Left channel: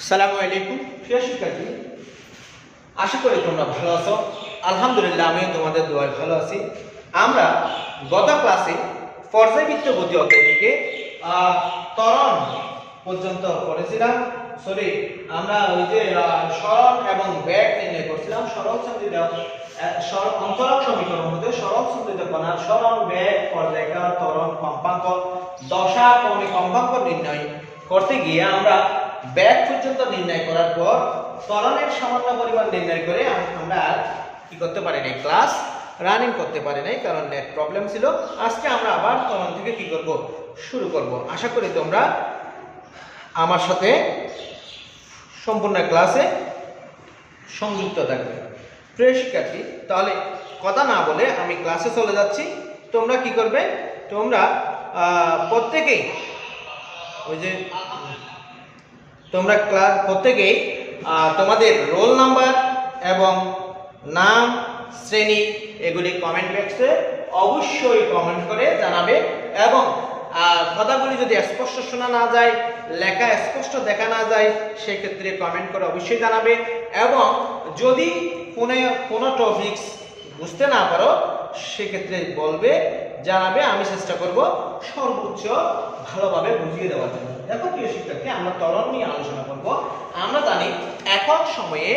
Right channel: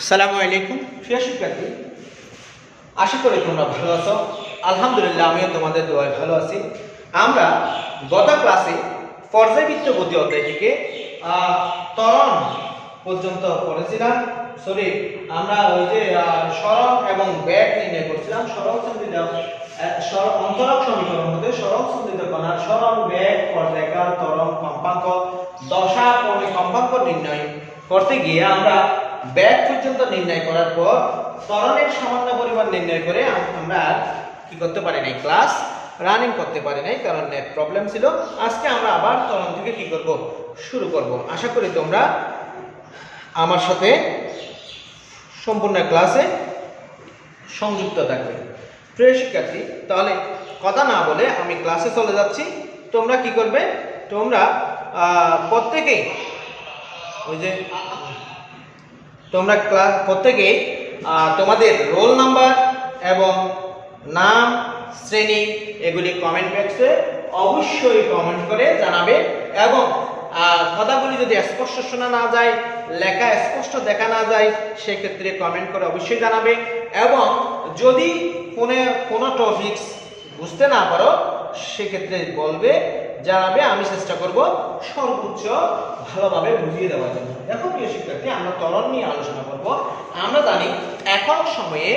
আসসালামু আলাইকুম প্রিয় শিক্ষার্থী, আশা করি তোমরা ভালো আছো। আলহামদুলিল্লাহ, আমিও তোমাদের দোয়ায় ভালো আছি। আমরা গত ক্লাসে পর্যায়বৃত্ত গতি অধ্যায় থেকে ত্বরণ পর্যন্ত পড়েছিলাম। আমরা ওই যে সরণ এবং বেগ নির্ণয় করছিলাম। সরল সন্ধিত অন্তরক সমীকরণ হতে সরল সন্ধিত কণার সরণ, বেগ, পর্যায়কাল, ত্বরণ, কম্পাঙ্ক, দশা, কৌণিক কম্পাঙ্ক নির্ণয় করতে গিয়ে আমরা বেগ পর্যন্ত নির্ণয় করার পর ত্বরণের সামান্য পরিমাণ নির্ণয় করে আমরা আর কি করতে পারি নাই, ক্লাস রানিং করতে পারি নাই, কারণ নেট প্রবলেম ছিল। আজকে আমরা আবার ত্বরণ থেকে কি করব, শুরু করব। আশা করি তোমরা আমার সাথে সম্পূর্ণ ক্লাসে সংযুক্ত থাকবে। প্রিয় শিক্ষার্থী, তাহলে কথা না বলে আমি ক্লাসে চলে যাচ্ছি। তোমরা কি করবে, তোমরা প্রত্যেকেই ওই যে তোমরা প্রত্যেকেই তোমাদের রোল নাম্বার এবং নাম, শ্রেণী এগুলি কমেন্ট বক্সে অবশ্যই কমেন্ট করে জানাবে। এবং কথাগুলি যদি স্পষ্ট শোনা না যায়, লেখা স্পষ্ট দেখা না যায়, সেক্ষেত্রে কমেন্ট করে অবশ্যই জানাবে। এবং যদি কোনো টপিকস বুঝতে না পারো, সেক্ষেত্রে বলবে, জানাবে। আমি চেষ্টা করব সর্বোচ্চ ভালোভাবে বুঝিয়ে দেওয়ার জন্য। দেখো প্রিয় শিক্ষার্থী, আমরা ত্বরণ নিয়ে আলোচনা করব। আমরা জানি একক সময়ে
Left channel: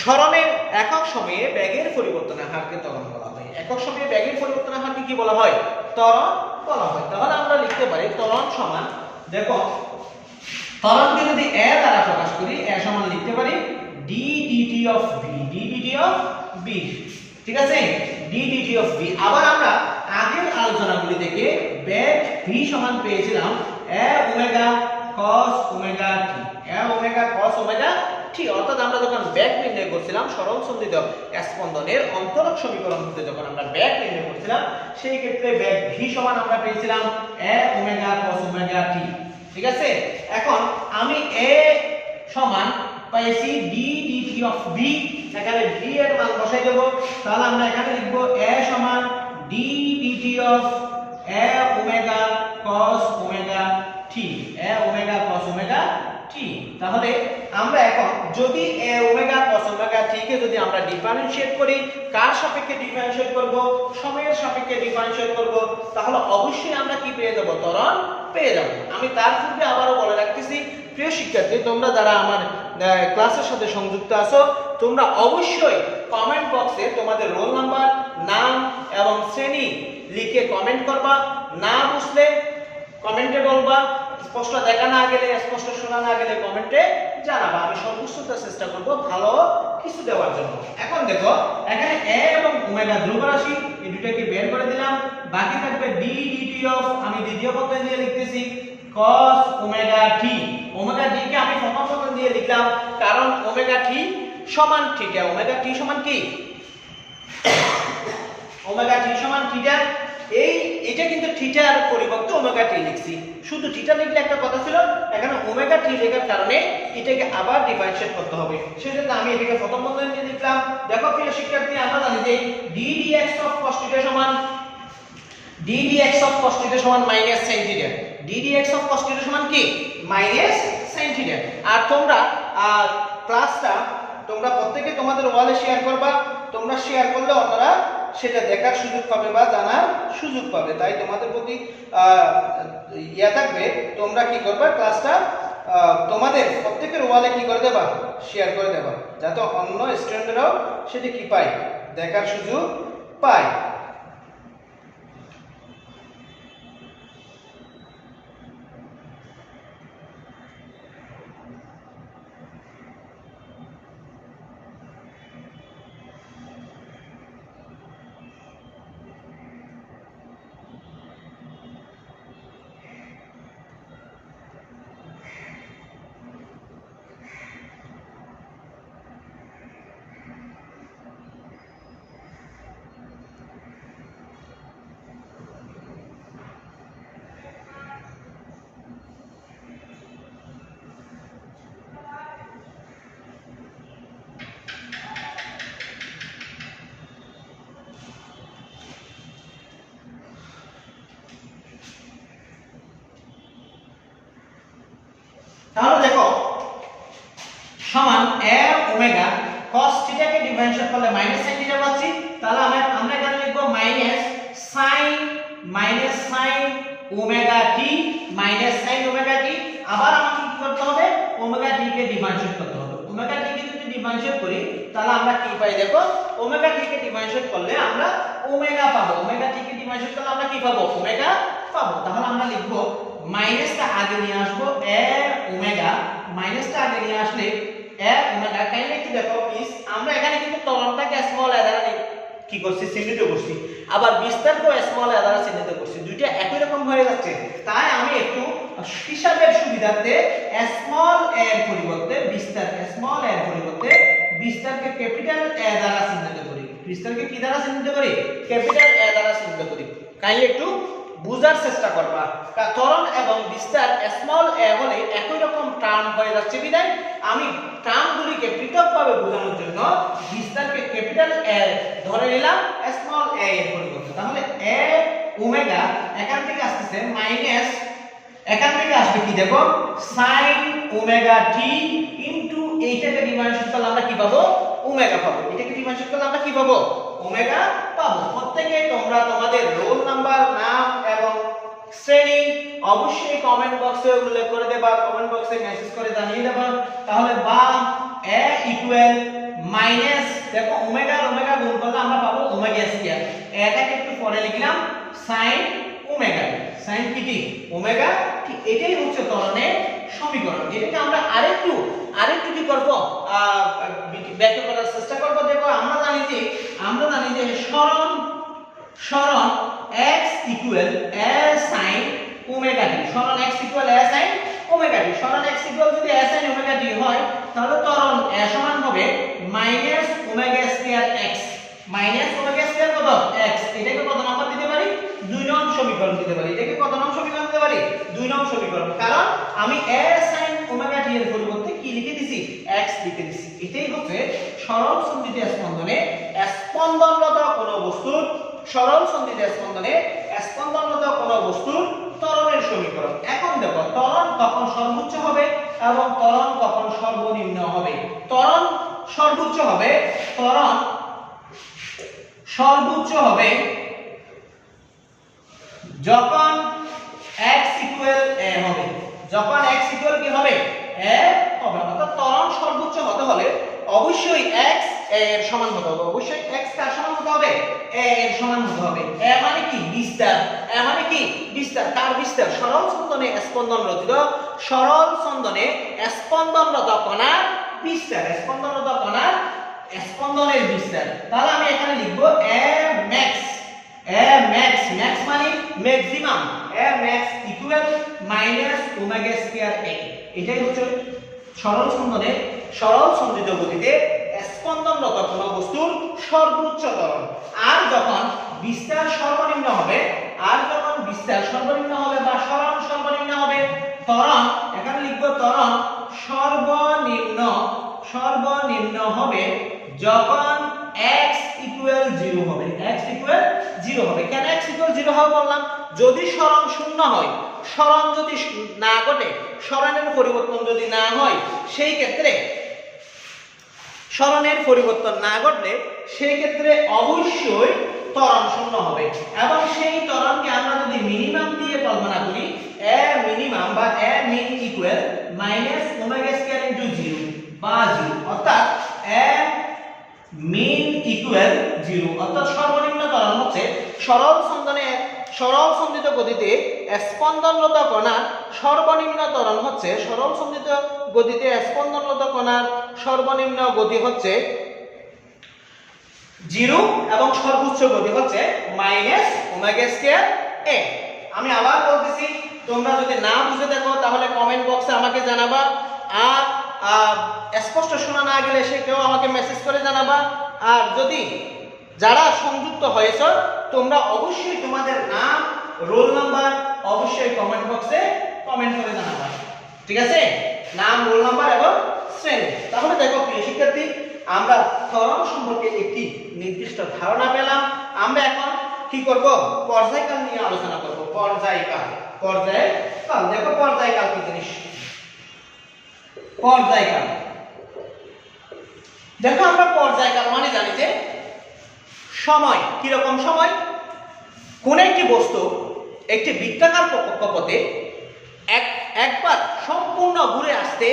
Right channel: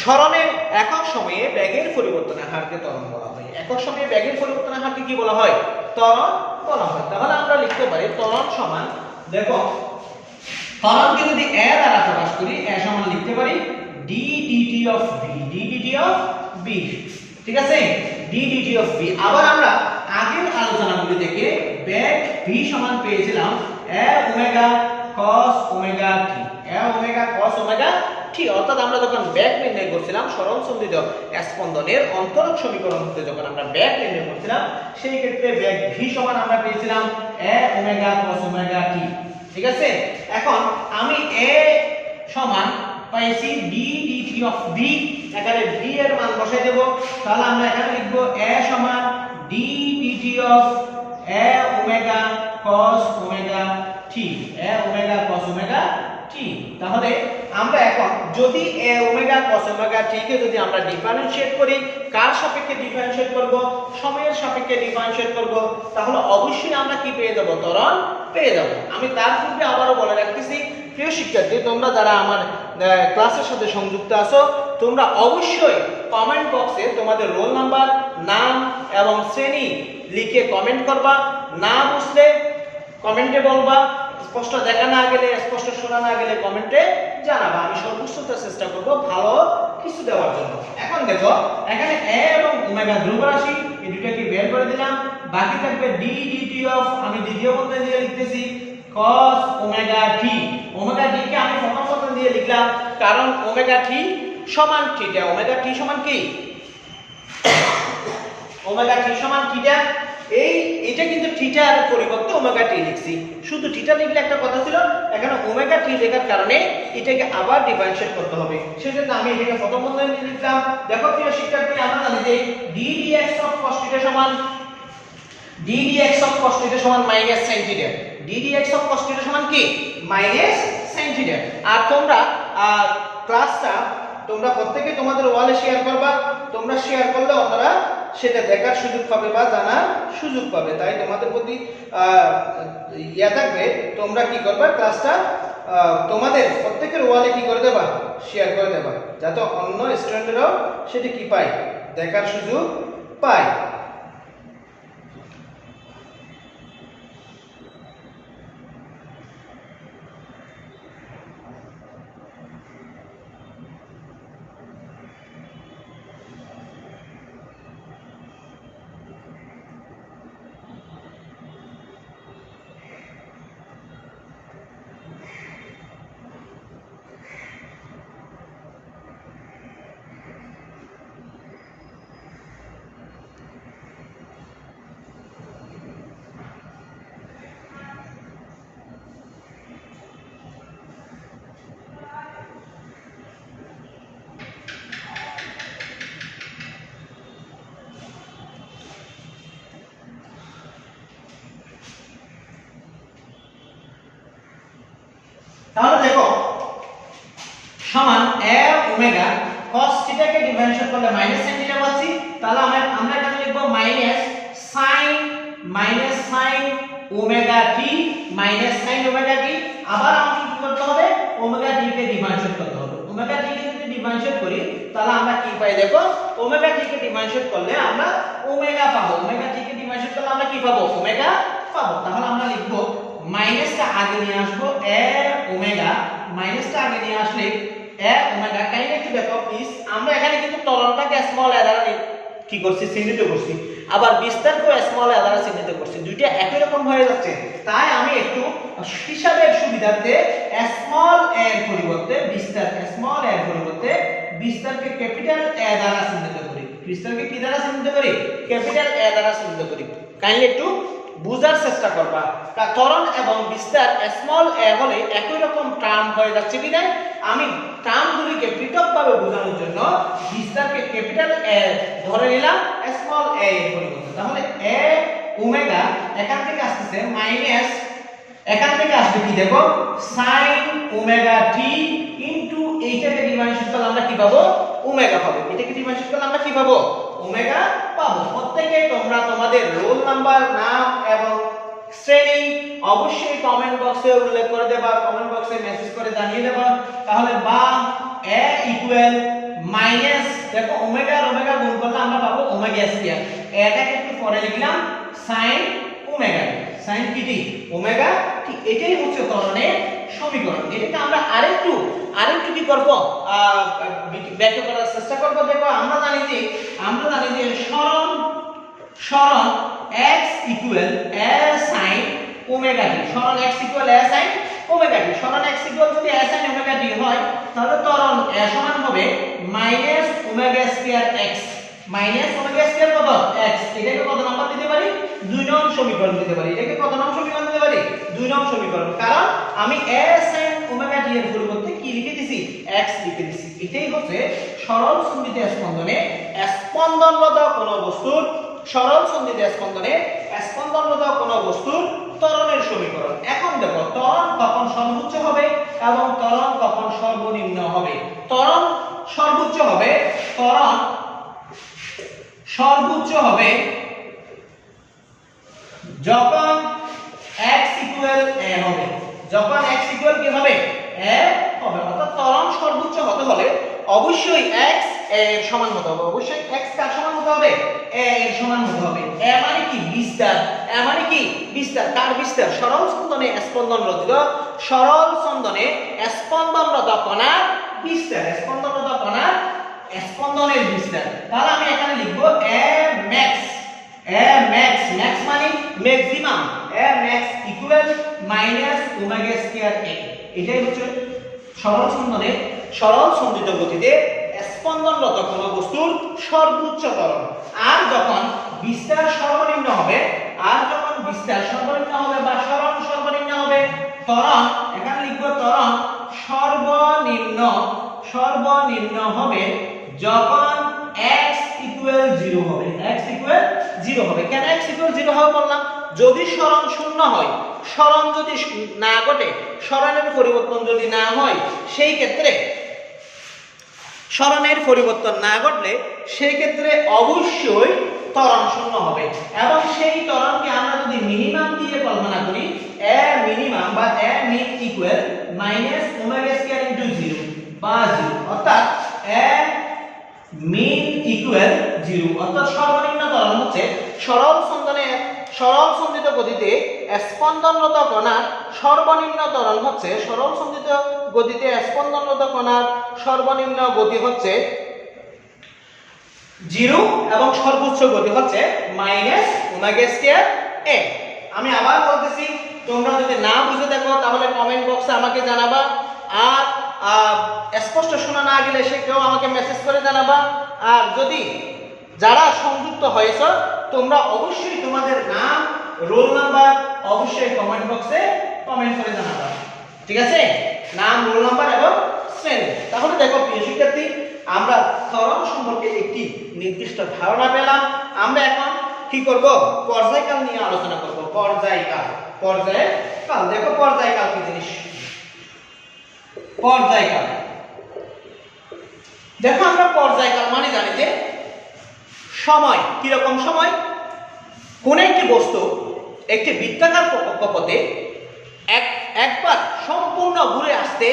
সরণের একক সময়ে বেগের পরিবর্তনের হারকে ত্বরণ বলা হয়। একক সময়ে বেগের পরিবর্তনের হারকে কি বলা হয়? ত্বরণ বলা হয়। তাহলে আমরা লিখতে পারি ত্বরণ সমান, দেখো ত্বরণকে যদি a দ্বারা প্রকাশ করি, a সমান লিখতে পারি d dt of v, d dt of v, ঠিক আছে, d dt of v। আবার আমরা আগের আলোচনাগুলি থেকে বেগ v সমান পেয়েছিলাম a omega cos omega t, a omega cos omega t। অর্থাৎ আমরা যখন বেগ নির্ণয় করছিলাম সরল সন্ধিত স্পন্দনের অন্তরক সমীকরণ থেকে যখন আমরা বেগ নির্ণয় করছিলাম, সেই ক্ষেত্রে বেগ v সমান আমরা পেয়েছিলাম a omega cos omega t, ঠিক আছে। এখন আমি a সমান পাইছি d dt of v, এখানে v এর মান বসাই দেব। তাহলে আমরা এখানে লিখব a সমান d dt of a omega cos omega t, a omega cos omega t। তাহলে আমরা এখন যদি a omega cos omega t কে যদি আমরা ডিফারেনশিয়েট করি, কার সাপেক্ষে ডিফারেনশিয়েট করব? সময়ের সাপেক্ষে ডিফারেনশিয়েট করব। তাহলে অবশ্যই আমরা কি পেয়ে যাব? ত্বরণ পেয়ে যাব। আমি তার পূর্বে আবারও বলে রাখতেছি, প্রিয় শিক্ষার্থী, তোমরা যারা আমার ক্লাসের সাথে সংযুক্ত আছো, তোমরা অবশ্যই কমেন্ট বক্সে তোমাদের রোল নাম্বার, নাম এবং শ্রেণী লিখে কমেন্ট করবা। না বুঝলে কমেন্টে বলবা, স্পষ্ট দেখা না গেলে, স্পষ্ট শোনা না গেলে কমেন্টে জানাবা। আমি সর্বোচ্চ চেষ্টা করব ভালো কিছু দেওয়ার জন্য। এখন দেখো, এখানে a এবং ওমেগা ধ্রুব রাশি, এই দুটোকে বের করে দিলাম। বাকি থাকবে d dt of, আমি দ্বিতীয় পদ দিয়ে লিখতেছি cos omega t। Omega t কে আমি প্রথম পদ দিয়ে লিখলাম, কারণ ওমেগা t সমান থিটা। ওমেগা t সমান কি? ওমেগা t সমান থিটা। এটা কিন্তু থিটার পরিবর্তে ওমেগা t লিখছি। শুধু থিটা লিখলে একটা কথা ছিল, এখানে ওমেগা t লেখার কারণে এটাকে আবার ডিফারেনশিয়েট করতে হবে। সেজন্য আমি এটাকে প্রথম বন্ধনী দিয়ে লিখলাম। দেখো প্রিয় শিক্ষার্থী, আমরা জানি যে d dx of cos θ সমান d dx of cos θ সমান minus sin θ। d dx of cos θ সমান কি? Minus sin θ। আর তোমরা ক্লাসটা তোমরা প্রত্যেককে তোমাদের ওয়ালে শেয়ার করবা। তোমরা শেয়ার করলে অন্যরা সেটা দেখার সুযোগ পাবে বা জানার সুযোগ পাবে। তাই তোমাদের প্রতি থাকবে, তোমরা কি করবে, ক্লাসটা তোমাদের প্রত্যেকের ওয়ালে কি করে দেবা, শেয়ার করে দেবা, যাতে অন্য স্টুডেন্টরাও সেটা কি পায়, দেখার সুযোগ পায়। ওমেগা cos থিটা কে ডিফারেন্সিয়েট করলে মাইনাস sin থিটা পাচ্ছি তাহলে আমরা এখানে লিখব sin omega t sin omega t আবার আমাকে কি করতে হবে ওমেগা টি কে ডিফারেন্সিয়েট করতে হবে ওমেগা টি কে যদি ডিফারেন্সিয়েট করি তাহলে আমরা কি পাই দেখো ওমেগা টি কে ডিফারেন্সিয়েট করলে আমরা ওমেগা পাবো ওমেগা টি কে ডিফারেন্সিয়েট করলে আমরা কি পাবো ওমেগা পাবো তাহলে আমরা লিখব মাইনাসটা আগে নিয়ে আসবো a ওমেগা মাইনাসটা আগে নিয়ে আসলে a ওমেগা কাইন্ডলি একটু দেখো প্লিজ আমরা এখানে কিন্তু ত্বরণটাকে স্মল a দ্বারা কি করছি চিহ্নিত করছি আবার বিস্তারকে স্মল a দ্বারা চিহ্নিত করছি দুইটা একই রকম হয়ে যাচ্ছে তাই আমি একটু হিসাবের সুবিধার্থে স্মল a এর পরিবর্তে বিস্তারকে ক্যাপিটাল A দ্বারা চিহ্নিত করি বিস্তারকে কি দ্বারা চিহ্নিত করি ক্যাপিটাল A দ্বারা চিহ্নিত করি কাইন্ডলি একটু বুঝার চেষ্টা করবা ত্বরণ এবং বিস্তার স্মল a হলে একই রকম টার্ম হয়ে যাচ্ছে বিধায় আমি টার্মগুলিকে পৃথকভাবে বোঝানোর জন্য বিস্তারকে ক্যাপিটাল A ধরে নিলাম স্মল a এর পরিবর্তে তাহলে a ওমেগা এখান থেকে আসছে মাইনাস এখান থেকে আসবে কি দেখো sin ওমেগা t ইনটু এইটাকে ডিফারেন্সিয়েট করলে আমরা কি পাবো ওমেগা পাবো এটাকে ডিফারেন্সিয়েট করলে আমরা কি পাবো ওমেগা পাবো প্রত্যেককে তোমরা তোমাদের রোল নাম্বার নাম এবং শ্রেণী অবশ্যই কমেন্ট বক্সে উল্লেখ করে দেবা কমেন্ট বক্সে মেসেজ করে জানিয়ে দেবা তাহলে বা a ইকুয়াল মাইনাস দেখো ওমেগা আর ওমেগা গুণ করলে আমরা পাবো ওমেগা স্কয়ার এটাকে একটু পরে লিখলাম sin ওমেগা sin কি ওমেগা ঠিক এটাই হচ্ছে ত্বরণের সমীকরণ এটাকে আমরা আরেকটু কি করব ব্যাখ্যা করার চেষ্টা করব দেখো আমরা জানি যে সরণ x equal a sin omega t সরণ x equal a sin omega t সরণ x ইকুয়াল যদি a sin ওমেগা t হয় তাহলে ত্বরণ a সমান হবে minus omega square x minus omega square কত x এটাকে কত নাম্বার দিতে পারি 2 নং সমীকরণ দিতে পারি এটাকে কত নং সমীকরণ দিতে পারি 2 নং সমীকরণ কারণ আমি a sin ওমেগা t এর পরিবর্তে কি লিখে দিছি x লিখে দিছি এটাই হচ্ছে সরল সন্ধিত স্পন্দনে স্পন্দনরত কোন বস্তুর সরল সন্ধিত স্পন্দনে স্পন্দনরত কোন বস্তুর ত্বরণের সমীকরণ এখন দেখো ত্বরণ কখন সর্বোচ্চ হবে এবং ত্বরণ কখন সর্বনিম্ন হবে ত্বরণ সর্বোচ্চ হবে যখন x ইকুয়াল a হবে যখন x ইকুয়াল কি হবে a হবে অর্থাৎ ত্বরণ সর্বোচ্চ হতে হলে অবশ্যই x এর সমান হতে হবে অবশ্যই x কার সমান হতে হবে a এর সমান হতে হবে a মানে কি বিস্তার a মানে কি বিস্তার কার বিস্তার সরল স্পন্দনে স্পন্দনরত কণার বিস্তার স্পন্দনের বিস্তার তাহলে আমি এখানে লিখব a max মানে maximum a max equal minus omega square a এটাই হচ্ছে সরল সঞ্চিত গতিতে স্পন্দনরত কোন বস্তুর সর্বোচ্চ ত্বরণ আর যখন বিস্তার সর্বনিম্ন হবে বা সরণ সর্বনিম্ন হবে ত্বরণ এখানে লিখব ত্বরণ সর্বনিম্ন হবে যখন x ইকুয়াল 0 হবে কেন x ইকুয়াল 0 হবে বললাম যদি সরণ শূন্য হয় সরণ যদি না ঘটে সরণের পরিবর্তন যদি না হয় সেই ক্ষেত্রে সরণের পরিবর্তন না ঘটলে সেই ক্ষেত্রে অবশ্যই ত্বরণ শূন্য হবে এবং সেই ত্বরণকে আমরা যদি মিনিমাম দিয়ে কল্পনা করি a মিনিমাম বা a mean equal minus omega square into 0 বা 0 অর্থাৎ a মিন ইকুয়াল 0 অর্থাৎ সর্বনিম্ন ত্বরণ হচ্ছে সরল সন্ধিত গতিতে স্পন্দনরত কণার সর্বনিম্ন ত্বরণ হচ্ছে সরল সন্ধিত গতিতে স্পন্দনরত কণার সর্বনিম্ন গতি হচ্ছে 0 এবং সর্বোচ্চ গতি হচ্ছে মাইনাস ওমেগা স্কয়ার a আমি আবার বলতেছি তোমরা যদি না বুঝে দেখো তাহলে কমেন্ট বক্সে আমাকে জানাবা আর স্পষ্ট শোনা না গেলে সে কেউ আমাকে মেসেজ করে জানাবা আর যদি যারা সংযুক্ত হয়েছে তোমরা অবশ্যই তোমাদের নাম রোল নাম্বার অবশ্যই কমেন্ট বক্সে কমেন্ট করে জানাবা ঠিক আছে নাম রোল নাম্বার এবং শ্রেণী তাহলে দেখো প্রিয় শিক্ষার্থী আমরা ত্বরণ সম্পর্কে একটি নির্দিষ্ট ধারণা পেলাম আমরা এখন কি করব পর্যায়কাল নিয়ে আলোচনা করব পর্যায়কাল দেখো পর্যায়কাল কি জিনিস দেখো আমরা পর্যায়কাল মানে জানি যে সময়, কিরকম সময়, কোন একটি বস্তু একটি বৃত্তাকার কক্ষপথে একবার সম্পূর্ণ ঘুরে আসতে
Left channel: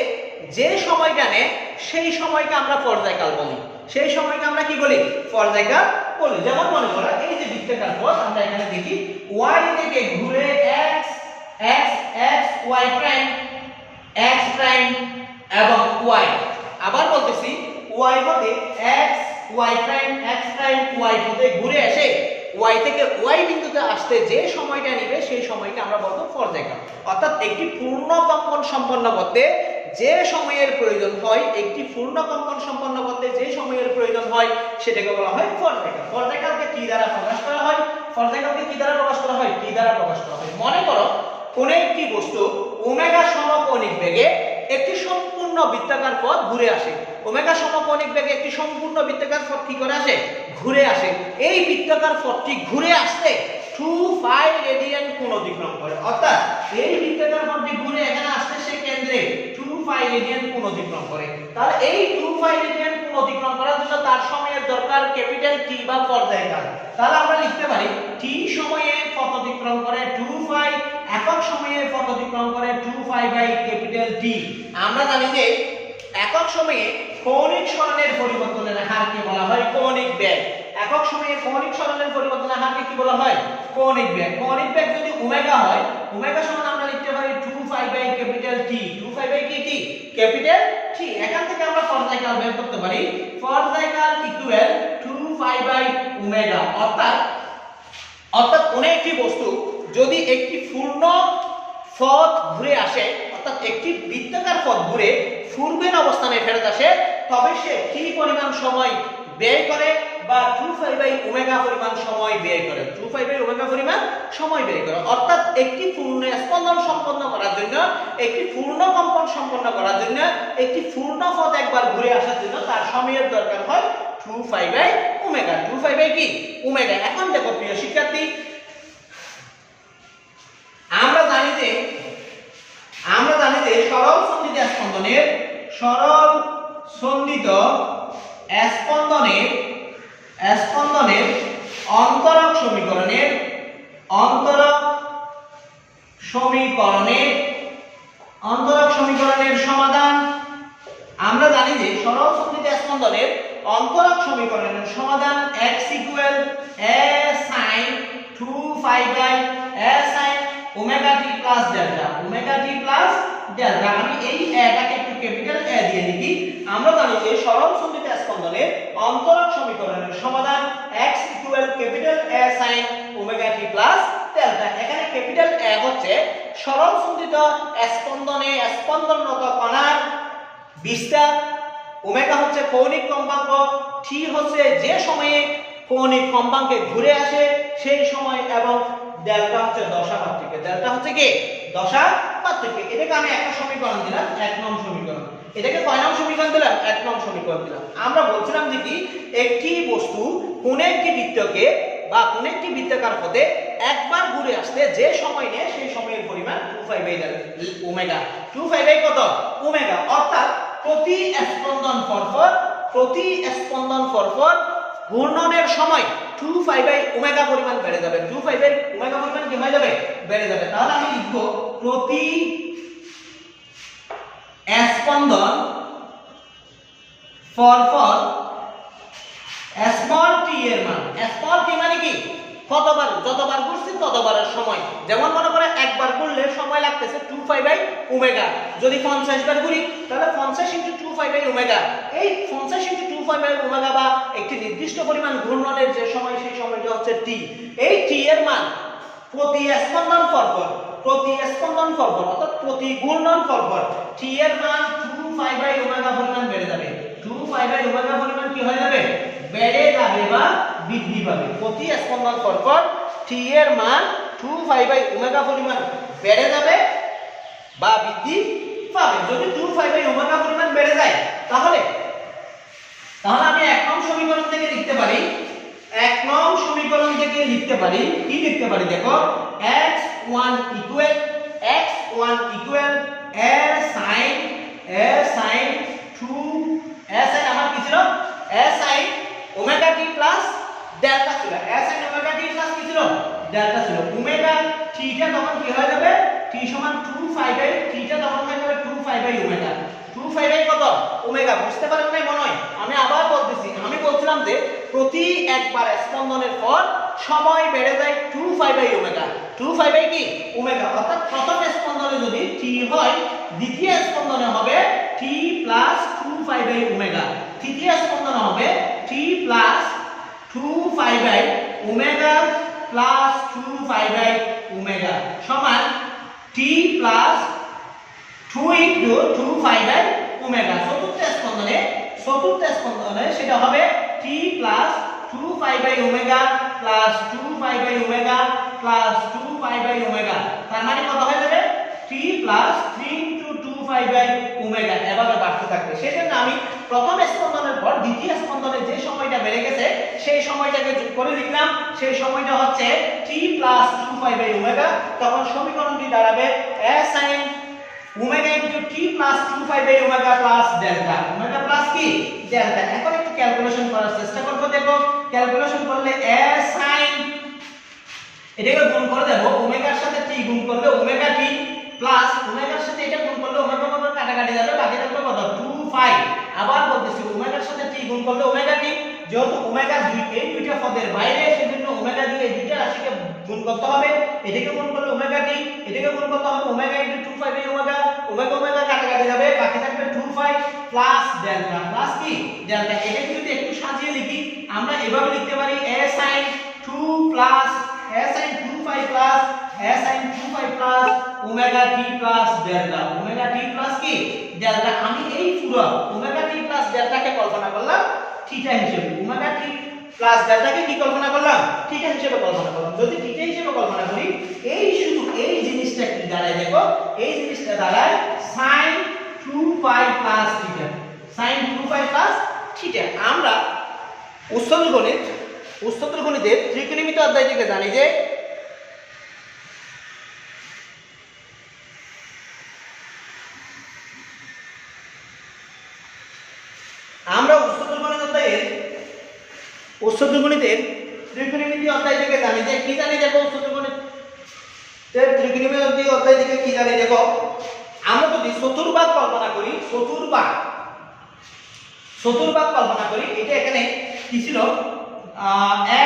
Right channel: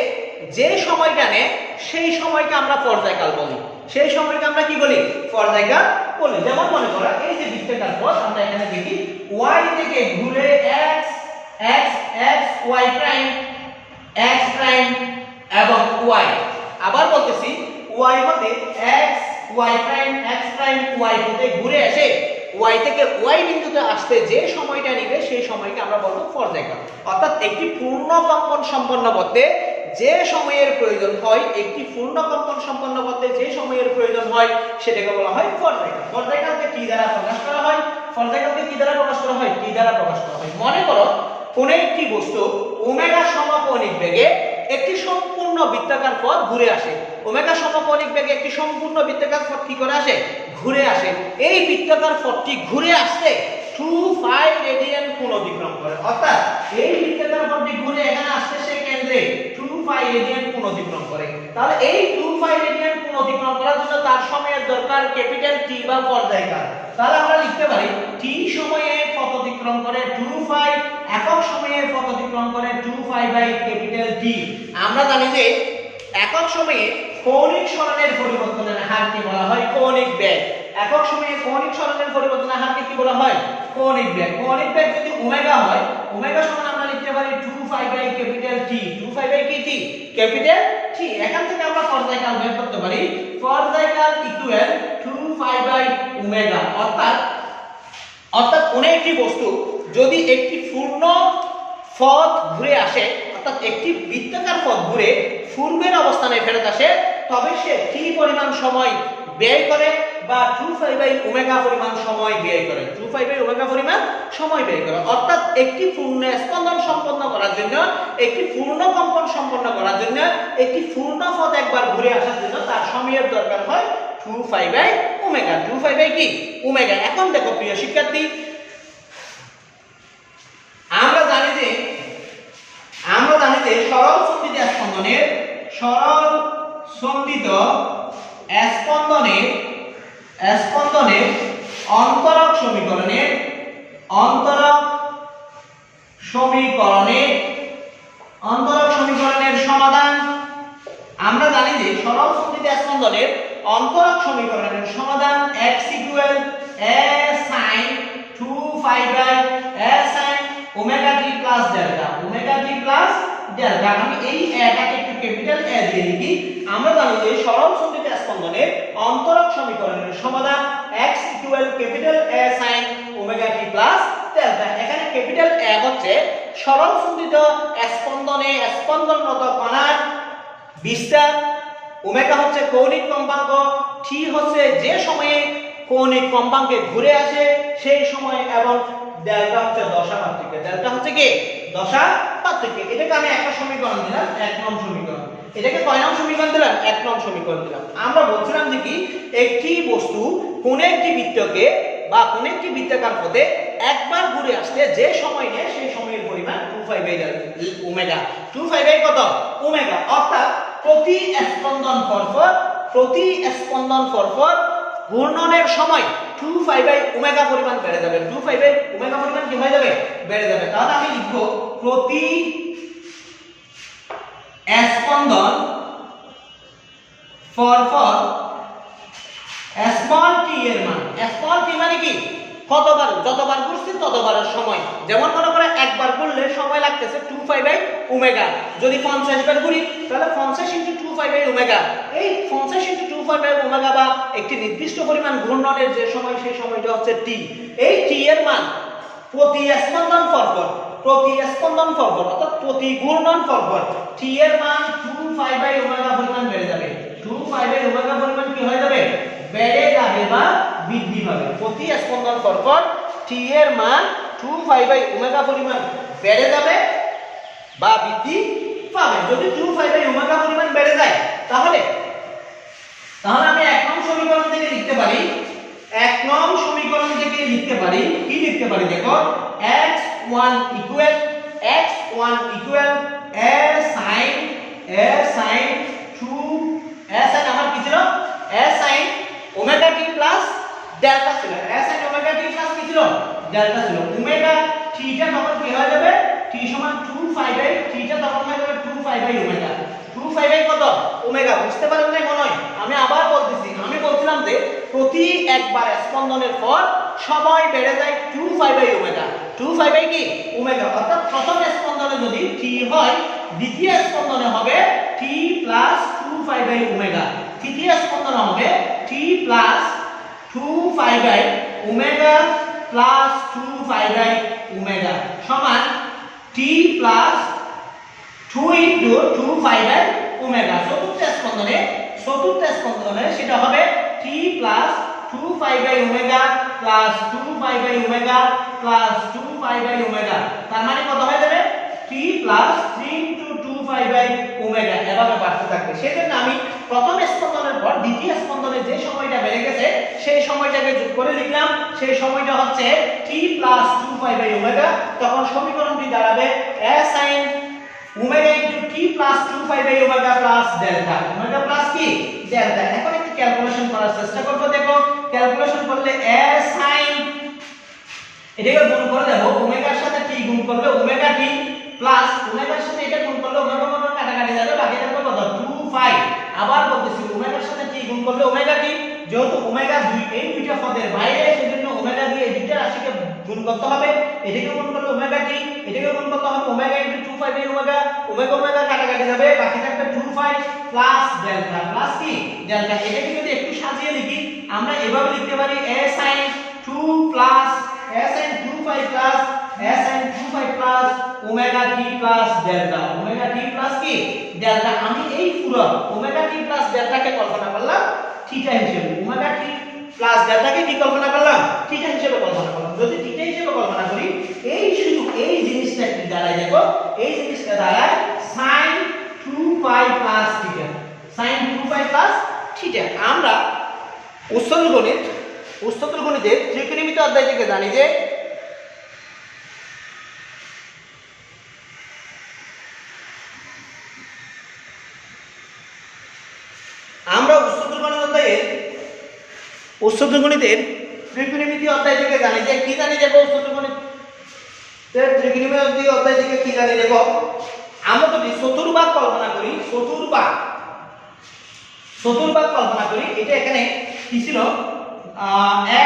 যে সময়টা নেয় সেই সময়কে আমরা পর্যায়কাল বলি। সেই সময়কে আমরা কি বলি? পর্যায়কাল বলি। যেমন মনে করো এই যে বৃত্তাকার পথ আমরা এখানে দেখি y থেকে ঘুরে x x x y prime x prime এবং y, আবার বলতেছি y হতে x y prime x prime y হতে ঘুরে এসে y থেকে y বিন্দুতে আসতে যে সময়টা নেবে সেই সময়কে আমরা বলবো পর্যায়কাল। অর্থাৎ একটি পূর্ণ কম্পন সম্পন্ন করতে যে সময়ের প্রয়োজন হয়, একটি পূর্ণ কম্পন সম্পন্ন করতে যে সময়ের প্রয়োজন হয় সেটাকে বলা হয় পর্যায়কাল। পর্যায়কালকে কি দ্বারা প্রকাশ করা হয়? পর্যায়কালকে কি দ্বারা প্রকাশ করা হয়? কি দ্বারা প্রকাশ করা হয়? মনে করো কোন একটি বস্তু ওমেগা সমকৌণিক বেগে একটি সম্পূর্ণ বৃত্তাকার পথ ঘুরে আসে। ওমেগা সমকৌণিক বেগে একটি সম্পূর্ণ বৃত্তাকার পথ কি করে আসে? ঘুরে আসে। এই বৃত্তাকার পথটি ঘুরে আসতে 2π রেডিয়ান কোণ অতিক্রম করে। অর্থাৎ এই বৃত্তাকার পথটি ঘুরে এখানে আসতে সে কেন্দ্রে 2π রেডিয়ান কোণ অতিক্রম করে। তাহলে এই 2π রেডিয়ান কোণ অতিক্রম করার জন্য তার সময়ের দরকার ক্যাপিটাল T বা পর্যায়কাল। তাহলে আমরা লিখতে পারি t সময়ে পথ অতিক্রম করে 2π, একক সময়ে পথ অতিক্রম করে 2π বাই ক্যাপিটাল T। আমরা জানি যে একক সময়ে কৌণিক সরণের পরিবর্তনের হারকে বলা হয় কৌণিক বেগ। একক সময়ে কৌণিক সরণের পরিবর্তনের হারকে কি বলা হয়? কৌণিক বেগ। কৌণিক বেগ যদি ওমেগা হয়, ওমেগা সমান আমরা লিখতে পারি 2π বাই ক্যাপিটাল T। 2π বাই কি T? Capital T। এখান থেকে আমরা পর্যায়কাল বের করতে পারি। পর্যায়কাল ইকুয়াল 2π বাই ওমেগা। অর্থাৎ কোন একটি বস্তু যদি একটি পূর্ণ পথ ঘুরে আসে, অর্থাৎ একটি বৃত্তাকার পথ ঘুরে পূর্বের অবস্থানে ফেরত আসে, তবে সে t পরিমাণ সময় ব্যয় করে বা 2π বাই ওমেগা পরিমাণ সময় ব্যয় করে। 2π বাই ওমেগা পরিমাণ সময় ব্যয় করে। অর্থাৎ একটি পূর্ণ স্পন্দন সম্পন্ন করার জন্য, একটি পূর্ণ কম্পন সম্পন্ন করার জন্য, একটি পূর্ণ পথ একবার ঘুরে আসার জন্য তার সময়ের দরকার হয় 2π বাই ওমেগা। 2π বাই কি? ওমেগা। এখন দেখো প্রিয় শিক্ষার্থী, আমরা জানি যে সরল সন্ধিত স্পন্দনের অন্তরক সমীকরণের সমাধান। আমরা জানি যে সরল সন্ধিত স্পন্দনের অন্তরক সমীকরণের সমাধান x equal a sin 2π by a sin omega t plus delta. Omega t plus delta. আমি এই এটাকে একটু ক্যাপিটাল A দিয়ে লিখি। আমরা জানি যে সরল সন্ধিত স্পন্দনের অন্তরক সমীকরণের সমাধান x equal capital A sin omega t plus delta. এখানে ক্যাপিটাল A হচ্ছে সরল সন্ধিত স্পন্দনে স্পন্দনরত কণার বিস্তার, ওমেগা হচ্ছে কৌণিক কম্পাঙ্ক, t হচ্ছে যে সময়ে কৌণিক কম্পাঙ্কে ঘুরে আসে সেই সময়, এবং ডেল্টা হচ্ছে দশা পার্থক্য। ডেল্টা হচ্ছে কি? দশা পার্থক্য। এটাকে আমি একটা সমীকরণ দিলাম, 1 নং সমীকরণ। এটাকে কয় নং সমীকরণ দিলাম? 1 নং সমীকরণ দিলাম। আমরা বলছিলাম যে কি একটি বস্তু কোন একটি বৃত্তকে বা কোন একটি বৃত্তাকার পথে একবার ঘুরে আসতে যে সময় নেয় সেই সময়ের পরিমাণ 2π বাই ওমেগা। 2π বাই কত? ওমেগা। অর্থাৎ প্রতি স্পন্দন পরপর ঘূর্ণনের সময় 2π বাই ওমেগা পরিমাণ বেড়ে যাবে। 2π বাই ওমেগা পরিমাণ কি হয়ে যাবে? বেড়ে যাবে। তাহলে আমি লিখব প্রতি স্পন্দন পরপর স্মল t এর মান। স্মল t মানে কি? কতবার, যতবার ঘুরছি ততবারের সময়। যেমন মনে করে একবার ঘুরলে সময় লাগতেছে 2π বাই ওমেগা। যদি 50 বার ঘুরি তাহলে 50 * 2π বাই ওমেগা। এই 50 * 2π বাই ওমেগা বা একটি নির্দিষ্ট পরিমাণ ঘূর্ণনের যে সময় সেই সময়টা হচ্ছে t। এই t এর মান প্রতি স্পন্দন পরপর অর্থাৎ প্রতি ঘূর্ণন পরপর t এর মান 2π বাই ওমেগা পরিমাণ বেড়ে যাবে। 2π বাই ওমেগা পরিমাণ কি হয়ে যাবে? বেড়ে যাবে বা বৃদ্ধি পাবে। প্রতি স্পন্দন পরপর t এর মান 2π বাই ওমেগা পরিমাণ বেড়ে যাবে বা বৃদ্ধি পাবে। যদি 2π বাই ওমেগা পরিমাণ বেড়ে যায় তাহলে আমি 1 নং সমীকরণ থেকে লিখতে পারি। 1 নং সমীকরণ থেকে লিখতে পারি কি লিখতে পারি? দেখো x1 equal a sin 2 a sin আমার কি ছিল? ডেল্টা ছিল s sin omega t plus কি ছিল ডেল্টা ছিল ওমেগা থিটা তখন কি হয়ে যাবে t সমান 2 পাই বাই থিটা তখন হয়ে যাবে 2 pi by omega 2 pi by কত ওমেগা বুঝতে পারেন না মনে হয় আমি আবার বলতেছি আমি বলছিলাম যে প্রতি একবার স্পন্দনের পর সময় বেড়ে যায় 2 pi by omega 2 pi by কি ওমেগা অর্থাৎ প্রথম স্পন্দনে যদি t হয় দ্বিতীয় স্পন্দনে হবে t plus 2 pi by omega তৃতীয় স্পন্দনে হবে t plus 2 pi by omega plus 2 pi by omega সমান t plus 2 into 2 pi by omega চতুর্থ স্পন্দনে সেটা হবে t plus 2 pi by omega plus 2 pi by omega plus 2 pi by omega তার মানে কত হয়ে যাবে t plus 3 into 2 pi by omega এভাবে বাড়তে থাকবে সেজন্য আমি প্রথম স্পন্দনের পর দ্বিতীয় স্পন্দনে যে সময়টা বেড়ে গেছে সেই সময়টাকে যোগ করে লিখলাম সেই সময়টা হচ্ছে t plus 2 pi by omega তখন সমীকরণটি দাঁড়াবে s sin omega into t plus 2 pi by omega plus delta omega plus কি ডেল্টা এখন একটু ক্যালকুলেশন করার চেষ্টা করব দেখো ক্যালকুলেশন করলে s sin এটাকে গুণ করে দেব ওমেগার সাথে t গুণ করলে ওমেগা t প্লাস ওমেগার সাথে এটা গুণ করলে ওমেগা ওমেগা কাটাকাটি যাবে বাকি থাকবে কত 2 পাই আবার বলতেছি ওমেগার সাথে t গুণ করলে ওমেগা t যেহেতু ওমেগা এই দুইটা পদের বাইরে সেজন্য ওমেগা দিয়ে এই দুইটা রাশিকে গুণ করতে হবে এটাকে গুণ করলে ওমেগা t এটাকে গুণ করতে হবে omega into 2 pi by omega omega omega কাটাকাটি যাবে বাকি থাকবে 2 পাই প্লাস ডেল্টা প্লাস কি ডেল্টা এটাকে যদি একটু সাজিয়ে লিখি আমরা এভাবে লিখতে পারি a sin 2 plus a sin 2 pi plus a sin 2 pi plus omega t plus delta omega t plus কি ডেল্টা আমি এই পুরো ওমেগা t প্লাস ডেল্টাকে কল্পনা করলাম থিটা হিসেবে ওমেগা t প্লাস ডেল্টাকে কি কল্পনা করলাম থিটা হিসেবে কল্পনা করলাম যদি থিটা হিসেবে কল্পনা করি এই শুধু এই জিনিসটা কি দাঁড়ায় দেখো এই জিনিসটা দাঁড়ায় sin 2 pi plus theta sin 2 pi plus theta আমরা উচ্চতর গণিতের ত্রিকোণমিতি অধ্যায় থেকে জানি যে আমরা উচ্চতর গণিতের ত্রিকোণমিতি অধ্যায় থেকে জানি যে কি জানি দেখো উচ্চতর গণিতের ত্রিকোণমিতি অধ্যায় থেকে কি জানি দেখো আমরা যদি চতুর্ভাগ কল্পনা করি এটা এখানে কি ছিল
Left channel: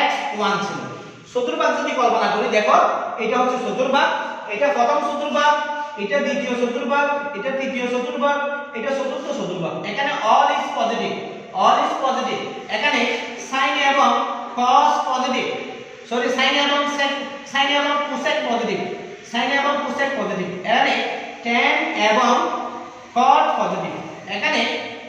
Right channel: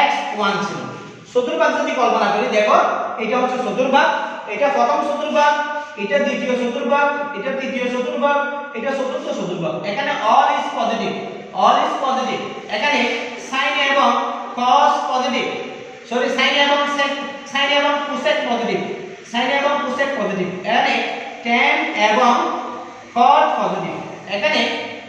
x1 ছিল চতুর্ভাগ যদি কল্পনা করি দেখো এটা হচ্ছে চতুর্ভাগ এটা প্রথম চতুর্ভাগ এটা দ্বিতীয় চতুর্ভাগ এটা তৃতীয় চতুর্ভাগ এটা চতুর্থ চতুর্ভাগ এখানে all is positive এখানে sin এবং cos পজিটিভ সরি sin এবং cosec পজিটিভ এখানে tan এবং cot পজিটিভ এখানে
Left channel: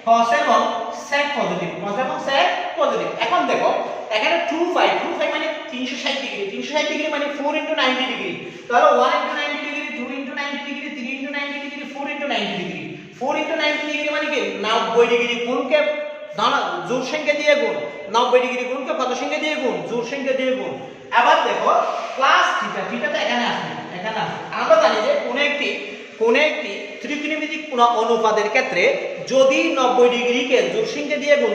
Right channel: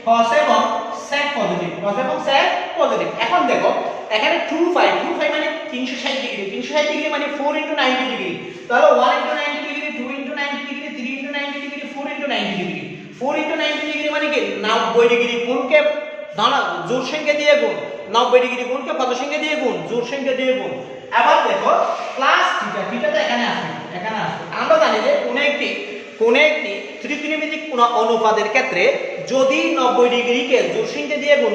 cos এবং sec পজিটিভ এখন দেখো এখানে 2 পাই মানে 360 ডিগ্রি মানে 4 * 90 ডিগ্রি তাহলে 1 * 90 degree 2 * 90 degree 3 * 90 degree 4 * 90 degree 4 * 90 degree মানে কি 90 ডিগ্রি গুণকে জোড় সংখ্যা দিয়ে গুণ 90 ডিগ্রি গুণকে পদ সংখ্যা দিয়ে গুণ জোড় সংখ্যা দিয়ে গুণ আবার দেখো প্লাস থিটাটা এখানে আসবে আমরা জানি যে কোন একটি ত্রিকোণমিতিক অনুপাতের ক্ষেত্রে যদি 90 ডিগ্রিকে জোড় সংখ্যা দিয়ে গুণ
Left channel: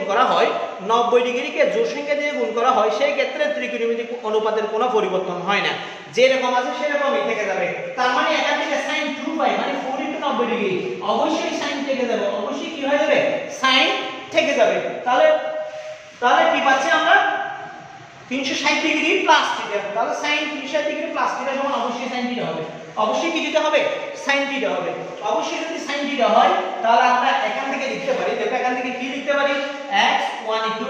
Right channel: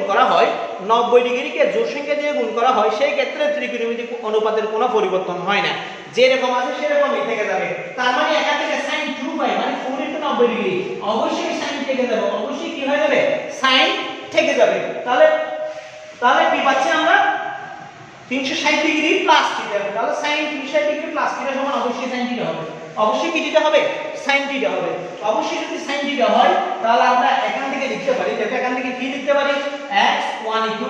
করা হয় সেই ক্ষেত্রে ত্রিকোণমিতিক অনুপাতের কোনো পরিবর্তন হয় না যেরকম আছে সেরকমই থেকে যাবে তার মানে এখান থেকে sin 2 পাই মানে 4 * 90 ডিগ্রি অবশ্যই sin থেকে যাবে অবশ্যই কি হয়ে যাবে sin থেকে যাবে তাহলে কি পাচ্ছি আমরা 360 ডিগ্রি প্লাস থিটা তাহলে sin 360 ডিগ্রি প্লাস থিটা সমান অবশ্যই sin থিটা হবে অবশ্যই কি থিটা হবে sin থিটা হবে অবশ্যই যদি sin থিটা হয় তাহলে আমরা এখান থেকে লিখতে পারি দেখো এখান থেকে কি লিখতে পারি x1 =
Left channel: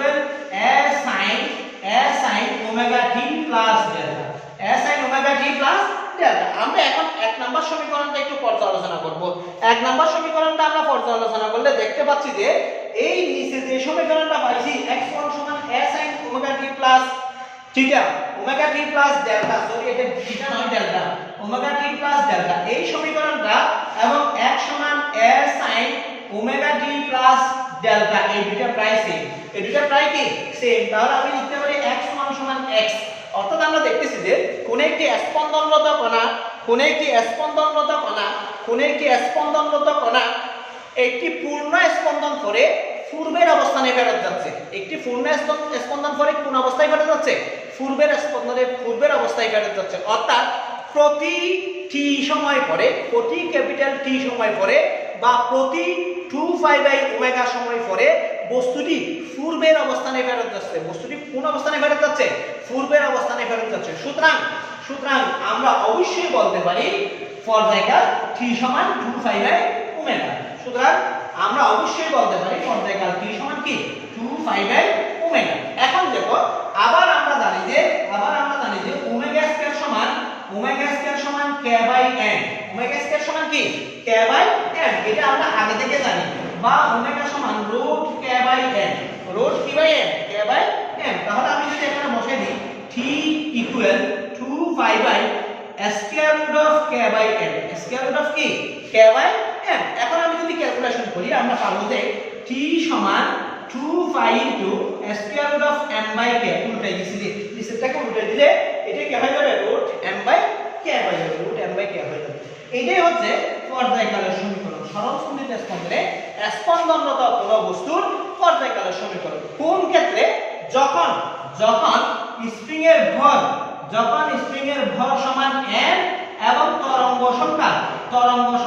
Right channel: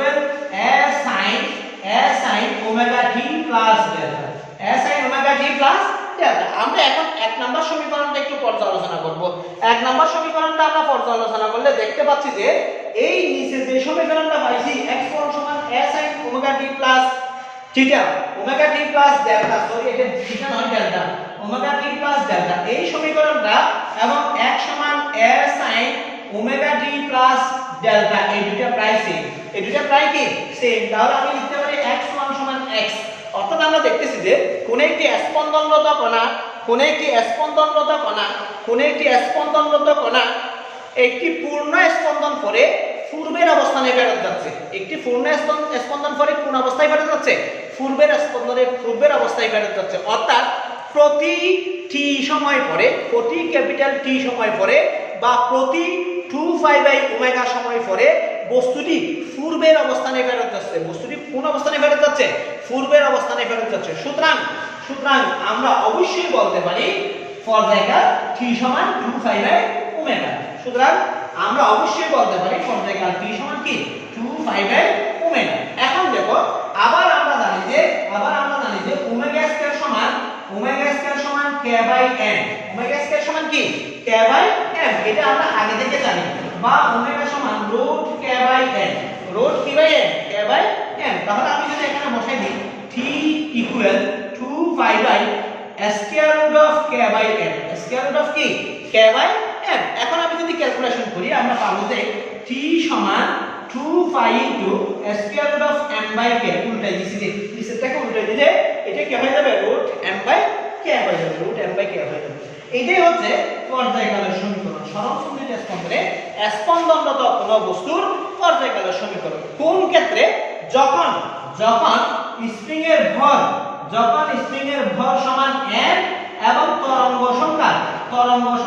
a sin omega t plus delta a sin omega t plus delta আমরা এখন এক নাম্বার সমীকরণটা একটু পর্যালোচনা করব এক নাম্বার সমীকরণটা আমরা পর্যালোচনা করলে দেখতে পাচ্ছি যে এই নিচে যে সমীকরণটা পাইছি x1 = a sin omega t plus theta omega t plus delta sorry এটা থিটা নয় delta omega t plus delta এই সমীকরণটা এবং x সমান a sin omega t plus delta এই দুটো প্রায় সেম তাহলে আমি লিখতে পারি x সমান x অর্থাৎ আমরা দেখতেছি যে কোন একটি স্পন্দনরত কণা একটি পূর্ণ স্পন্দন পরে পূর্বের অবস্থানে ফেরত যাচ্ছে। একটি পূর্ণ স্পন্দন পরে কোন অবস্থায় ফেরত যাচ্ছে? পূর্বের অবস্থায় ফেরত যাচ্ছে। অর্থাৎ প্রতি টি সময় পরে, প্রতি ক্যাপিটাল টি সময় পরে বা প্রতি 2π/ω সময় পরে বস্তুটি পূর্বের অবস্থানে ফেরত যাচ্ছে। বস্তুটি কোন অবস্থানে ফেরত যাচ্ছে? পূর্বের অবস্থানে ফেরত যাচ্ছে। সুতরাং আমরা অবশ্যই বলতে পারি পর্যায়কাল t সমান 2π/ω। সুতরাং আমরা অবশ্যই বলতে পারি পর্যায়কাল t সমান কি? 2π/ω। এখন দেখো আবার আমরা জানি যে ω2 সমান k/n। ω2 সমান কি? k/n। এটা আমরা আগে থেকে জানি। বা ω সমান √k/n। √k/n k/n। তাহলে আমি যদি এখানে বসাই দিই t equal 2π/√k/n। Square root of কি? k/n। এখন আমি যদি ক্যালকুলেশন করি আমরা পাবো যে t সমান 2π * স্কয়ার রুট অফ m/k। উল্টাই দিছি যে নিচেরটাকে উল্টাই দিলে এটা কি হয়ে যাবে? √m/k হয়ে যাবে। √m/k হয়ে যাবে। এটাই হচ্ছে পর্যায়কালের সমীকরণ। সরল সন্ধিত স্পন্দনে স্পন্দনরত কোন বস্তুর পর্যায়কালের সমীকরণ। কোন ক্ষেত্রে? যখন স্প্রিং এর ভর সমান m এবং তরঙ্গ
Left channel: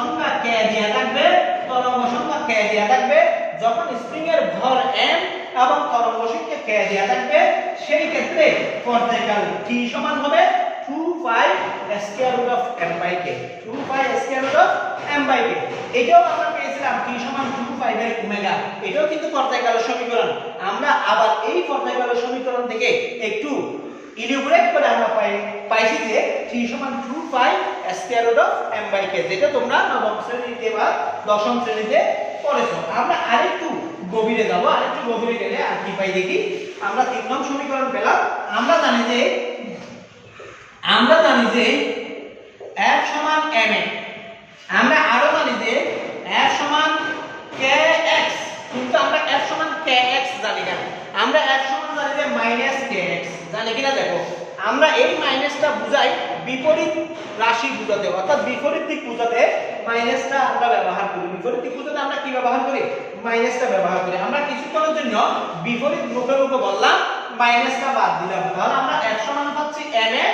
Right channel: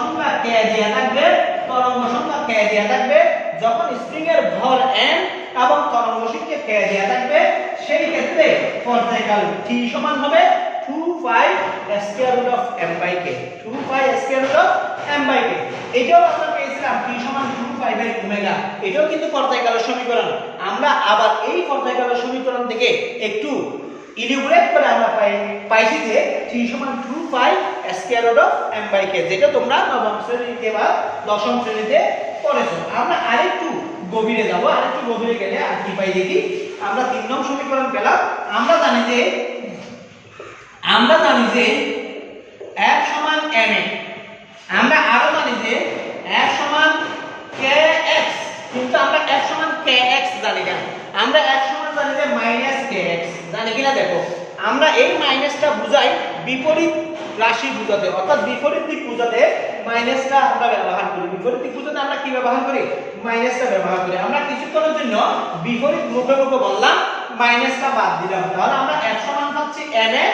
সংখ্যা k দেয়া থাকবে। যখন স্প্রিং এর ভর m এবং তরঙ্গ সংখ্যা k দেয়া থাকবে সেই ক্ষেত্রে পর্যায়কাল t সমান হবে 2π √m/k। 2π √m/k। এটাও আমরা পেয়েছিলাম t সমান 2π/ω। এটাও কিন্তু পর্যায়কালের সমীকরণ। আমরা আবার এই পর্যায়কালের সমীকরণ থেকে একটু ইলিবরেট করে আমরা পাইছি যে t সমান 2π √m/k, যেটা তোমরা নবম শ্রেণীতে বা দশম শ্রেণীতে পড়েছো। আমরা আরেকটু গভীরে যাব। আরেকটু গভীরে গেলে আর কি পাই দেখি। আমরা 3 নং সমীকরণ পেলাম। আমরা জানি যে f সমান ma। আমরা আরো জানি যে f সমান kx, কিন্তু আমরা f সমান kx জানি না। আমরা f সমান জানি যে -kx। জানি কিনা দেখো, আমরা এই মাইনাসটা বুঝাই বিপরীত রাশি বুঝাতে, অর্থাৎ বিপরীত দিক বুঝাতে মাইনাসটা আমরা ব্যবহার করি। বিপরীত দিক বুঝাতে আমরা কি ব্যবহার করি? মাইনাসটা ব্যবহার করি। আমরা কিছুক্ষণের জন্য বিপরীত মুখে বললাম, মাইনাসটা বাদ দিলাম। তাহলে আমরা f সমান পাচ্ছি ma,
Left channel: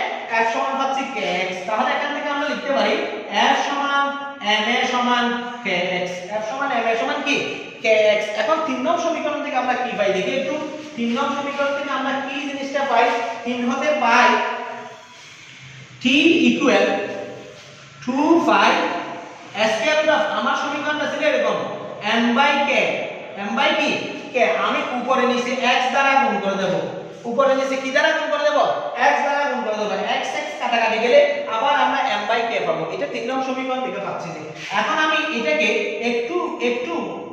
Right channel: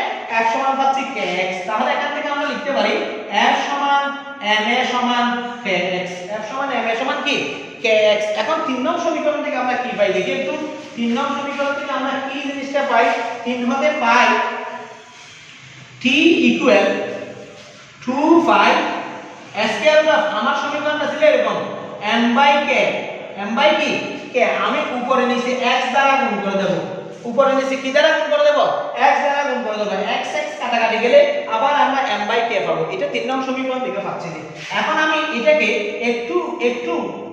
f সমান পাচ্ছি kx। তাহলে এখান থেকে আমরা লিখতে পারি f সমান ma সমান kx। f সমান ma সমান কি? kx। এখন 3 নং সমীকরণ থেকে আমরা কি পাই দেখি একটু। 3 নং সমীকরণ থেকে আমরা কি জিনিসটা পাই? 3 হতে পাই t equal 2π square root of, আমার সমীকরণটা ছিল এরকম m/k। k আমি উপরে নিচে x দ্বারা গুণ করে দেব। উপরে নিচে কি দ্বারা গুণ করে দেব? x দ্বারা গুণ করে দেব। x কাটাকাটি গেলে আবার আমরা m/k পাবো। এটা 3 নং সমীকরণ থেকে পাচ্ছি। এখন আমি এটাকে একটু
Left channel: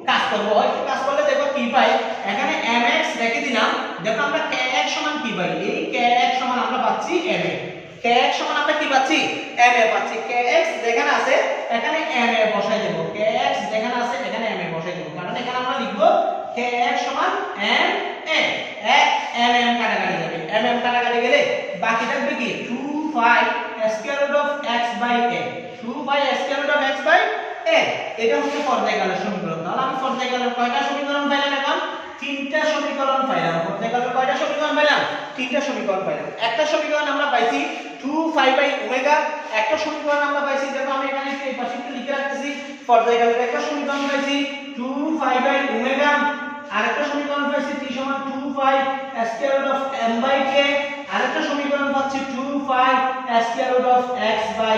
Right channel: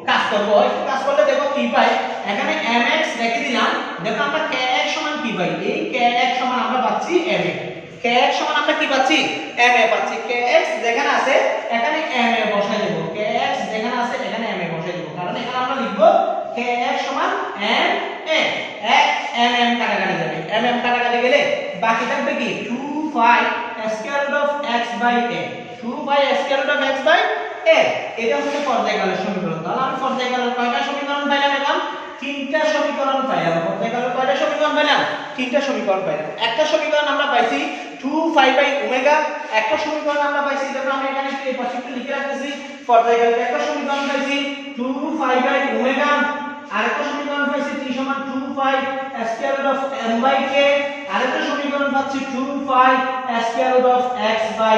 কাজ করব। একটু কাজ করলে দেখো কি পাই। এখানে mx রেখে দিলাম। দেখো আমরা kx সমান কি পাই? এই kx সমান আমরা পাচ্ছি ma। kx সমান আমরা কি পাচ্ছি? ma পাচ্ছি। kx যেখানে আছে এখানে ma বসাই দেব। kx যেখানে আছে এখানে ma বসাই দেব। কারণ এখানে আমরা লিখব kx সমান ma। mm কাটাকাটি যাবে। mm কাটাকাটি গেলে বাকি থাকবে কি? 2π square root of x/a। 2π square root of x/a। এটা হচ্ছে পর্যায়কালের সমীকরণ। তাহলে আমি পর্যায়কালের কয়টা সমীকরণ পাইলাম? এখন 3টা সমীকরণ পাইলাম। পর্যায়কালের কয়টা সমীকরণ পাইলাম? 3টা সমীকরণ পাইলাম। একটা সমীকরণ আমরা পাইছি 2π/ω। একটা সমীকরণ আমরা পাইছি, দেখো আমি এখানে এই পাশে একটু লিখে রাখতেছি, পর্যায়কালের একটা সমীকরণ পাইছি 2π/ω। আরেকটা সমীকরণ পাইছি t সমান 2π স্কয়ার রুট অফ m/k। আরেকটা সমীকরণ পাচ্ছি 2π স্কয়ার রুট অফ x/a।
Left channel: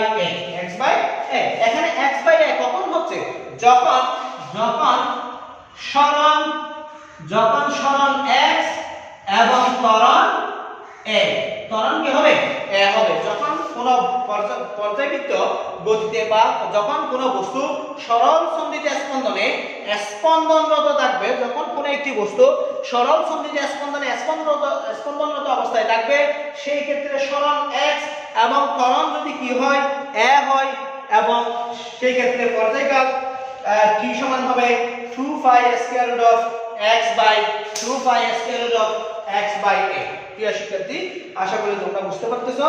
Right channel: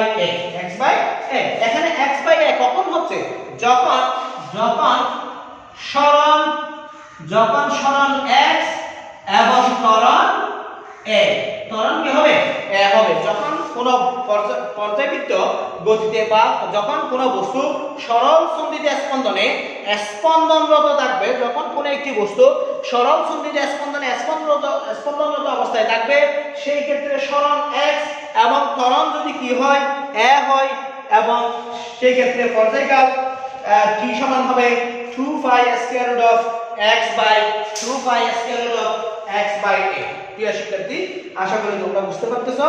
এখানে x/a কখন হচ্ছে? যখন সরণ x এবং ত্বরণ a। ত্বরণ কি হবে? a হবে। যখন কোন পর্যায়বৃত্ত গতিতে বা যখন কোন বস্তু সরল সন্ধিত স্পন্দনে স্পন্দনরত থাকবে, যখন কোন একটি বস্তু সরল সন্ধিত স্পন্দনে স্পন্দনরত অবস্থায় থাকবে, সেই ক্ষেত্রে সরণ x এবং ত্বরণ যদি কি হয়? a হয়, এবং সেই ক্ষেত্রে পর্যায়কাল t সমান হবে 2π square root of x/2π square root of x/a। প্রিয় শিক্ষার্থী, আশা করি তোমরা বুঝতে পারতেছো।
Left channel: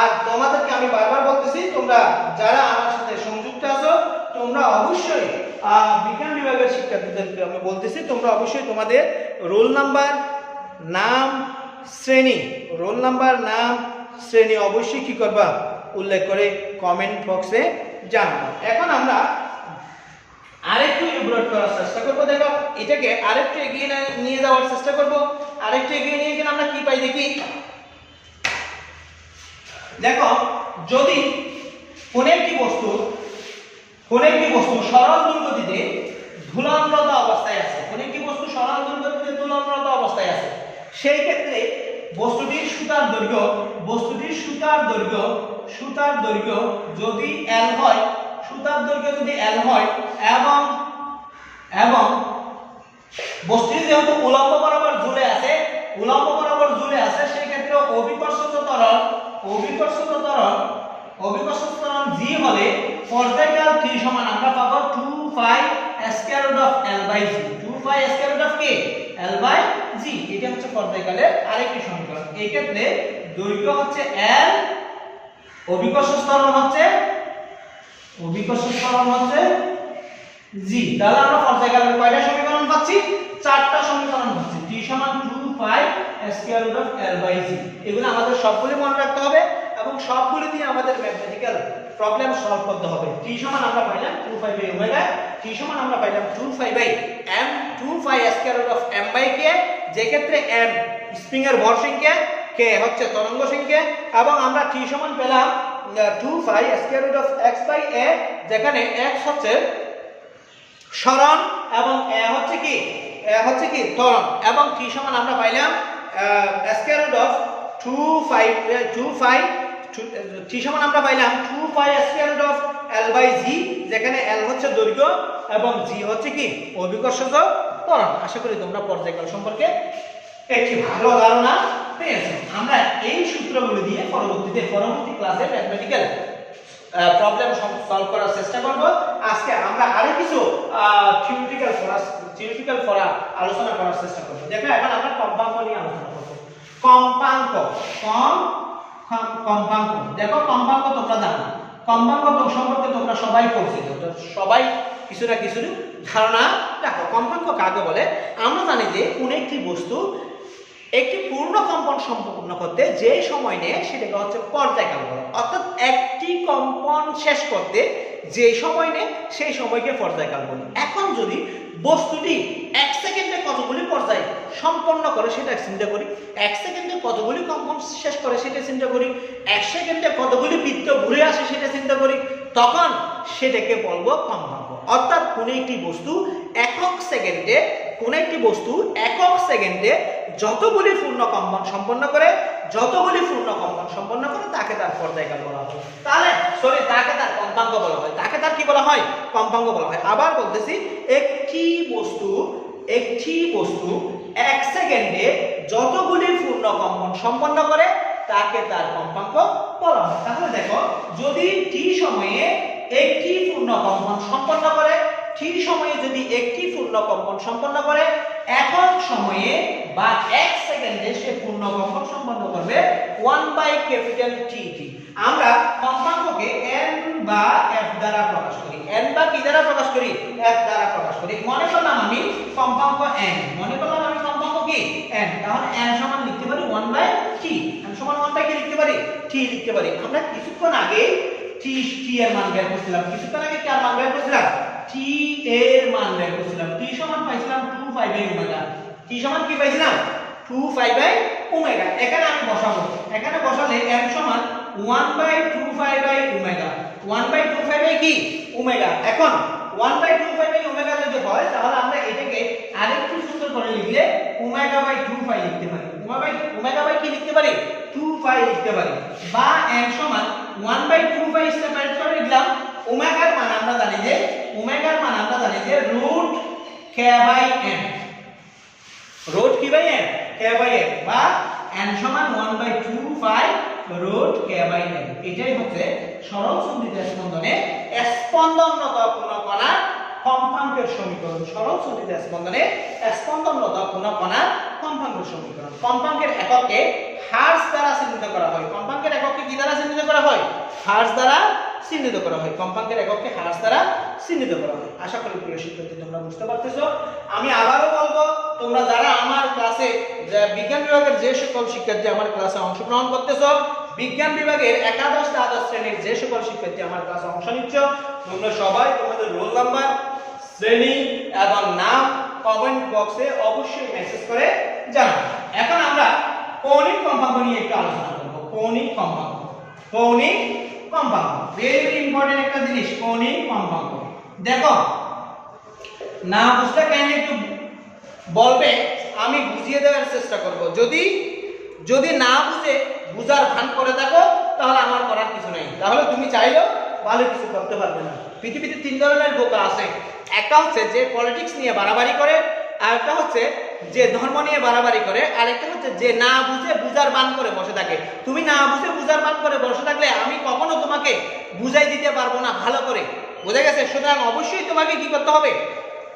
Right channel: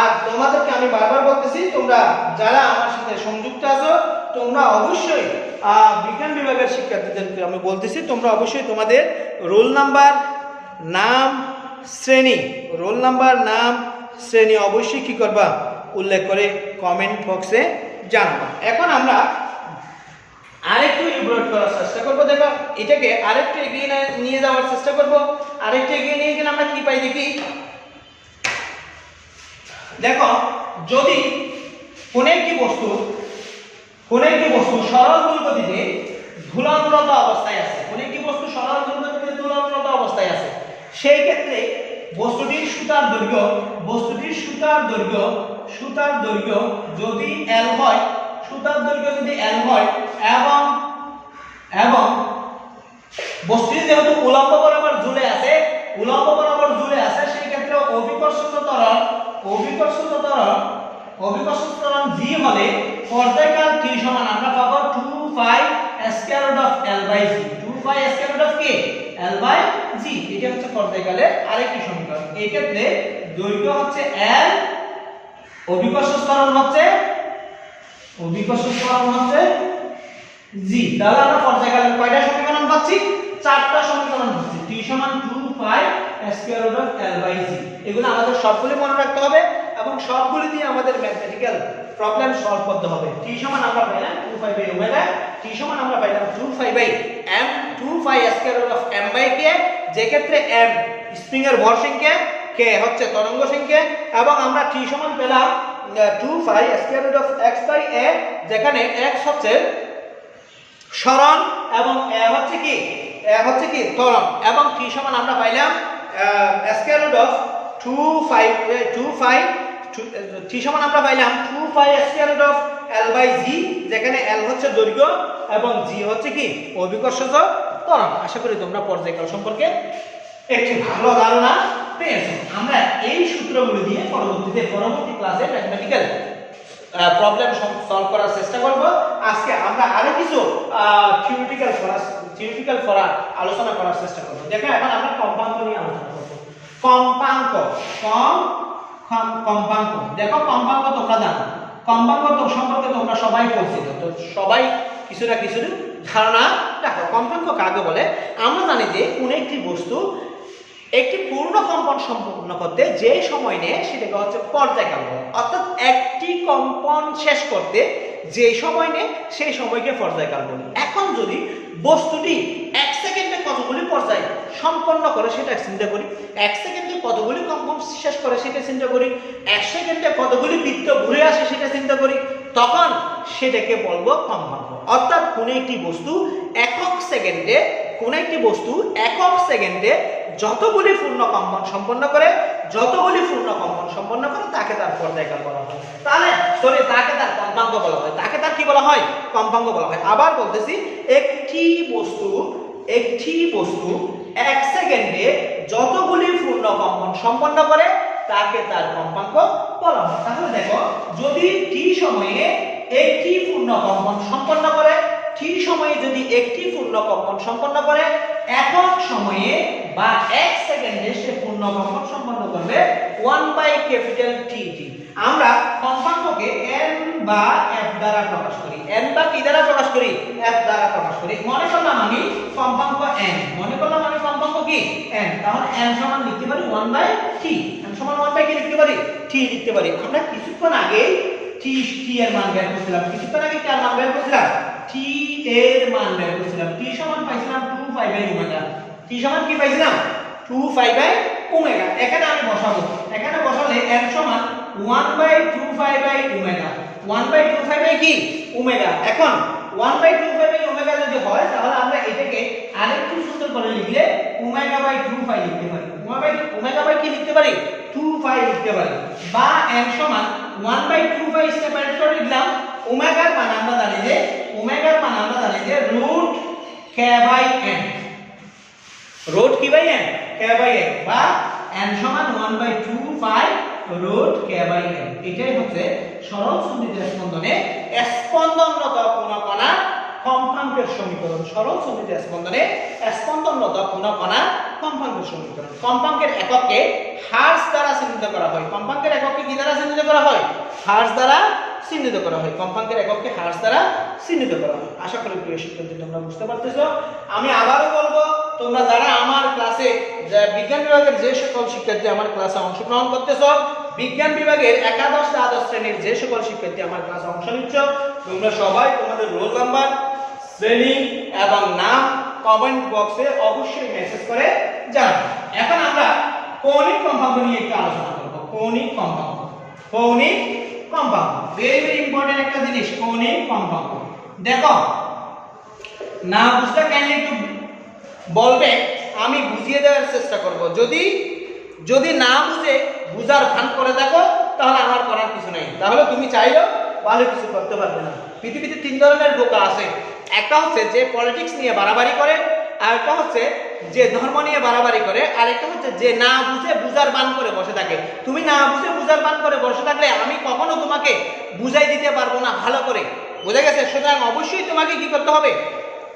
আর তোমাদেরকে আমি বারবার বলতেছি, তোমরা যারা আমার সাথে সংযুক্ত আছো তোমরা অবশ্যই বিজ্ঞান বিভাগের শিক্ষার্থীদেরকে আমি বলতেছি, তোমরা অবশ্যই তোমাদের রোল নাম্বার, নাম, শ্রেণী, রোল নাম্বার, নাম, শ্রেণী অবশ্যই কি করবা, উল্লেখ করে কমেন্ট বক্সে জানাবো। এখন আমরা আরেকটু ইমপ্রুভ করার চেষ্টা করবো। দেখো এটাকে আরেকটু এগিয়ে নিয়ে যাওয়ার চেষ্টা করব। আরেকটু এগিয়ে নিয়ে গেলে আমরা কি পাই দেখি। দেখো যদি কোন একটি বস্তু সরল দুর্গতিতে ধুলনরত অবস্থায় আছে, কোন একটি বস্তু সরল দুর্গতিতে ধুলনরত অবস্থায় আছে, সেই ক্ষেত্রে বস্তুটির সুতার দৈর্ঘ্য যদি L হয়, সুতার দৈর্ঘ্য যদি L হয় এবং বস্তুটি যেহেতু উলম্ব বরাবর জুড়ে আছে, সেই ক্ষেত্রে অভিকর্ষজ ত্বরণ G হলে পর্যায়কাল T সমান আমরা পাবো 2 pi square root of L by G, 2 pi square root of কে L বাই G। এটা হচ্ছে পর্যায়কালের আরেকটি সমীকরণ। এই ক্ষেত্রে দৈর্ঘ্য হচ্ছে L, অভিকর্ষজ ত্বরণ হচ্ছে G। তাহলে আমরা পর্যায়কালের কয়টা সমীকরণ পাচ্ছি? 4টা সমীকরণ পাচ্ছি। T সমান 2 pi square root of L by G। এগুলো আমাদের সবগুলো মনে রাখতে হবে এবং সবগুলো দিয়ে আমাদের ম্যাথমেটিক্যাল প্রবলেম সলভ করতে হবে। T সমান আমরা পাইলাম 2 পাই বাই ওমেগা, T সমান আমরা পাইলাম 2 pi by m, 2 pi square root of m by k, যে ক্ষেত্রে m স্প্রিং এর ভর সংখ্যা, k হচ্ছে তরঙ্গ সংখ্যা, এবং আমরা T সমান পেলাম 2 pi square root of x by a, যেখানে x হচ্ছে সরণ এবং a হচ্ছে কি ত্বরণ, এবং T সমান আমরা পাইলাম square root of 2 pi T সমান আমরা পাইলাম 2 pi square root of L by G, যেখানে L হচ্ছে দৈর্ঘ্য এবং G হচ্ছে কি অভিকর্ষজ ত্বরণ। আশা করি তোমরা পর্যায়কাল সম্পর্কে একটি ভালো ধারণা পেয়েছো। আমরা এই সূত্রগুলো দিয়ে পরবর্তী ক্লাসে ম্যাথমেটিক্যাল প্রবলেম সলভ করার চেষ্টা করব। আজকে আমরা আরো কিছু থিওরিটিক্যাল ফরা আলোচনা করার চেষ্টা করব। দেখো এখন আমরা কম্পাঙ্ক নিয়ে আলোচনা করব। কম্পাঙ্ক। দেখো কম্পাঙ্ক তোমরা জানো, কম্পাঙ্ক সম্পর্কে তোমরা সবাই পরিচিত, তো সবাই কিছু না কিছু ধারণা রাখো। কম্পাঙ্ক কাকে বলে? আমরা জানি যে কোন একটি বস্তু একটি পূর্ণ কম্পন সম্পন্ন করতে যে সময় নেয় সেটাকে হচ্ছে পর্যায়কাল বলে। অর্থাৎ একটি কম্পন শেষ করতে যে সময় নেয় সেই সময়কে পর্যায়কাল বলি। এখন যদি বস্তুটি 1 সেকেন্ডে কতগুলি পর্যায় সম্পন্ন করে সেটা চিন্তা করি, 1 সেকেন্ডে কতগুলি কম্পন শেষ করে সেটা চিন্তা করি, 1 সেকেন্ডে কতগুলি বৃত্ত ঘুরে আসে সেটা চিন্তা করি, তখন সেটাকে বলবো কম্পাঙ্ক। অর্থাৎ কোন একটি বস্তু একক সেকেন্ডে যতগুলি পূর্ণ কম্পন সম্পন্ন করে তাকে তার পর্যায়কাল বলা হয়। তাহলে তাকে তার কম্পাঙ্ক বলা হয়, তাকে তার কি বলা হয়? কম্পাঙ্ক বলা হয়। আবার বলতেছি, একটি বস্তু 1 সেকেন্ডে যতগুলি পূর্ণ কম্পন সম্পন্ন করে তাকে তার কম্পাঙ্ক বলা হয়। তাহলে দেখো, যদি t সময়ে একটি পূর্ণ কম্পন সম্পন্ন করে, একক সময়ে বা 1 সেকেন্ডে সে পূর্ণ কম্পন সম্পন্ন করবে 1/T। আমরা কম্পাঙ্ককে n বা f দ্বারা প্রকাশ করি। n বা কি দ্বারা প্রকাশ করি? f দ্বারা প্রকাশ করি। মনে করলাম আমি কম্পাঙ্ক n, কম্পাঙ্ক কি n, তাহলে n সমান লিখতে পারি 1/T। n সমান 1/T লিখতে পারি, T লিখতে পারি। আমরা কিছুক্ষণ আগে T এর মান বের করছিলাম, T এর মান বের করছিলাম। T সমান পাইছিলাম 2 পাই বাই ওমেগা। T সমান কি পাইছিলাম? 2 পাই বাই ওমেগা। এখানে আমি বসাবো, এখানে বসালে n সমান 1/2 pi by omega. 1/2 pi by কি ওমেগা। এখন 1/2 পাই বাই ওমেগা যদি হয়, তাহলে আমরা এটাকে আরেকটু সুন্দর করে লিখলে ওমেগা বাই 2 পাই লিখতে পারি। ওমেগা বাই কি লিখতে পারি? 2 পাই লিখতে পারি। বা n সমান 1/2 পাই সেপারেট করে লিখলাম। ওমেগার মান আমরা জানি যে root k by n, root কি by n, k by n, বা n সমান 1/2 pi root k by n। এটাই হচ্ছে সরল সন্ধিত স্পন্দনে স্পন্দনরত কোন কণার কম্পাঙ্কের সমীকরণ। সরল সন্ধিত স্পন্দনে স্পন্দনরত কোন কণার কম্পাঙ্কের সমীকরণ। কম্পাঙ্কের এককে হার্টজ দ্বারা চিহ্নিত করা হয়। কম্পাঙ্কের এককে কি দ্বারা চিহ্নিত করা হয়? হার্টজ দ্বারা চিহ্নিত করা হয়, কম্পাঙ্কের একককে হার্জ দ্বারা চিহ্নিত করা হয়। আশা করি প্রিয় শিক্ষার্থী তোমরা বুঝতে পারতেছো। আমি আবারও বলবো, তোমরা যারা আমার ক্লাসে বিজ্ঞান বিভাগের যে সকল শিক্ষার্থী আমার ক্লাসে অংশগ্রহণ করতেছো, বিজ্ঞান বিভাগের একাদশ দ্বাদশ শ্রেণীর যে সকল শিক্ষার্থী আমার ক্লাসে অংশ নিচ্ছ, তোমরা সবাই তোমাদের রোল নাম্বার, শ্রেণী এবং নাম কমেন্ট বক্সে অবশ্যই মেসেজ করে জানাও। এখন আমরা কৌণিক কম্পাঙ্ক নিয়ে একটু আলোচনা করব। কৌণিক কম্পাঙ্ক, কৌণিক কম্পাঙ্ক ভেরি ভেরি ইম্পর্টেন্ট একটা জিনিস। কৌণিক কম্পাঙ্ক দেখো, না বুঝতে গেলে একটু বলবে, আমি বুঝিয়ে দেওয়ার চেষ্টা করব। যদি না বুঝে বুঝার ভান করে দেখো, তাহলে আমার করার কিছু নেই, তাহলে তুমি চাইলেও ভালো কিছু করতে পারবে না। পৃথিবীতে তিন ধরনের বোকা আছে। একটা হচ্ছে যে পলিটিক্স নিয়ে বাড়াবাড়ি করে, আরেকটা হচ্ছে যে ধর্ম নিয়ে বাড়াবাড়ি করে, আরেকটা হচ্ছে যে না বুঝে বুঝার বান করে বসে থাকে। তুমি না বুঝে বুঝার বান করে বসে থাকলে আমি কখনো তোমাকে বুঝাই দিতে পারবো না ভালো করে, বুঝে গেছে? সুতরাং অবশ্যই তোমাকে কি করতে হবে,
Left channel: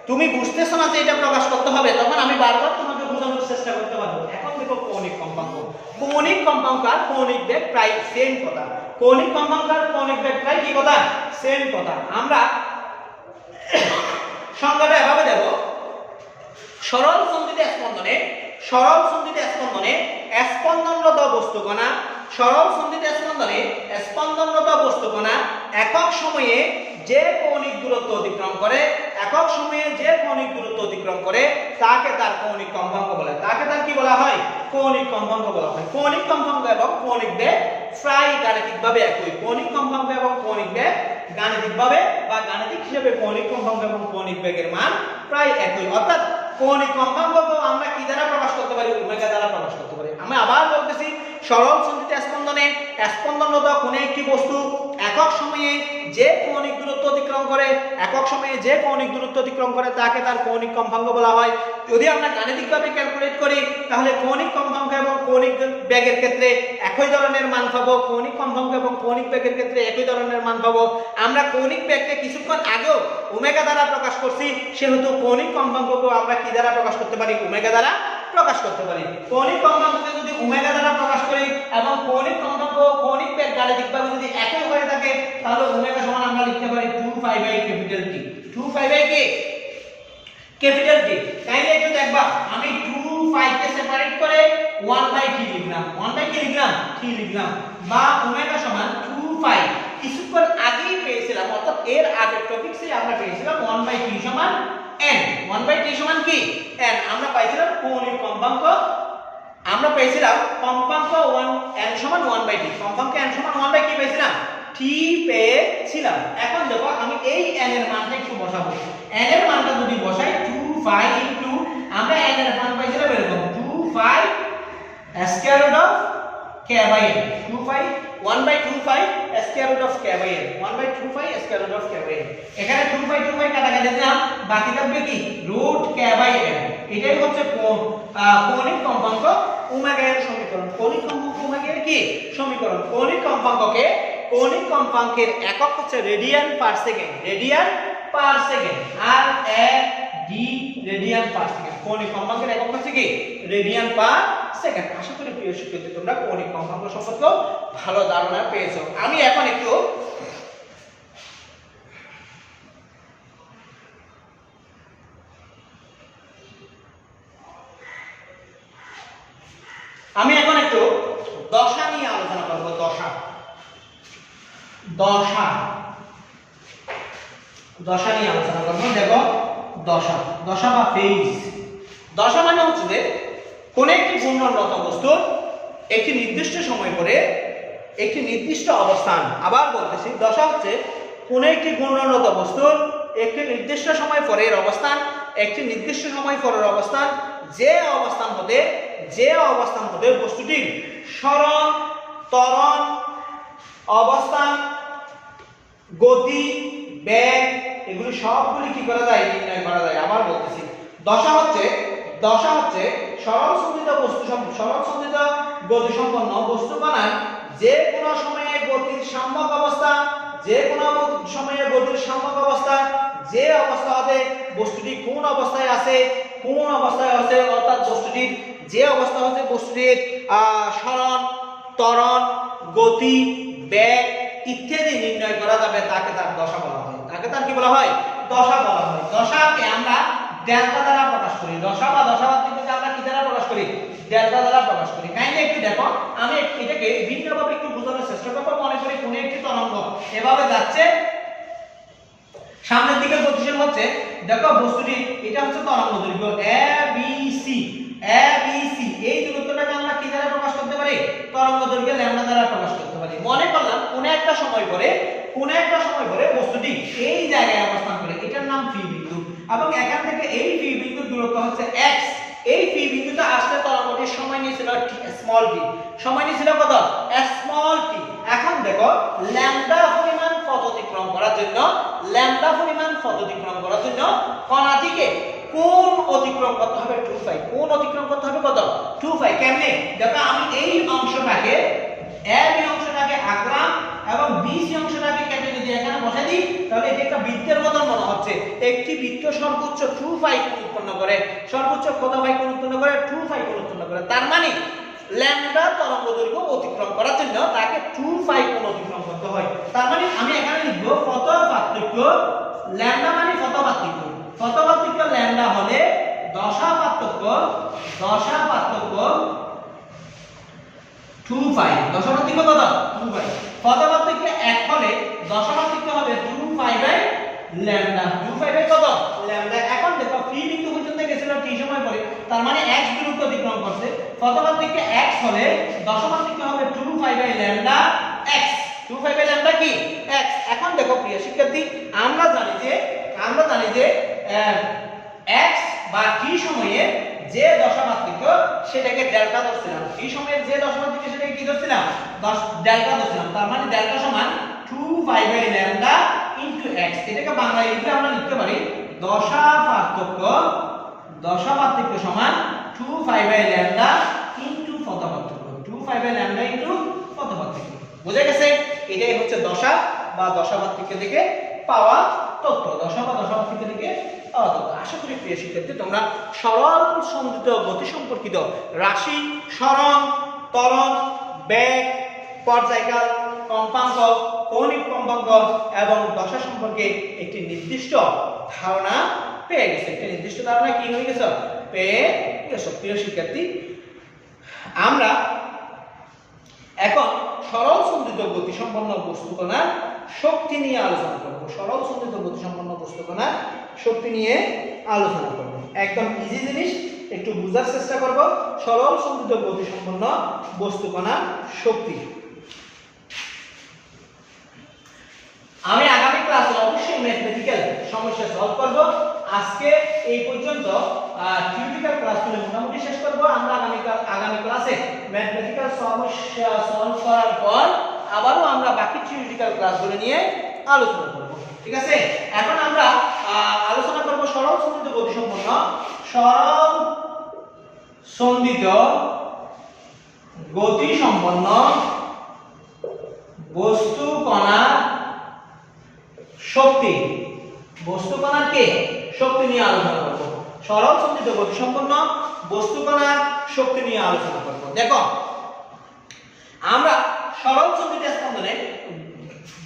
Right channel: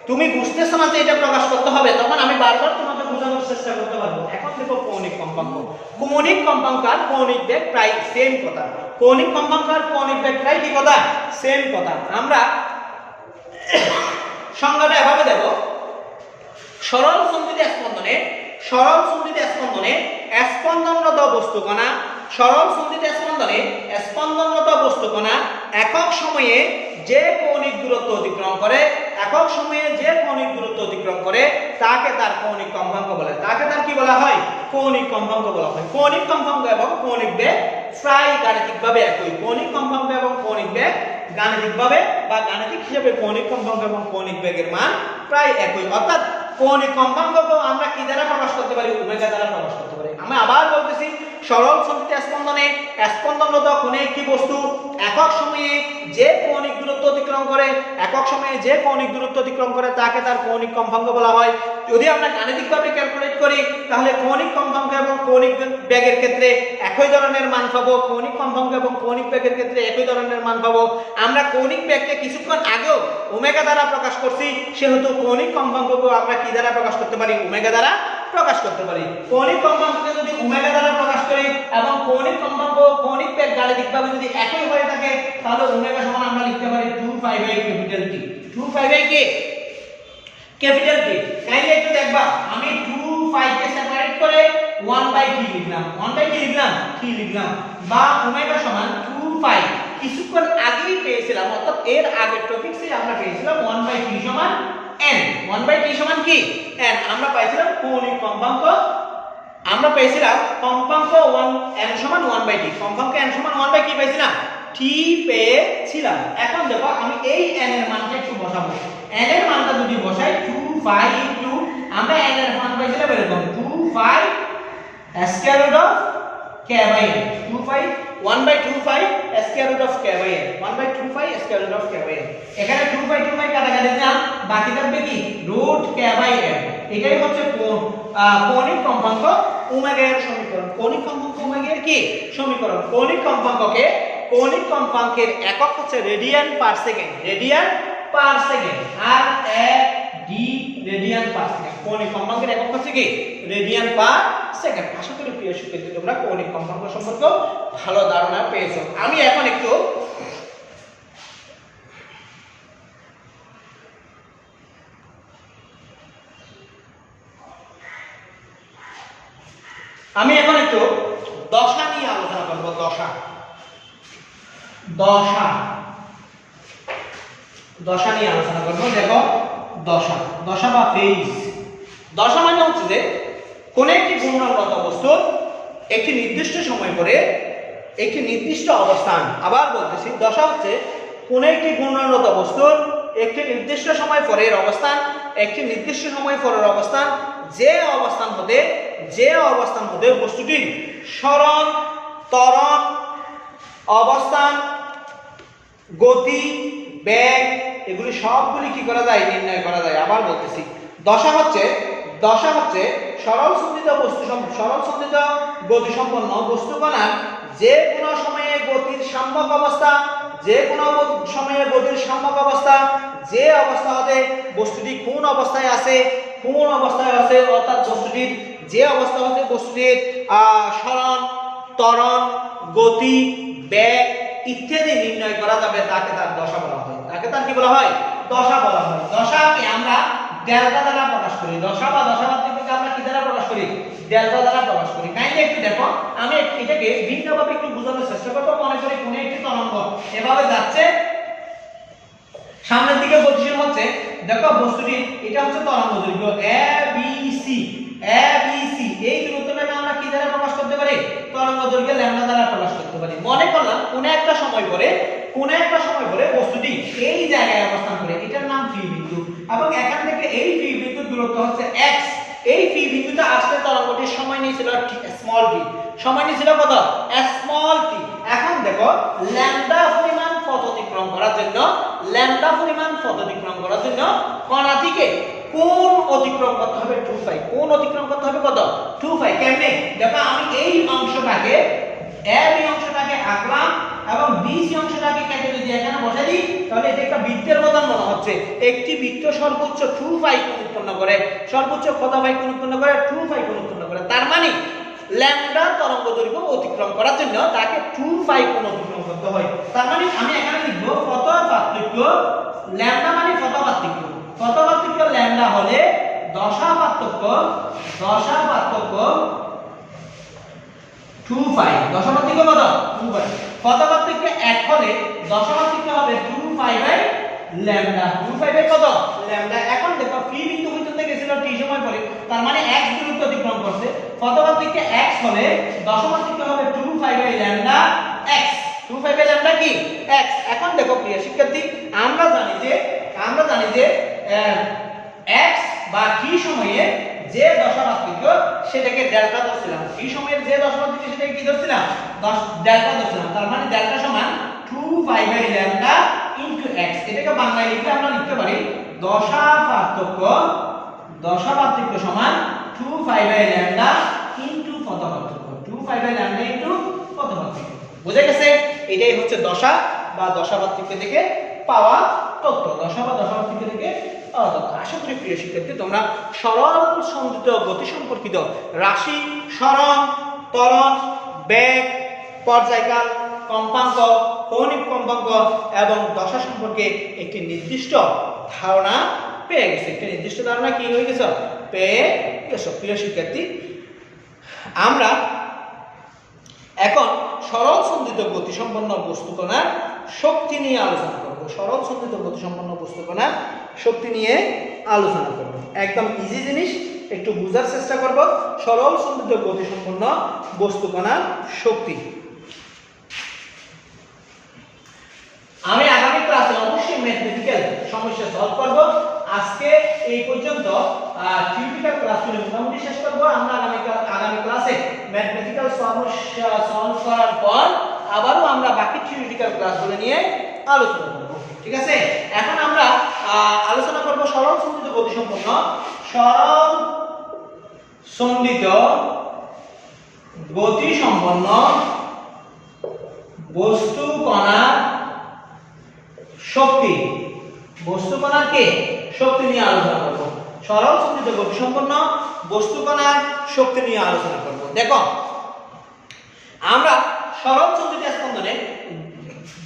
তুমি বুঝতেছো না যে এটা প্রকাশ করতে হবে, তখন আমি বারবার তোমাকে বোঝানোর চেষ্টা করতে পারবো। এখন দেখো কৌণিক কম্পাঙ্ক। কৌণিক কম্পাঙ্ক আর কৌণিক বেগ প্রায় সেম কথা। কৌণিক কম্পাঙ্ক আর কৌণিক বেগ প্রায় কি কথা? সেম কথা। আমরা সংজ্ঞাটা এভাবে দেব, সরল সন্ধিত স্পন্দনে, সরল সন্ধিত স্পন্দনে স্পন্দনরত বস্তুকণা, সরল সন্ধিত স্পন্দনে স্পন্দনরত বস্তুকণা একক সময়ে যে কৌণিক দূরত্ব অতিক্রম করে, একক সময়ে যে কৌণিক দূরত্ব অতিক্রম করে তাকে তার কৌণিক কম্পাঙ্ক বলে। তাকে তার কি বলা হয়? কৌণিক কম্পাঙ্ক বলা হয়। কৌণিক কম্পাঙ্ক এবং কৌণিক বেগ প্রায় গাণিতিকভাবে একই। কৌণিক কম্পাঙ্ক এবং কৌণিক বেগ গাণিতিকভাবে বা গাণিতিক হিসেবে কৌণিক কম্পাঙ্ক এবং কৌণিক বেগের মান প্রায় একই। অর্থাৎ কৌণিক কম্পাঙ্ককে আমরা কি দ্বারা প্রকাশ করতে পারি? ওমেগা দ্বারা প্রকাশ করতে পারি। আমি আবার বলতেছি, সরল সন্ধিত স্পন্দনে স্পন্দনরত কোনো একটি বস্তু একক সময়ে যে কৌণিক দূরত্ব অতিক্রম করে, একক সময়ে যে কৌণিক দূরত্ব অতিক্রম করে তাকে তার কৌণিক কম্পাঙ্ক বলা হয়। যদি আমরা গাণিতিকভাবে ক্যালকুলেট করি তাহলে কৌণিক কম্পাঙ্ক এবং কৌণিক বেগের ক্ষেত্রে একই ধরনের মান পাবো, কৌণিক কম্পাঙ্ক এবং কৌণিক বেগের ক্ষেত্রে একই ধরনের মান পাবো। আমরা কৌণিক বেগকে কিছুক্ষণ আগেও ওমেগা দ্বারা প্রকাশ করছি, সেহেতু কৌণিক কম্পাঙ্ককেও আমরা কি দ্বারা প্রকাশ করতে পারি? ওমেগা দ্বারা প্রকাশ করতে পারি। কৌণিক কম্পাঙ্ককে যদি ওমেগা দ্বারা প্রকাশ করি এবং কৌণিক কম্পাঙ্ক কৌণিক বেগ গাণিতিকভাবে যদি একই হয়ে থাকে, তাহলে ওমেগা সমান আমরা লিখতে পারি 2π/T। 2π/K capital T। তাইলে একটু দেখবা, আমি 2π কে সেপারেট করে 1/T লিখলাম, 1/T লিখলাম, T লিখলাম, বা ওমেগা সমান 2π কিছুক্ষণ আগেই পেয়েছিলাম, অর্থাৎ এর আগের টপিকসে আমরা পেয়েছিলাম 1/T সমান n। 1/T সমান কি? n। আমরা পাইছিলাম কৌণিক কম্পাঙ্ক, আমরা পেয়েছিলাম কম্পাঙ্ক n সমান 1/T, কম্পাঙ্ক n সমান 1/T পেয়েছিলাম, T পেয়েছিলাম। এখন দেখো আমি এই n এর মানটা একটু বসাবো। n এর মানটা যদি বসাই 2π ইনটু, আমরা n এর মান পাইছিলাম এরকম 2π square root of k/n, 2π 1/2π square root of k/n, 1/2π square root of k/n। এখানে 2π কাটাকাটি দিলাম, বাকি থাকবে কি? Root k/n। এটাই হচ্ছে কৌণিক কম্পাঙ্ক ওমেগা এর সমীকরণ। কৌণিক কম্পাঙ্ক ওমেগা এর কি সমীকরণ? কৌণিক কম্পাঙ্ককে, কৌণিক কম্পাঙ্কের একক হচ্ছে radian per second, radian per second, আর ডি রেডিয়ান পার সেকেন্ড। কৌণিক কম্পাঙ্কের একক হচ্ছে কি? Radian per second. আশা করি প্রিয় শিক্ষার্থী তোমরা কৌণিক কম্পাঙ্ক সম্পর্কে ভালো ধারণা পেয়েছো। আমি এখন একটু দশা নিয়ে আলোচনা করব। দশা, দশা, দশা নিয়ে আলোচনা করব। দেখো দশা, দশা বা ফেজ। দশা মানে হচ্ছে যে কোন একটি ঘূর্ণনরত বস্তুর একটি নির্দিষ্ট সময় পরে একটি নির্দিষ্ট অবস্থান, আবার বলতেছি দশা হচ্ছে কোন একটি ঘূর্ণনরত বস্তুর একটি নির্দিষ্ট সময় পরের অবস্থান, একটি নির্দিষ্ট সময় পরের অবস্থান, যে অবস্থান হতে বস্তুটির সরণ, ত্বরণ, অবস্থান, গতি, বেগ এগুলি সবগুলি কি করা যায়? নির্ণয় করা যায়। আবার বলতেছি দশা হচ্ছে সরল সন্ধিত গতি সম্পন্ন বস্তুকণার যে কোনো সময়ে গতির সাম্যক অবস্থা, যে কোনো সময়ে গতির সাম্যক অবস্থা, যে অবস্থা হতে বস্তুটি কোন অবস্থায় আছে, অর্থাৎ বস্তুটির যে অবস্থা হতে বস্তুটির সরণ, ত্বরণ, গতি, বেগ ইত্যাদি নির্ণয় করা যাবে তাকে তার দশা বলা হয়। তাকে তার কি বলা হয়? দশা বলা হয়। দশাকে আমরা ডেল্টা দ্বারা প্রকাশ করি। দশা বা দশামাত্রিককে আমরা কি দ্বারা প্রকাশ করি? ডেল্টা দ্বারা প্রকাশ করি। কাইন্ডলি একটু দেখো, আমি এটাকে ভিন্নভাবে একটু বোঝানোর চেষ্টা করব। মনে করি কোন একটি তরঙ্গ এভাবে যাচ্ছে, সামনের দিকে গতিশীল হচ্ছে। দেখো বস্তুটি, এটা হচ্ছে তরঙ্গ দৈর্ঘ্য a b c, a b c। এই দূরত্বটাকে আমরা কি দ্বারা প্রকাশ করতে পারি? তরঙ্গ দৈর্ঘ্য ল্যাম্ডা দ্বারা প্রকাশ করতে পারি। মনে করলাম কোন একটা সময় পরে বস্তুটি এই জায়গায় অবস্থান করে, এটার নাম পি বিন্দু, এবং এখান থেকে এই পি বিন্দুর দূরত্ব হচ্ছে x। এই পি বিন্দুতে আসলে তরঙ্গটির সময় নিয়েছিল স্মল t। সময় নিয়েছিল কত? Small t। এখন দেখো ল্যাম্ডা পরিমাণ পথ অতিক্রম করার জন্য কণাটিকে কোণ অতিক্রম করতে হবে 2π। কোণ অতিক্রম করতে হবে কত? 2π। কেমনে? দেখো আমি এই অংশটাকে AB অংশটাকে আঁকলাম এবং BC অংশটাকে কেটে যদি এখানে বসাই দিই, তাহলে এটা একটা বৃত্তের মতন মনে হচ্ছে। একটি বৃত্ত সর্বোচ্চ 2π কোণ উৎপন্ন করে, সর্বোচ্চ কত π কোণ উৎপন্ন করে? 2π কোণ উৎপন্ন করে। তার মানে ল্যাম্ডা তরঙ্গ দৈর্ঘ্য অতিক্রম করার জন্য তাকে 2π কোণ অতিক্রম করতে হয়। তার মানে আমি এখানে লিখব পথ পার্থক্য, ল্যাম্ডা মানে পথ পার্থক্য ল্যাম্ডা হলে দশা পার্থক্য 2π। দশা পার্থক্য কত? 2π। পথ পার্থক্য 1 হলে দশা পার্থক্য হবে 2π বাই ল্যাম্ডা। 2π বাই কত? ল্যাম্ডা। এখন দেখো পি বিন্দু পর্যন্ত গেছিল t সময় পরে, তার মানে x দূরত্ব অতিক্রম করছে। পথ পার্থক্য x হলে দশা পার্থক্য হবে 2π by lambda x। 2π by lambda কি? x। এখন দেখো প্রিয় শিক্ষার্থী, আমরা জানি যে x বা t সময়ে যে দশা পার্থক্য সেটাকে ডেল্টা ধরছিলাম। t সময়ের যে দশা পার্থক্য সেটাকে কি ধরছিলাম? ডেল্টা ধরছিলাম। তার মানে ডেল্টা সমান 2π বাই ল্যাম্ডা ইনটু x। এটাকে বাংলায় লিখে আমরা লিখতে পারি দশা পার্থক্য সমান 2π বাই ল্যাম্ডা ইনটু পথ পার্থক্য। 2π বাই ল্যাম্ডা ইনটু পথ পার্থক্য। বুঝে গেছে? এটাই হচ্ছে দশা বা দশা পার্থক্য থেকে পাওয়া তথ্য। দশা বা দশা পার্থক্য থেকে পাওয়া তথ্য। আশা করি প্রিয় শিক্ষার্থী তোমরা সরল সন্ধিত গতি সম্পর্কিত রাশি, সরণ, ত্বরণ, বেগ, পর্যায়কাল, কম্পাঙ্ক, কৌণিক কম্পাঙ্ক এবং দশা সম্পর্কে একটি নির্দিষ্ট ধারণা পেয়ে গেছে। একটি নির্দিষ্ট ধারণা কি হয়ে গেছে? পেয়ে গেছে। প্রিয় শিক্ষার্থী, আমরা এখন সরল সন্ধিত গতি সম্পন্ন বস্তুকণার শক্তি নিয়ে আলোচনা করব। সরল সন্ধিত গতি সম্পন্ন বস্তুকণার শক্তি নিয়ে আলোচনা করব। একদম ইজি জিনিস, একটু বোঝার চেষ্টা করব। সরল সন্ধিত গতি সম্পন্ন বস্তুকণার শক্তি। আমি আগামী ক্লাসে অবশ্যই ম্যাথমেটিক্যাল সমস্যা সলভ করব। আজকে এই পর্যন্ত থিওরিটিক্যাল ক্লাসগুলো মোটামুটি শেষ করব। আমরা আগামী ক্লাসে ম্যাথমেটিক্যাল সমস্যা সলভ করার পর আবারও আমরা বাকি থিওরিটিক্যাল ক্লাসগুলো নিয়ে আলোচনা করব। ঠিক আছে? এখন আমরা আলোচনা করব সরল সন্ধিত গতি সম্পন্ন বস্তু কণার শক্তি। বস্তু কণার কি শক্তি নিয়ে আলোচনা করব। সরল সন্ধিত গতি সম্পন্ন বস্তু কণার শক্তি নিয়ে আলোচনা করব। দেখো, আমরা সরল সন্ধিত স্পন্দনে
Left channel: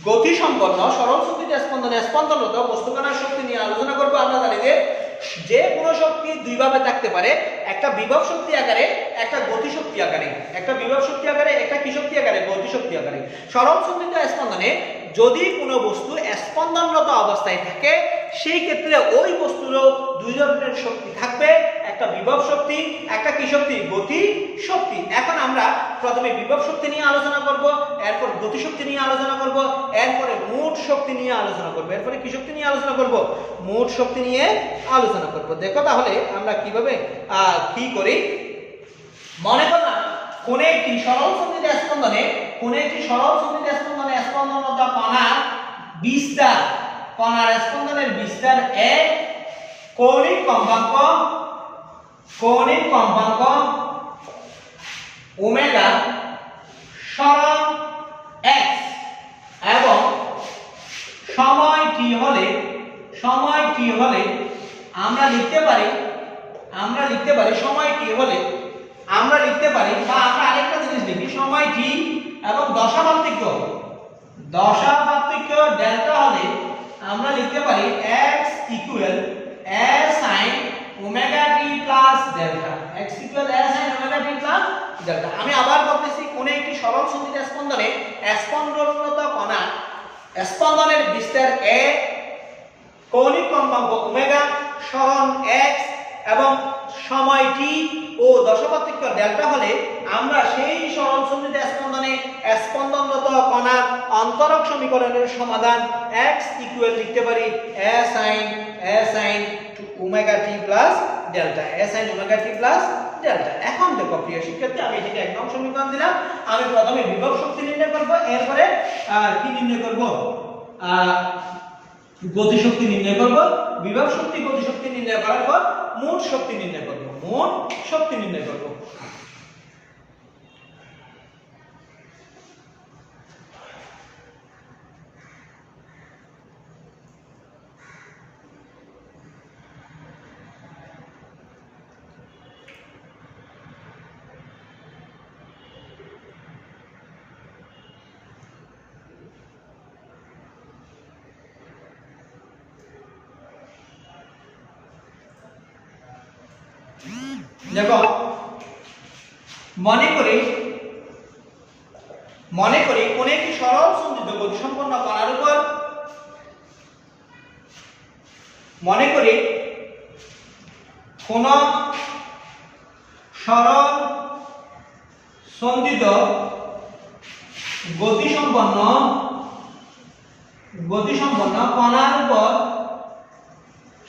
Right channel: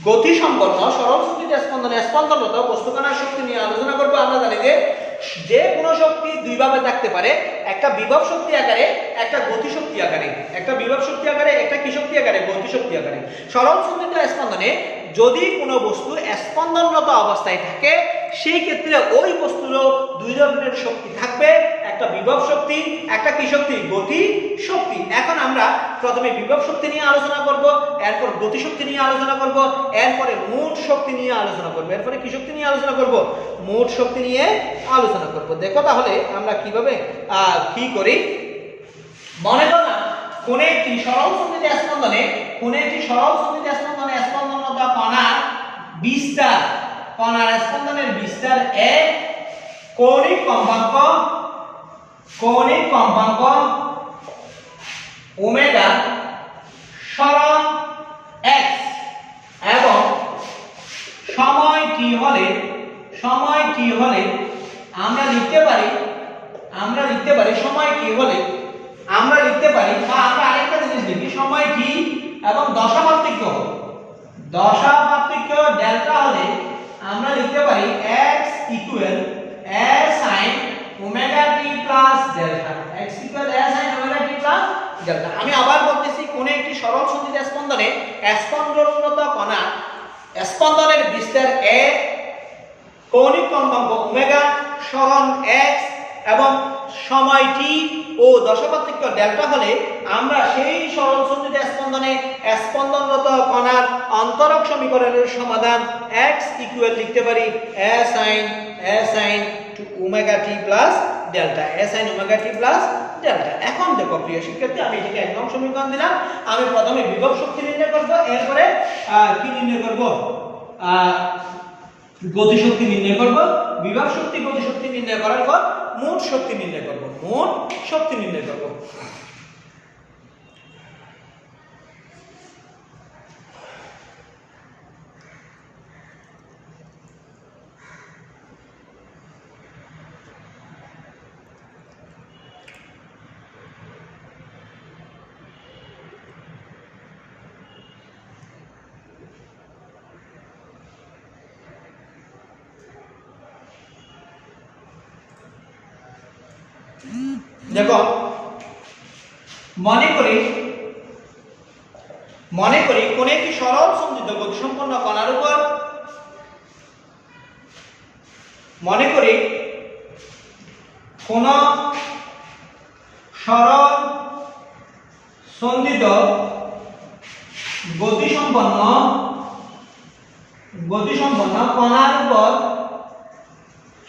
গতি সম্পন্ন সরল সন্ধিত স্পন্দনে স্পন্দনরত বস্তু কণার শক্তি নিয়ে আলোচনা করব। আমরা জানি যে কোনো শক্তি দুই ভাবে থাকতে পারে, একটা বিভব শক্তি আকারে, একটা গতি শক্তি আকারে। একটা বিভব শক্তি আকারে, একটা কি শক্তি আকারে? গতি শক্তি আকারে। সরল সন্ধিত স্পন্দনে যদি কোনো বস্তু স্পন্দনরত অবস্থায় থাকে, সেই ক্ষেত্রে ওই বস্তুরও দুই ধরনের শক্তি থাকবে, একটা বিভব শক্তি, একটা কি শক্তি? গতি শক্তি। এখন আমরা প্রথমে বিভব শক্তি নিয়ে আলোচনা করব, এরপর গতি শক্তি নিয়ে আলোচনা করব, এরপরে মোট শক্তি নিয়ে আলোচনা করব, এরপরে কি শক্তি নিয়ে আলোচনা করব? মোট শক্তি নিয়ে আলোচনা করব। দেখো তাহলে আমরা কিভাবে কি করি। মনে করলাম কোন একটি সরল সন্ধিত স্পন্দনে স্পন্দনরত কণার বিস্তার, স্পন্দনের বিস্তার এ, কৌণিক কম্পাঙ্ক ওমেগা সরণ x এবং সময় t হলে আমরা লিখতে পারি সময় t হলে আমরা লিখতে পারি, বা আমরা আরেকটা জিনিস দেখি, সময় t এবং দশা দশা পার্থক্য ডেল্টা হলে আমরা লিখতে পারি x equal a sin omega t plus delta x equal a sin omega t plus delta. আমি আবার বলতেছি কোন একটি সরল সন্ধিত স্পন্দনে স্পন্দনরত কণা স্পন্দনের বিস্তার a, কৌণিক কম্পাঙ্ক ওমেগা, সরণ x এবং সময় t ও দশাপার্থক্য ডেল্টা হলে আমরা সেই সরল সন্ধিত স্পন্দনে স্পন্দনরত কণার অন্তরক সমীকরণের সমাধান x ইকুয়াল লিখতে পারি a sin to omega t plus delta, a sin omega t plus delta. এখন দেখো প্রিয় শিক্ষার্থী, আমি এটাকে এক নং সমীকরণ দিলাম। আমি প্রথমে বিভব শক্তি নির্ণয় করব, এরপরে কি নির্ণয় করব, গতি শক্তি নির্ণয় করব। বিভব শক্তি গতি শক্তি নির্ণয় করার পর মোট শক্তি নির্ণয় করব, মোট শক্তি নির্ণয় করব। দেখো, মনে করি কোন একটি সরল সন্ধিত গতিসম্পন্ন কণার উপর, মনে করি কোন সরল সন্ধিত গতিসম্পন্ন কণার উপর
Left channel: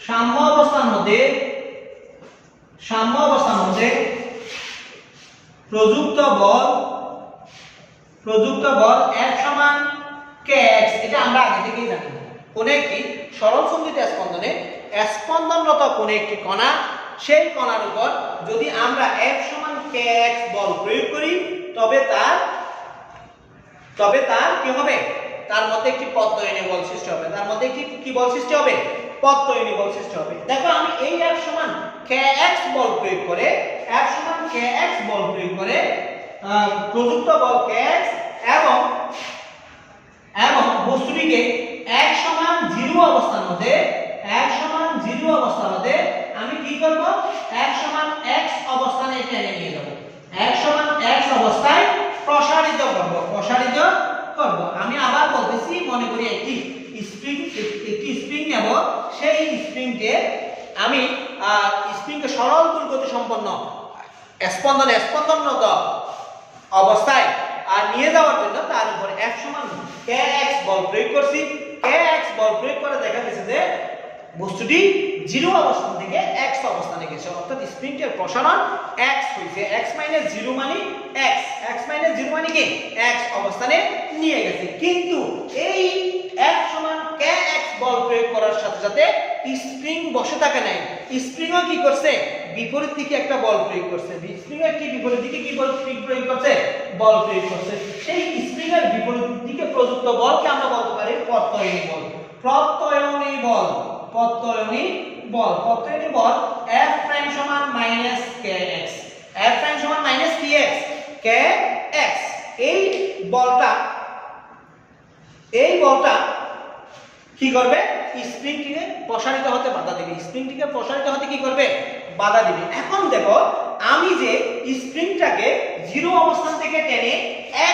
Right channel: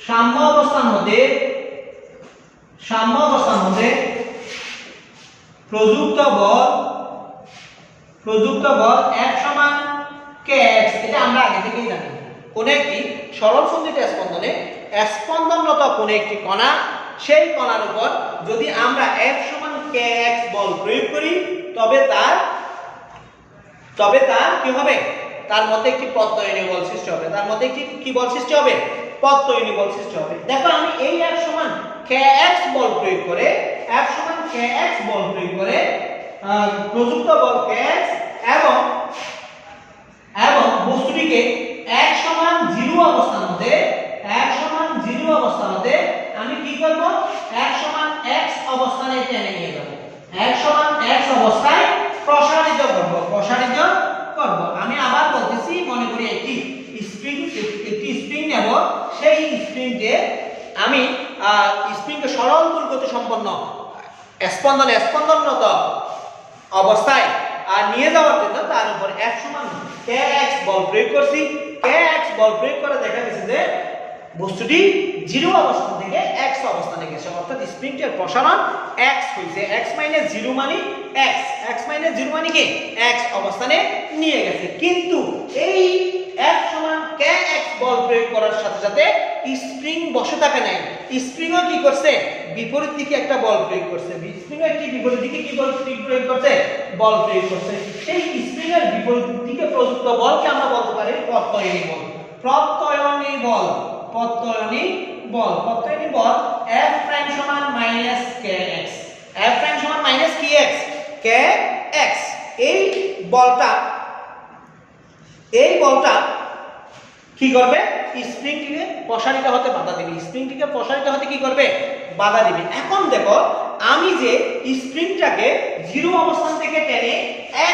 সাম্য অবস্থার মধ্যে প্রযুক্ত বল F সমান kx। এটা আমরা আগে থেকেই জানি। কোন একটি সরল সন্ধিত স্পন্দনে স্পন্দনরত কোন একটি কণা, সেই কণার উপর যদি আমরা F সমান kx বল প্রয়োগ করি তবে তার কি হবে, তার মধ্যে একটি প্রত্যয়নী বল সৃষ্টি হবে। তার মধ্যে কি বল সৃষ্টি হবে, প্রত্যয়নী বল সৃষ্টি হবে। দেখো, আমি এই F সমান kx বল প্রয়োগ করে প্রযুক্ত বল kx এবং বস্তুটিকে x সমান 0 অবস্থার মধ্যে আমি কি করব, x সমান x অবস্থানে টেনে নিয়ে যাব, x সমান x অবস্থায় প্রসারিত করব। আমি আবার বলতেছি, মনে করি একটি স্প্রিং নেব, সেই স্প্রিংকে আমি স্প্রিংকে সরল গতি সম্পন্ন স্পন্দনরত অবস্থায় নিয়ে যাওয়ার জন্য তার উপর F সমান kx বল প্রয়োগ করছি। kx বল প্রয়োগ করে দেখা গেছে যে বস্তুটি 0 অবস্থান থেকে x অবস্থানে গেছে, অর্থাৎ স্প্রিংটির প্রসারণ x হইছে। x - 0 মানে x মানে কি, x অবস্থানে নিয়ে গেছে। কিন্তু এই F সমান kx বল প্রয়োগ করার সাথে সাথে স্প্রিং বসে থাকে নাই, স্প্রিংও কি করছে, বিপরীত দিকে একটা বল প্রয়োগ করছে। স্প্রিং এর কি বিপরীত দিকে কি বল প্রয়োগ করছে, বল প্রয়োগ করছে। সেই স্প্রিং এর বিপরীত দিকে প্রযুক্ত বলকে আমরা বলতে পারি প্রত্যয়নী বল। F প্রাইম সমান -kx, F প্রাইম সমান -kx। এই বলটা কি করবে, স্প্রিংটিকে প্রসারিত হতে বাধা দেবে, বাধা দিবে। এখন দেখো, আমি যে স্প্রিংটাকে 0 অবস্থান থেকে টেনে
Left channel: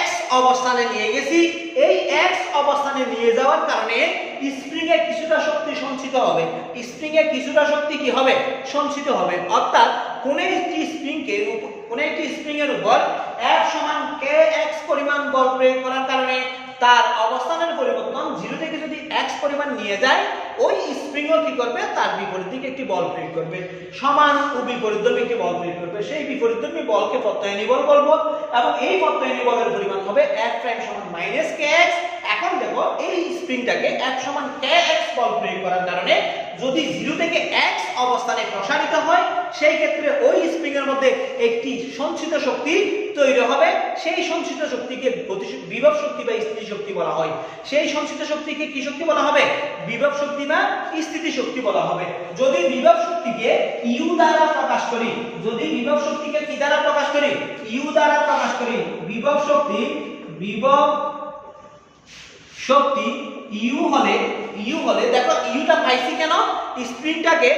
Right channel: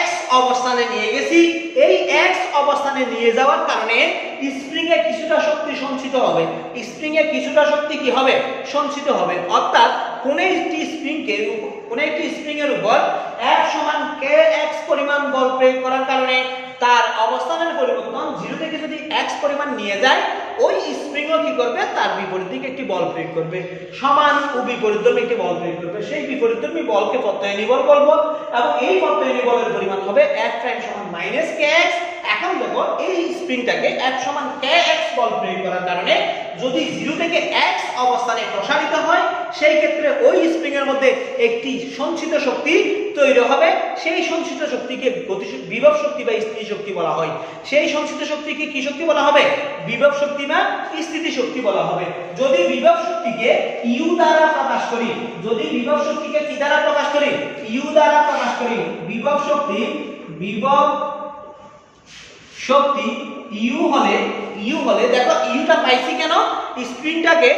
x অবস্থানে নিয়ে গেছি, এই x অবস্থানে নিয়ে যাওয়ার কারণে স্প্রিং এর কিছুটা শক্তি সঞ্চিত হবে। কি হবে, সঞ্চিত হবে। অর্থাৎ কোন একটি স্প্রিং এর উপর F সমান kx পরিমাণ বল প্রয়োগ করার কারণে তার অবস্থানের পরিবর্তন 0 থেকে যদি x পরিমাণ নিয়ে যায়, ওই স্প্রিংও কি করবে, তার বিপরীত দিকে একটি বল প্রয়োগ করবে, সমান ও বিপরীতধর্মী একটি বল প্রয়োগ করবে। সেই বিপরীতধর্মী বলকে প্রত্যয়নী বল বলবো এবং এই প্রত্যয়নী বলের পরিমাণ হবে F প্রাইম সমান -kx। এখন দেখো, এই স্প্রিংটাকে F সমান kx বল প্রয়োগ করার কারণে যদি 0 থেকে x অবস্থানে প্রসারিত হয়, সেই ক্ষেত্রে ওই স্প্রিং এর মধ্যে একটি সঞ্চিত শক্তি তৈরি হবে। সেই সঞ্চিত শক্তিকে বিভব শক্তি বা স্থিতি শক্তি বলা হয়। সেই সঞ্চিত শক্তিকে কি শক্তি বলা হবে, বিভব শক্তি বা স্থিতি শক্তি বলা হবে। যদি বিভব শক্তিকে U দ্বারা প্রকাশ করি, কি দ্বারা প্রকাশ করি, U দ্বারা প্রকাশ করি, বিভব শক্তি ইউ হলে দেখো ইউটা পাইছি কেন, স্প্রিংটাকে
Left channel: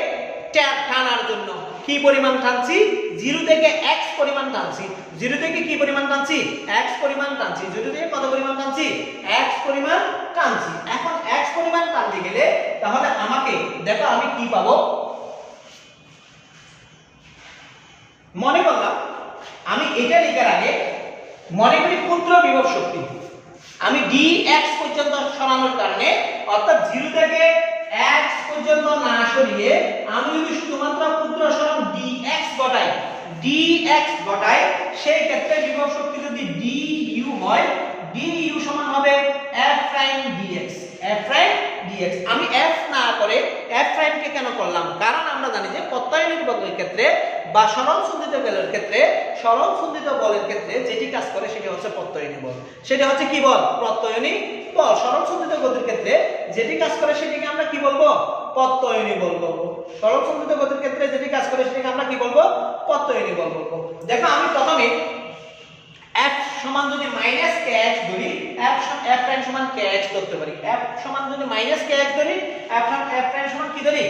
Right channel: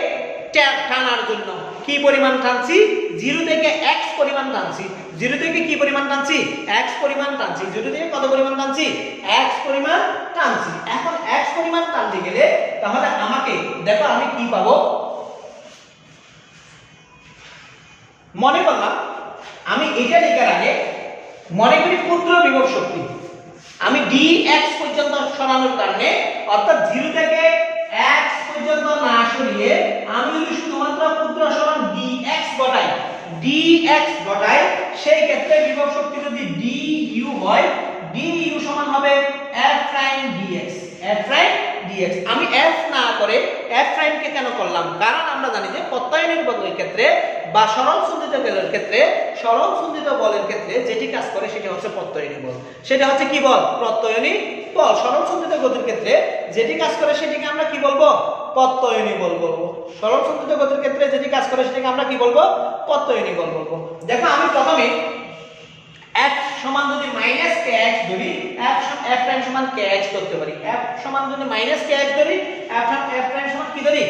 টানার জন্য কি পরিমাণ টানছি, 0 থেকে x পরিমাণ টানছি, 0 থেকে কি পরিমাণ টানছি, x পরিমাণ টানছি, 0 থেকে কত পরিমাণ টানছি, x পরিমাণ টানছি। এখন x পরিমাণ টানতে গেলে তাহলে আমাকে দেখো আমি কি পাবো, মনে করলাম আমি এটা লেখার আগে মনে করি ক্ষুদ্র বিভব শক্তি আমি dx পর্যন্ত সরানোর কারণে, অর্থাৎ 0 থেকে x পর্যন্ত না সরিয়ে আমি যদি শুধুমাত্র ক্ষুদ্র সরণ dx ঘটাই সেই ক্ষেত্রে বিভব শক্তি যদি du হয়, du সমান হবে f prime dx, f prime dx। আমি f না করে f প্রাইম কে কেন করলাম, কারণ আমরা জানি যে প্রত্যয়নের বলের ক্ষেত্রে বা সরল সন্ধিত বলের ক্ষেত্রে, সরল সন্ধিত বলের ক্ষেত্রে যেটি কাজ করে সেটা হচ্ছে প্রত্যয়নী বল, সেটা হচ্ছে কি বল, প্রত্যয়নী বল। সরল সন্ধিত গতির ক্ষেত্রে যেটি কাজ করে সেটাকে আমরা কি বলবো, প্রত্যয়নী বল বলবো। সরল সন্ধিত গতির ক্ষেত্রে যেটি কাজ করে সেটাকে আমরা কি বলবো, প্রত্যয়নী বল বলবো। দেখো আমি প্রথমে f সমান যদি -kx ধরি, f প্রাইম সমান kx ধরতে পারি, f সমান যদি -kx ধরি, f প্রাইম সমান কি ধরি,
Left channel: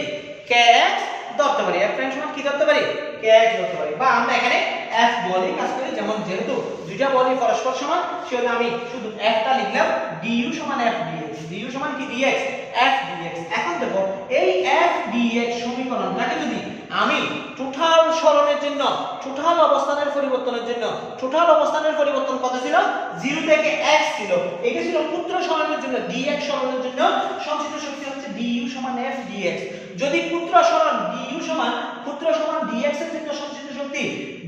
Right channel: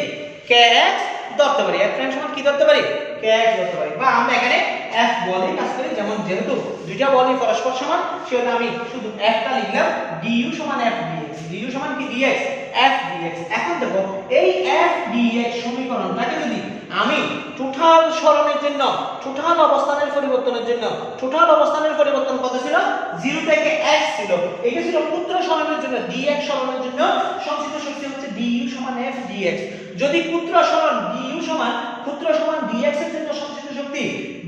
kx ধরতে পারি, f প্রাইম সমান কি ধরতে পারি, kx ধরতে পারি। বা আমরা এখানে f বলে কাজ করি, যেমন যেহেতু দুইটা বলই পরস্পর সমান সেজন্য আমি শুধু f টা লিখলাম, du সমান f dx, du সমান কি dx, f dx। এখন দেখো এই f dx সমীকরণটাকে যদি আমি টোটাল সরণের জন্য, টোটাল অবস্থানের পরিবর্তনের জন্য, টোটাল অবস্থানের পরিবর্তন কত ছিল, 0 থেকে x ছিল, এটা ছিল ক্ষুদ্র সরণের জন্য dx সরণের জন্য সঞ্চিত শক্তি হচ্ছে du সমান f dx। যদি ক্ষুদ্র সরণ du সমান dx এর জন্য সঞ্চিত শক্তি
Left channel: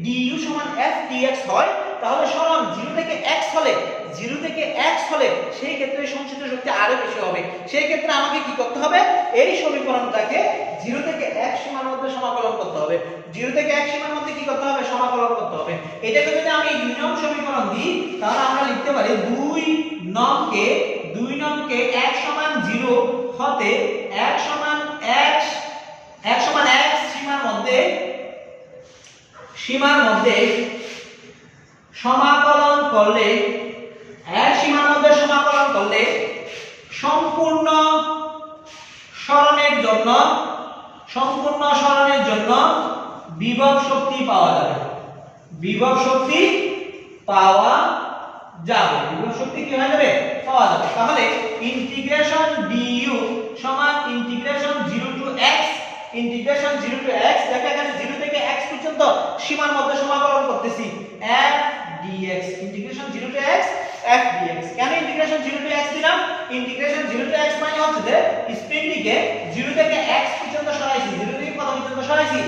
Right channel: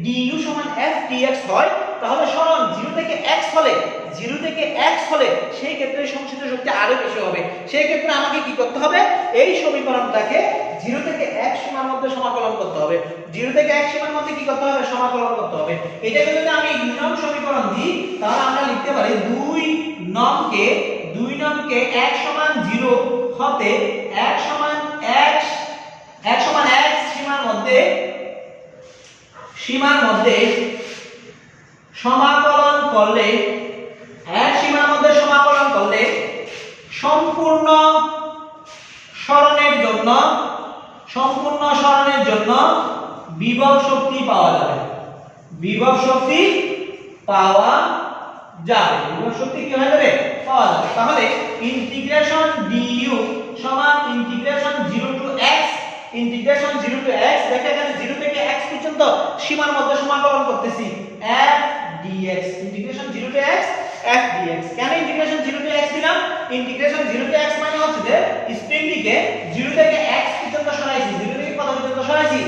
du সমান f dx হয়, তাহলে সরণ 0 থেকে x হলে সেই ক্ষেত্রে সঞ্চিত শক্তি আরো বেশি হবে। সেই ক্ষেত্রে আমাকে কি করতে হবে, এই সমীকরণটাকে 0 থেকে x সীমার মধ্যে সমাকলন করতে হবে, 0 থেকে x সীমার মধ্যে কি করতে হবে, সমাকলন করতে হবে। এটাকে যদি আমি 2 নং সমীকরণ দিই তাহলে আমরা লিখতে পারি 2 নংকে x সমান 0 হতে x সমান x সীমার মধ্যে সমাকলন করলে, এক সীমার মধ্যে সমাকলন করলে সম্পূর্ণ সরণের জন্য বিভব শক্তি পাওয়া যাবে, বিভব শক্তি পাওয়া যাবে, বিভব শক্তি কি হয়ে যাবে, পাওয়া যাবে। তাহলে ইন্টিগ্রেশন du সমান ইন্টিগ্রেশন 0 টু x, দেখো এখানে 0 থেকে x পর্যন্ত সীমার মধ্যে সমাকলন করতেছি, f dx, integration 0 to x f dx। কেন ইন্টিগ্রেশন 0 টু x দিলাম, ইন্টিগ্রেশন 0 টু x মানে হচ্ছে যে স্প্রিংটিকে 0 থেকে x পর্যন্ত সরাইছি, 0 থেকে কত পর্যন্ত সরাইছি,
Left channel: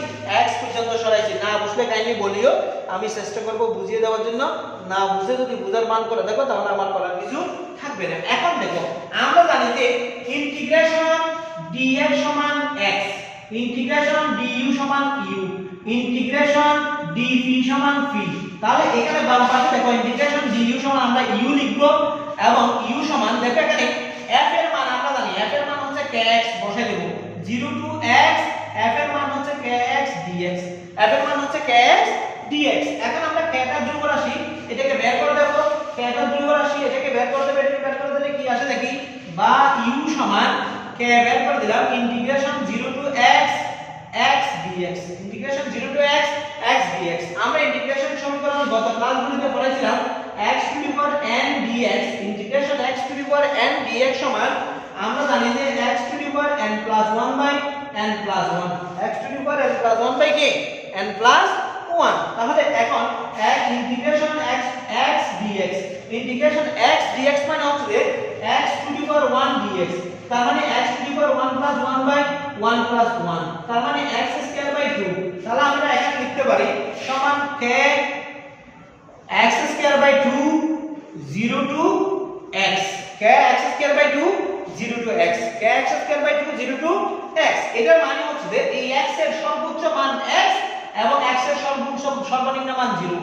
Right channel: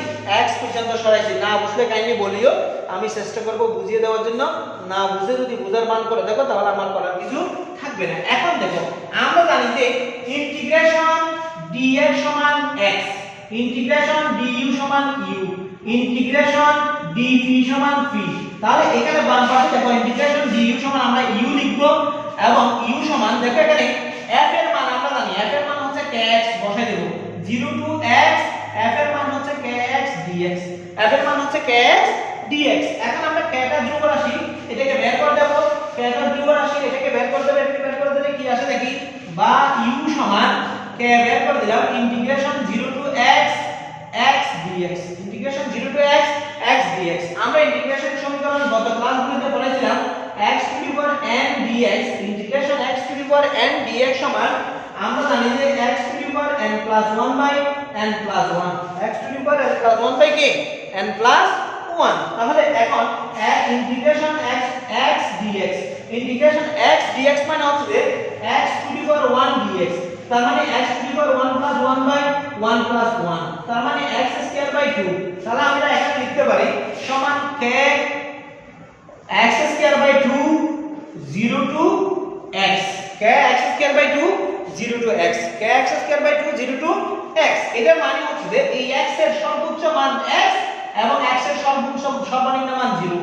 x পর্যন্ত সরাইছি। না বুঝলে কাইন্ডলি বলিও, আমি চেষ্টা করব বুঝিয়ে দেওয়ার জন্য, না বুঝে যদি বুঝার মান করে দেখো তাহলে আমার করার কিছু থাকবে না। এখন দেখো আমরা জানি যে ইন্টিগ্রেশন dx সমান x, ইন্টিগ্রেশন du সমান u, ইন্টিগ্রেশন dv সমান v। তাহলে এখানে বাম পাশে দেখো ইন্টিগ্রেশন du সমান আমরা u লিখব এবং u সমান দেখো এখানে f এর মান আমরা জানি, f এর মান হচ্ছে kx, বসাই দেব 0 টু x, f এর মান হচ্ছে kx dx, f এর মান হচ্ছে kx dx। এখন আমরা k টা ধ্রুব রাশি এটাকে বের করে দেব, k টা ধ্রুব রাশি এটাকে বের করে দেব, এটাকে বের করে দিলে কি আসে দেখি, বা u সমান k বের করে দিলাম integration 0 to x dx, integration 0 to x dx। আমরা ইন্টিগ্রেশন সমীকরণ গত ক্লাসগুলোতে পড়েছিলাম x to the power n dx, integration x to the power n dx সমান আমরা জানি যে x to the power n plus 1 by n plus 1, x to the power n plus 1 by কি n প্লাস 1। তাহলে এখন integration x dx, integration x dx মানে হচ্ছে যে x to the power 1 dx, তার মানে x to the power 1 plus 1 by 1 plus 1, তার মানে x স্কয়ার বাই 2। তাহলে আমরা এখানে লিখতে পারি সমান k x square by 2 0 to x, k x square by 2 0 to x, k x square by 2 0 to x। এটার মানে হচ্ছে যে এই x এর সর্বোচ্চ মান x এবং x এর সর্বনিম্ন মান 0।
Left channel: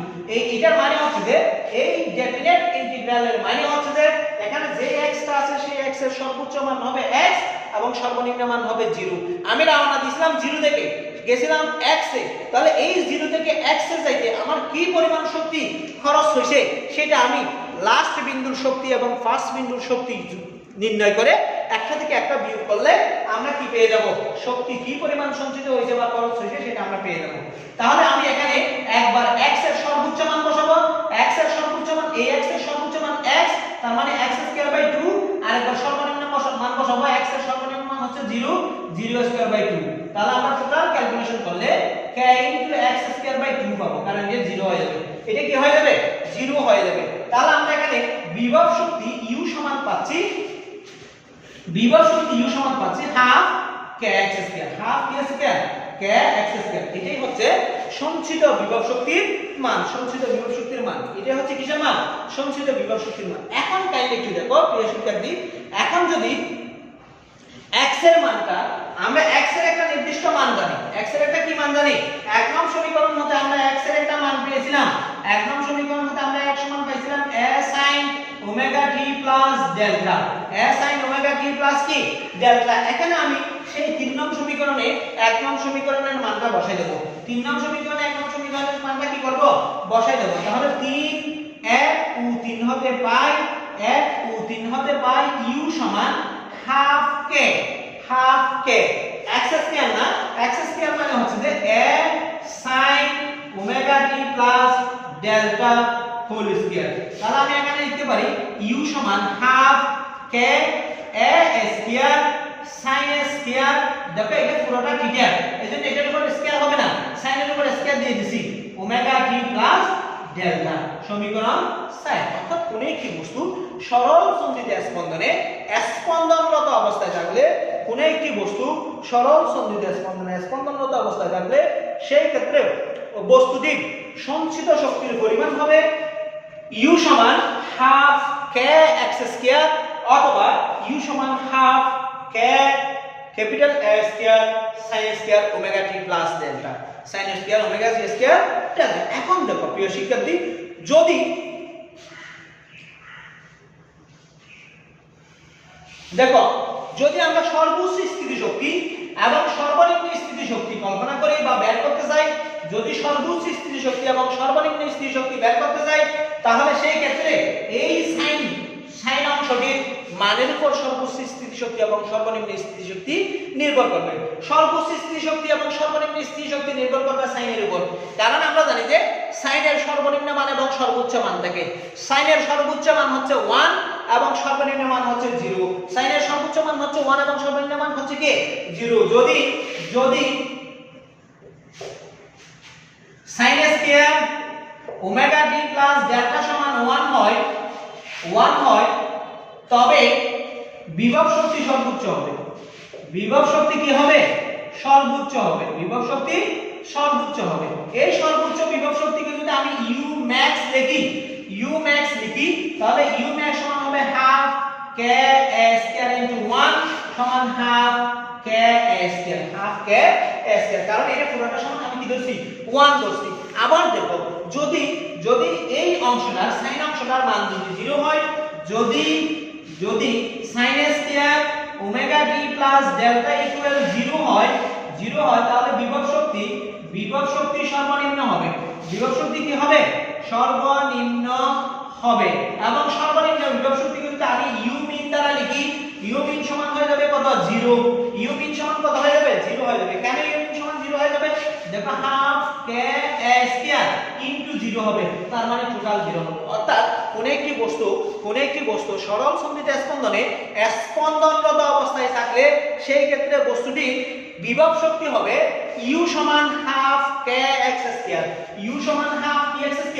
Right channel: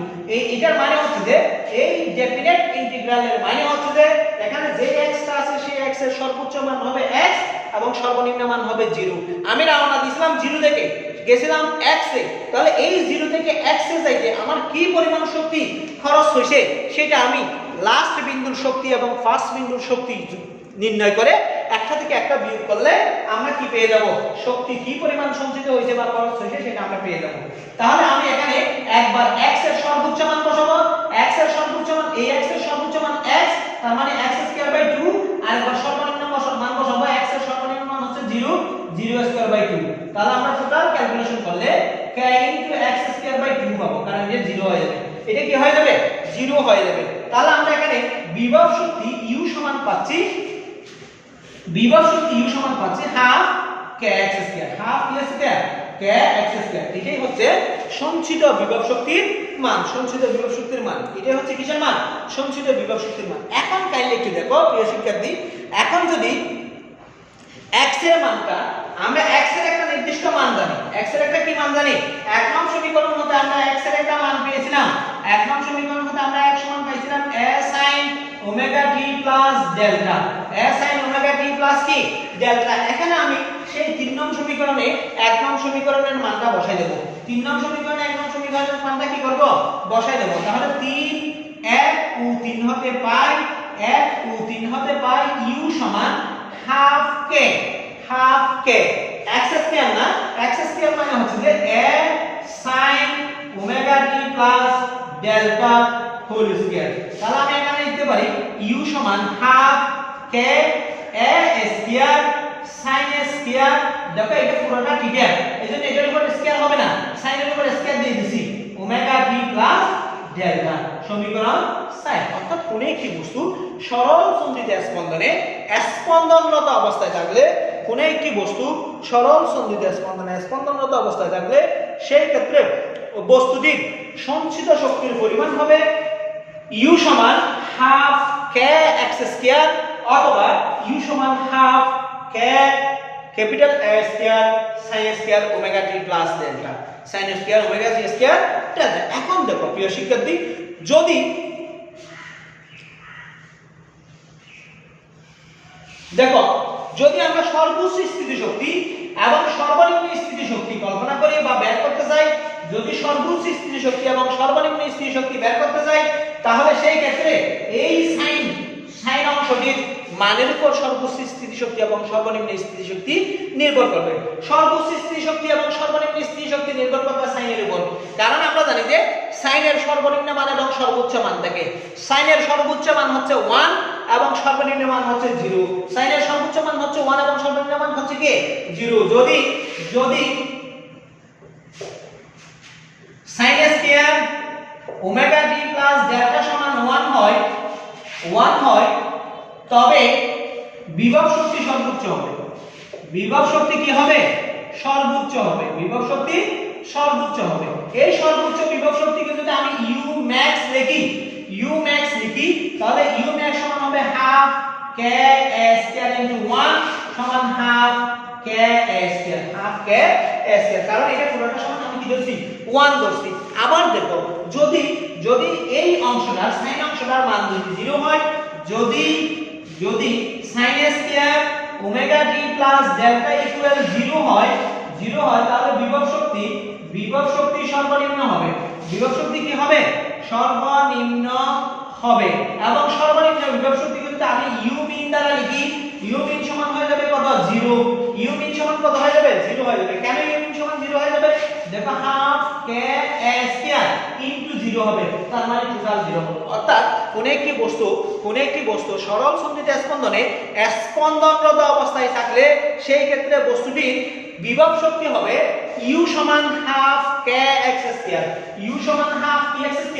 এটার মানে হচ্ছে যে এই ডেফিনেট ইন্টিগ্রালের মানে হচ্ছে যে এখানে যে x টা আছে সেই x এর সর্বোচ্চ মান হবে x এবং সর্বনিম্ন মান হবে 0। আমি রওনা দিয়েছিলাম 0 থেকে গেছিলাম x এ, তাহলে এই 0 থেকে x এ যাইতে আমার কি পরিমাণ শক্তি খরচ হইছে সেটা আমি লাস্ট বিন্দুর শক্তি এবং ফার্স্ট বিন্দুর শক্তি নির্ণয় করে একটা থেকে একটা বিয়োগ করলে আমরা কি পেয়ে যাব, শক্তি কি পরিমাণ সঞ্চিত হয়েছে বা খরচ হয়েছে সেটা আমরা পেয়ে যাব। তাহলে আমি এখানে একবার x এর সর্বোচ্চ মান বসাবো, x এর সর্বোচ্চ মান এই x এর সর্বোচ্চ মান x, তার মানে x²/2, আর একবার সর্বনিম্ন মান বসাবো, x এর সর্বনিম্ন মান হচ্ছে 0, 0²/2। তাহলে আমরা টোটাল ক্যালকুলেশন করলে k * x²/2 পাবো, কারণ এটা 0 হয়ে যাবে, এটা কি হয়ে যাবে, 0 হয়ে যাবে। তাহলে আমরা এখানে বিভব শক্তি U সমান পাচ্ছি, বিভব শক্তি U সমান পাচ্ছি হাফ kx², হাফ kx², এটাই হচ্ছে সঞ্চিত বিভব শক্তির মান, সঞ্চিত বিভব শক্তির মান, এটাই হচ্ছে কিসের মান, সঞ্চিত বিভব শক্তির মান। এখন কাইন্ডলি একটু দেখো প্রিয় শিক্ষার্থী, এখন যদি x এর মানটা, আমরা x এর একটা নির্দিষ্ট মান জানি, x এর একটা কি মান জানি, এক নং সমীকরণ মতে আমরা x এর একটা মান পেয়েছিলাম, এক নং সমীকরণ মতে আমরা x সমান পাইছিলাম a sin omega t plus delta, a sin omega t plus কি ডেল্টা। এখানে আমি সেই 3 নং সমীকরণে 1 নং সমীকরণের মানটা বসাই দেব, 3 নং সমীকরণে 1 নং সমীকরণের মানটা কি করব, বসাই দেব। তাহলে 3 1 ও 3 হতে পাই, 1 ও 3 হতে পাই u সমান half k, half k x² না, x² মানে হচ্ছে যে a sin omega t plus delta whole square. তাহলে আমি এখানে লিখতে পারি u সমান half k a square sin a square, দেখো এটা পুরোটা ঠিক আছে, এজন্য এটার উপর স্কয়ার হবে না, sin এর উপর স্কয়ার দিয়ে দিছি, ওমেগা t প্লাস ডেল্টা, সমীকরণ 6। অর্থাৎ কোন একটি বস্তু সরল সঞ্চিত স্পন্দনে স্পন্দনরত অবস্থায় থাকলে, কোন একটি বস্তু সরল সঞ্চিত স্পন্দনে স্পন্দনরত অবস্থায় থাকলে সেই ক্ষেত্রে বস্তুটির সঞ্চিত শক্তির পরিমাণ হবে u সমান হাফ kx² অথবা u সমান half k capital A square sin square omega t plus delta, sin square omega t square delta. এখন দেখো প্রিয় শিক্ষার্থী, যদি দেখো যদি আমরা সর্বোচ্চ স্থিতিশক্তি এবং সর্বনিম্ন স্থিতিশক্তি কল্পনা করি বা বের করতে চাই, যদি সর্বোচ্চ স্থিতিশক্তি এবং সর্বনিম্ন স্থিতিশক্তি বের করতে চাই, তাহলে সেই ক্ষেত্রে এই সাইন অংশটির মানের উপর সর্বোচ্চ স্থিতিশক্তি এবং সর্বনিম্ন স্থিতিশক্তি নির্ভর করবে। সর্বোচ্চ স্থিতিশক্তি এবং সর্বনিম্ন স্থিতিশক্তি নির্ভর করবে সাইনের উপর, কারণ আমরা জানি যে সাইনের সর্বনিম্ন মান এবং সর্বোচ্চ মান থাকে। সাইনের সর্বোচ্চ মান হচ্ছে 1 এবং সর্বনিম্ন মান হচ্ছে 0, সাইনের সর্বোচ্চ মান হচ্ছে 1 এবং সর্বনিম্ন মান হচ্ছে কি 0। যদি sin square omega t plus delta সমান 1 হয়, তবে বিভব শক্তি সর্বোচ্চ হবে, বিভব শক্তি কি হবে, সর্বোচ্চ হবে, বিভব শক্তি সর্বোচ্চ হবে। এই সর্বোচ্চ বিভব শক্তিকে যদি আমি u max লিখি, তাহলে u max সমান হবে হাফ k a স্কয়ার * 1 সমান half k a square, half k a square, কারণ এটা পুরোটা সমান আমি কি ধরছি 1 ধরছি। আবার দেখো যদি এই অংশটার sin অংশটার মান যদি 0 হয়, যদি sin square omega t plus delta equal 0 হয়, তাহলে বিভব শক্তি সর্বনিম্ন হবে, বিভব শক্তি কি হবে, সর্বনিম্ন হবে। এবং সর্বনিম্ন বিভব শক্তি কিন্তু আমি u min দ্বারা লিখি, u min সমান হয়ে যাবে কত, 0, u min সমান কত হয়ে যাবে, 0 হয়ে যাবে। কেন u min সমান 0 হয়ে যাবে, দেখো half k a square into 0 হবে, তার মানে টোটাল 0 হবে। অর্থাৎ কোন একটি বস্তু সরল সঞ্চিত স্পন্দনে স্পন্দনরত অবস্থায় থাকলে সেই ক্ষেত্রে বস্তুটির বিভব শক্তি হবে u সমান হাফ kx², u সমান হাফ kx²,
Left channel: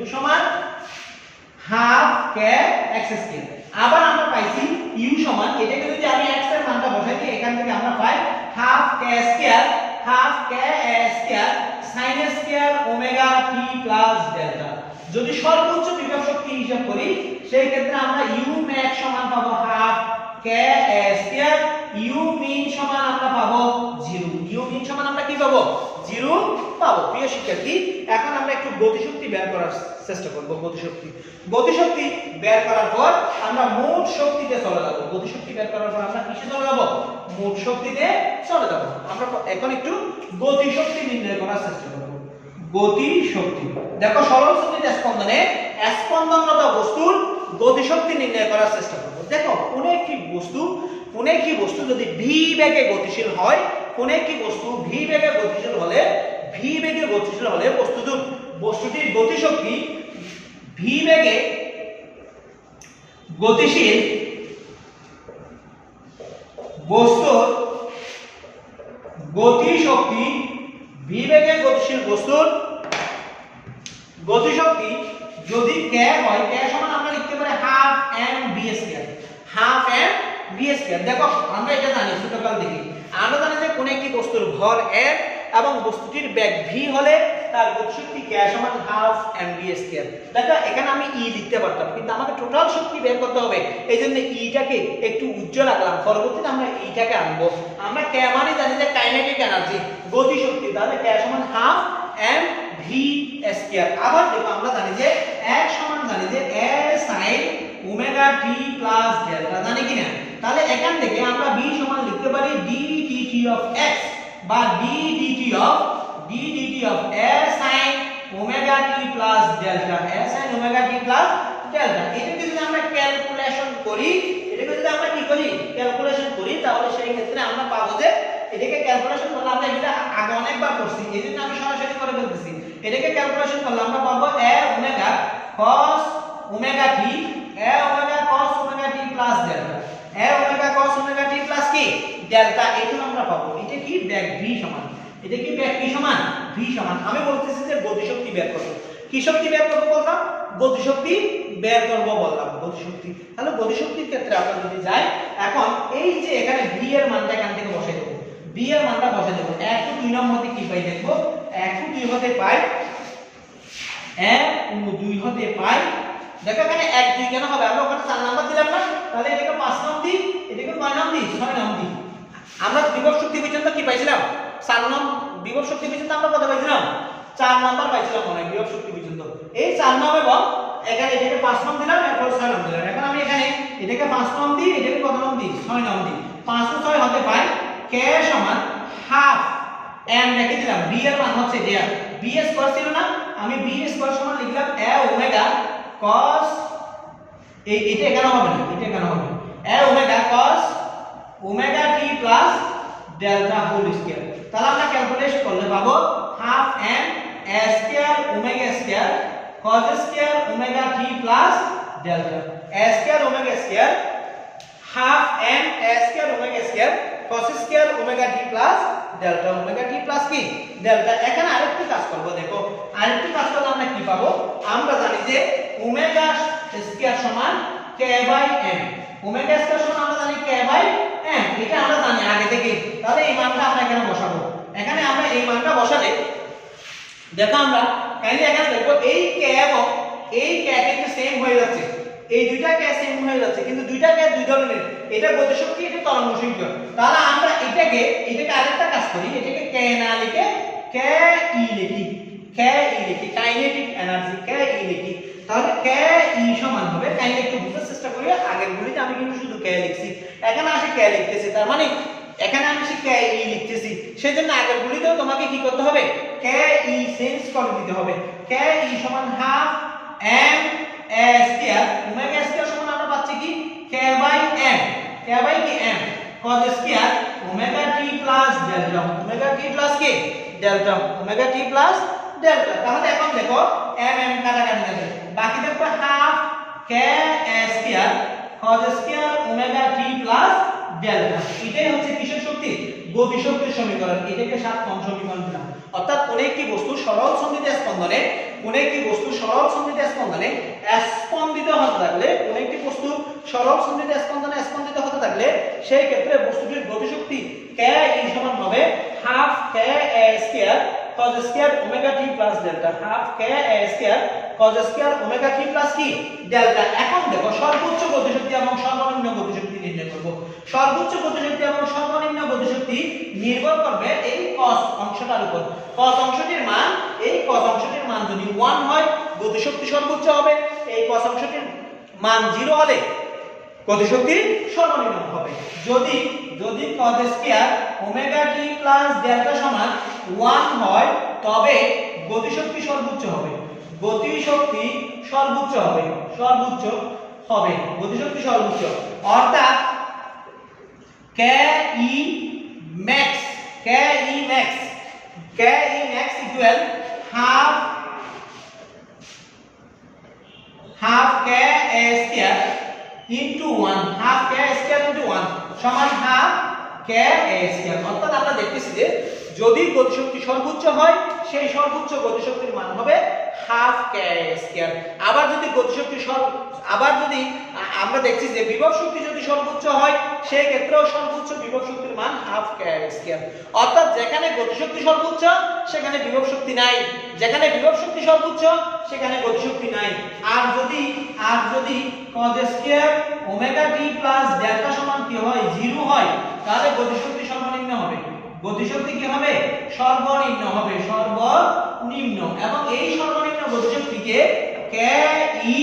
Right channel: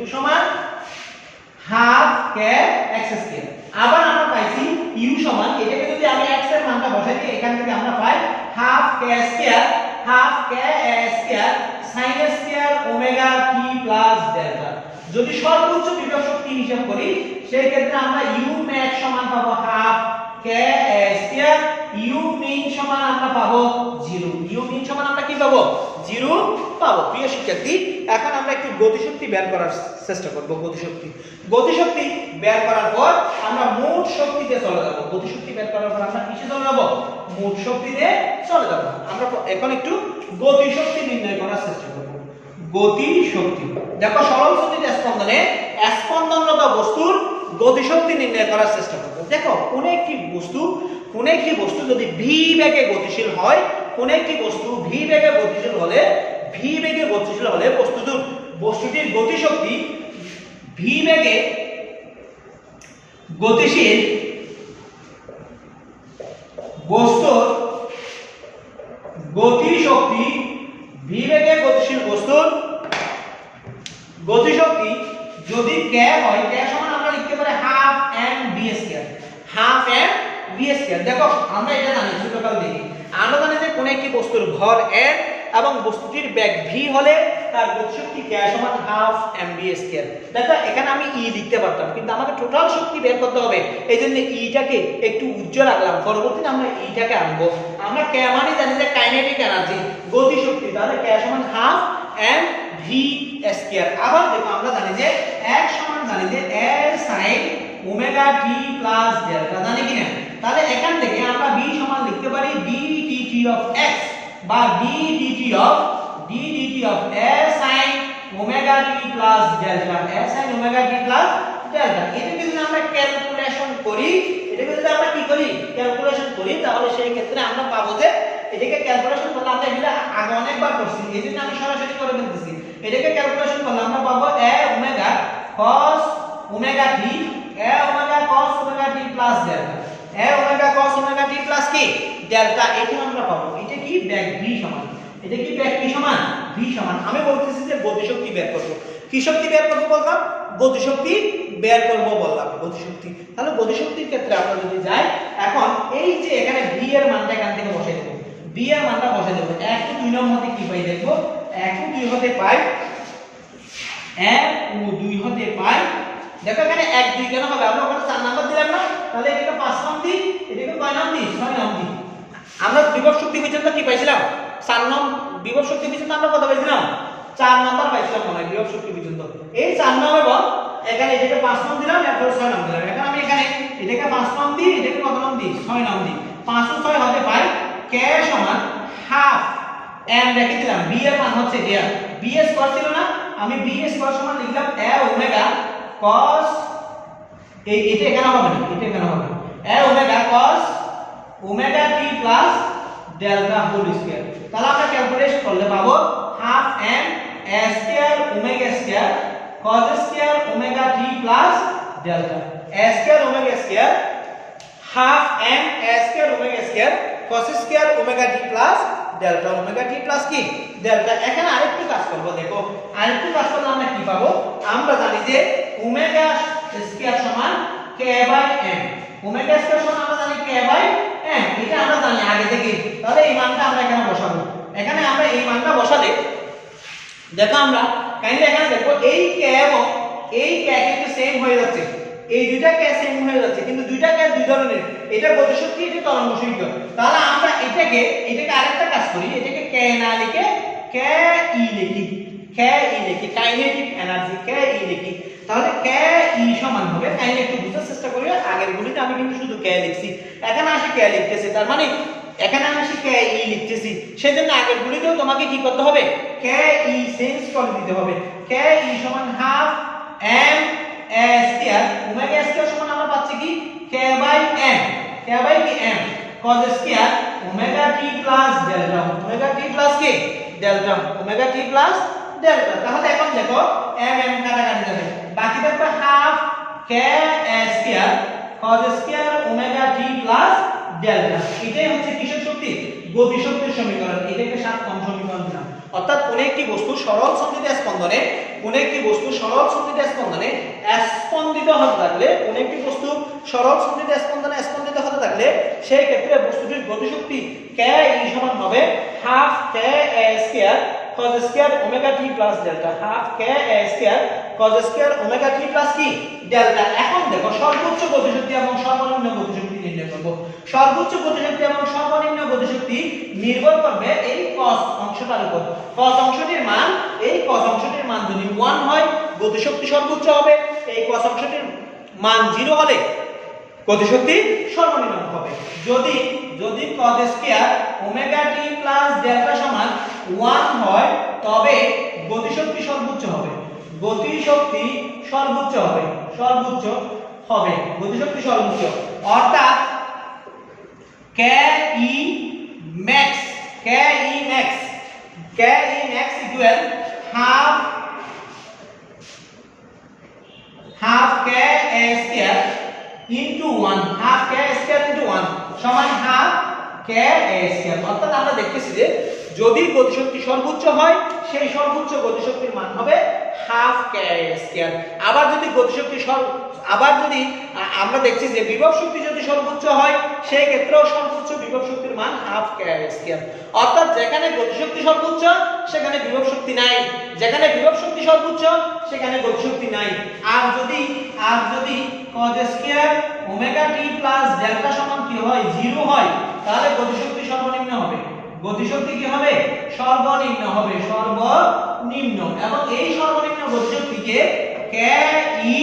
u সমান হাফ kx²। আবার আমরা পাইছি u সমান, এটাকে যদি আমি x এর মানটা বসাই দিই, এখান থেকে আমরা পাই half k² sin square omega t plus delta. যদি সর্বোচ্চ বিভব শক্তি হিসাব করি, সেই ক্ষেত্রে আমরা u max সমান পাবো half k square, u min সমান আমরা পাবো 0, u min সমান আমরা কি পাবো, 0 পাবো। প্রিয় শিক্ষার্থী, এখন আমরা একটু গতিশক্তি বের করার চেষ্টা করব। গতিশক্তি বের করার পর আমরা মোট শক্তিতে চলে যাব। গতিশক্তি বের করার পর আমরা কিসে চলে যাব, মোট শক্তিতে চলে যাব। আমরা এখন একটু গতিশক্তি নির্ণয় করার চেষ্টা করব। গতিশক্তি, দেখো সরল সঞ্চিত স্পন্দনে স্পন্দনরত বস্তুর গতিশক্তি নির্ণয় করার চেষ্টা করব। দেখো কোন একটি বস্তু যদি v বেগে গতিশীল হয়, কোন একটি বস্তু v বেগে গতিশীল হলে বস্তুটির গতিশক্তি v বেগে গতিশীল বস্তুর গতিশক্তি v বেগে গতিশীল বস্তুর গতিশক্তি যদি k হয়, k সমান আমরা লিখতে পারি half m v square, half m v square. দেখো আমরা এটা জানি ছোটকাল থেকে, আমরা জানি যে কোন একটি বস্তুর ভর m এবং বস্তুটির বেগ v হলে তার গতিশক্তি k সমান হাফ m v স্কয়ার। দেখো এখানে আমি e লিখতে পারতাম, কিন্তু আমাকে টোটাল শক্তি বের করতে হবে, এইজন্য e টাকে একটু উজ্জ্বল রাখলাম, পরবর্তীতে আমরা e টাকে আনবো। আমরা k মানে জানি যে কাইনেটিক এনার্জি, গতিশক্তি, তাহলে k সমান হাফ m v স্কয়ার। আবার দেখো আমরা জানি যে x সমান জানি যে a sin omega t plus delta, জানি কি না? তাহলে এখান থেকে আমরা v সমান লিখতে পারি d dt of x বা d dt of a sin omega t plus delta, a sin omega t plus delta. এটাকে যদি আমরা ক্যালকুলেশন করি, তাহলে সেই ক্ষেত্রে আমরা পাবো যে এটাকে ক্যালকুলেশন করলে আমরা এটা আগে অনেকবার করছি, এইজন্য আমি সরাসরি করে বলতেছি। এটাকে ক্যালকুলেশন করলে আমরা পাবো a omega cos omega t, a omega cos omega t plus delta, a omega cos omega t plus কি ডেল্টা। এটা আমরা পাবো। এটা কি ব্যাক v সমান, এটা কি ব্যাক কি সমান v সমান। আমি বলতেছি যে গতিশক্তি বের করব। কি শক্তি বের করব বললাম? গতিশক্তি বের করব বললাম, গতিশক্তি। তাহলে গতিশক্তির ক্ষেত্রে আমরা যদি যাই, এখন এই যে এখানে v এর মানটা এখান থেকে বসাই দেব, v এর মানটা বসাই দেব। 1 ও 2 নম্বর কি পাই দেখবো, 1 ও 2 হতে পাই 1 ও 2 হতে পাই। দেখো এখানে 1 2 কেন হবে, আমরা ওখানে 4 নাম্বার দিলাম না, তাহলে এটাকে 5 নাম দিই, এটাকে কয় নাম দিই, 6 নাম দিই। আমরা বিভব শক্তি পর্যন্ত কি পাইছিলাম, 4 নাম বিভব শক্তি পর্যন্ত আমরা কত পাইছিলাম, 4 নাম্বার পাইছিলাম মনে হয় বিভব শক্তি পর্যন্ত। এই 4 নাম এবং এখানে এটাকে 5 নাম দিলাম, এরপর 6 নাম দিলাম। এখন আমি এখানে এটাকে 5 নাম দিই, এটাকে কত নাম দিই, 6 নাম দিই। 5 ও 6 হতে পাই k সমান হাফ m রেখে দিলাম, b এর মান হচ্ছে এটা, b স্কয়ার ছিল না, আমি b স্কয়ার সমান লিখলাম a ওমেগা cos, এটা এখানে হবে না, এটা এখানে হবে a omega cos omega t plus delta whole square. তাহলে আমরা ক্যালকুলেট করলে পাবো half m a square omega square cos square omega t plus delta, a square omega square half m a square omega square cos square omega t plus delta, omega t plus কি delta. এখানে আরেকটু কাজ করব, দেখো আরেকটু কাজ করলে আমরা কি পাবো, আমরা জানি যে ওমেগা স্কয়ার সমান k by m, omega square সমান আমরা জানি k বাই m, এটা আমরা জানি আগে থেকে। তাহলে এই মানটা আমরা এখানে বসাবো। এখানে আমরা এই মানটা বসালে দেখো আমরা কাইন্ডলি এখানে দেখো এই k এবং এই k কিন্তু সেম হয়ে যাচ্ছে, এই দুইটা k সেম হয়ে যাচ্ছে, কিন্তু দুইটা k দুই ধরনের, এটা গতিশক্তি, এটা তরঙ্গ শক্তি। তাহলে আমরা এটাকে আরেকটা কাজ করি, এটাকে k না লিখে k e লিখি, কাইনেটিক এনার্জি k e লিখি। তাহলে k e সমান হবে, কাইন্ডলি একটু বুঝার চেষ্টা করি, আগের গুলিতে আমি কিন্তু শুধু k লিখছি, এখানে আসে k লিখতেছি, তার মানে এখানে আমি আসে k e লিখতেছি, সেজন্য আগের গুলিতেও তোমাকে কি করতে হবে, k e চেঞ্জ করে দিতে হবে। k e সমান half m a square omega square সমান আমরা পাচ্ছি কি k by m, k by কি m cos square omega t plus delta, omega t plus কি delta, omega t plus delta. তাহলে এখন দেখো m m কাটাকাটি যাবে, বাকি থাকবে half k a square cos square omega t plus delta. এটাই হচ্ছে কিসের শক্তি, গতিশক্তির সমীকরণ। এটাকে 7নং সমীকরণ দিলাম। অর্থাৎ কোন একটি বস্তু সরল সন্ধিত স্পন্দনে, কোন একটি বস্তু সরল সন্ধিত স্পন্দনে স্পন্দিত হতে থাকলে, কোন একটি বস্তু সরল সন্ধিত স্পন্দনে স্পন্দিত হতে থাকলে সেই ক্ষেত্রে বস্তুটির গতিশক্তি k e সমান হবে half k a square cos square omega t plus delta, half k a square cos square omega t plus কি ডেল্টা। এখন দেখো সর্বোচ্চ গতিশক্তি এবং সর্বনিম্ন গতিশক্তি নির্ণয় করব। সর্বোচ্চ গতিশক্তি এবং সর্বনিম্ন গতিশক্তি নির্ভর করবে এই cos অংশটার উপর। cos অংশটির মান, এই cos অংশটির মান যদি 1 হয় গতিশক্তি সর্বোচ্চ হবে, এই cos অংশটির মান 0 হলে গতিশক্তি সর্বনিম্ন হবে। যদি cos square omega t plus delta সমান 1 হয় তবে গতিশক্তি সর্বোচ্চ হবে, গতিশক্তি সর্বোচ্চ হবে, সর্বোচ্চ হবে, গতিশক্তি সর্বোচ্চ, অর্থাৎ কে E max equal half K square into 1, half K square into 1 সমান হাফ কে স্কয়ার। অর্থাৎ আমরা দেখতেছি যে যদি গতিশক্তি সর্বোচ্চ হয় সেই সর্বোচ্চ গতিশক্তির মান হবে হাফ কে স্কয়ার। আবার যদি আমরা দেখছি যে বিভব শক্তি যদি সর্বোচ্চ হয় সেই ক্ষেত্রেও সর্বোচ্চ বিভব শক্তির মান হাফ কে স্কয়ার। অর্থাৎ যেখানে গতিশক্তি সর্বোচ্চ সেখানে বিভব শক্তি নাই, যেখানে বিভব শক্তি সর্বোচ্চ সেখানে গতিশক্তি নাই। আর যদি cos square omega T plus delta সমান কি হয় 0 হয়, তাহলে গতিশক্তি সর্বনিম্ন হবে। গতিশক্তি কি হবে? সর্বনিম্ন হবে, সর্বনিম্ন। এবং এই সর্বনিম্ন গতিশক্তিকে কে ই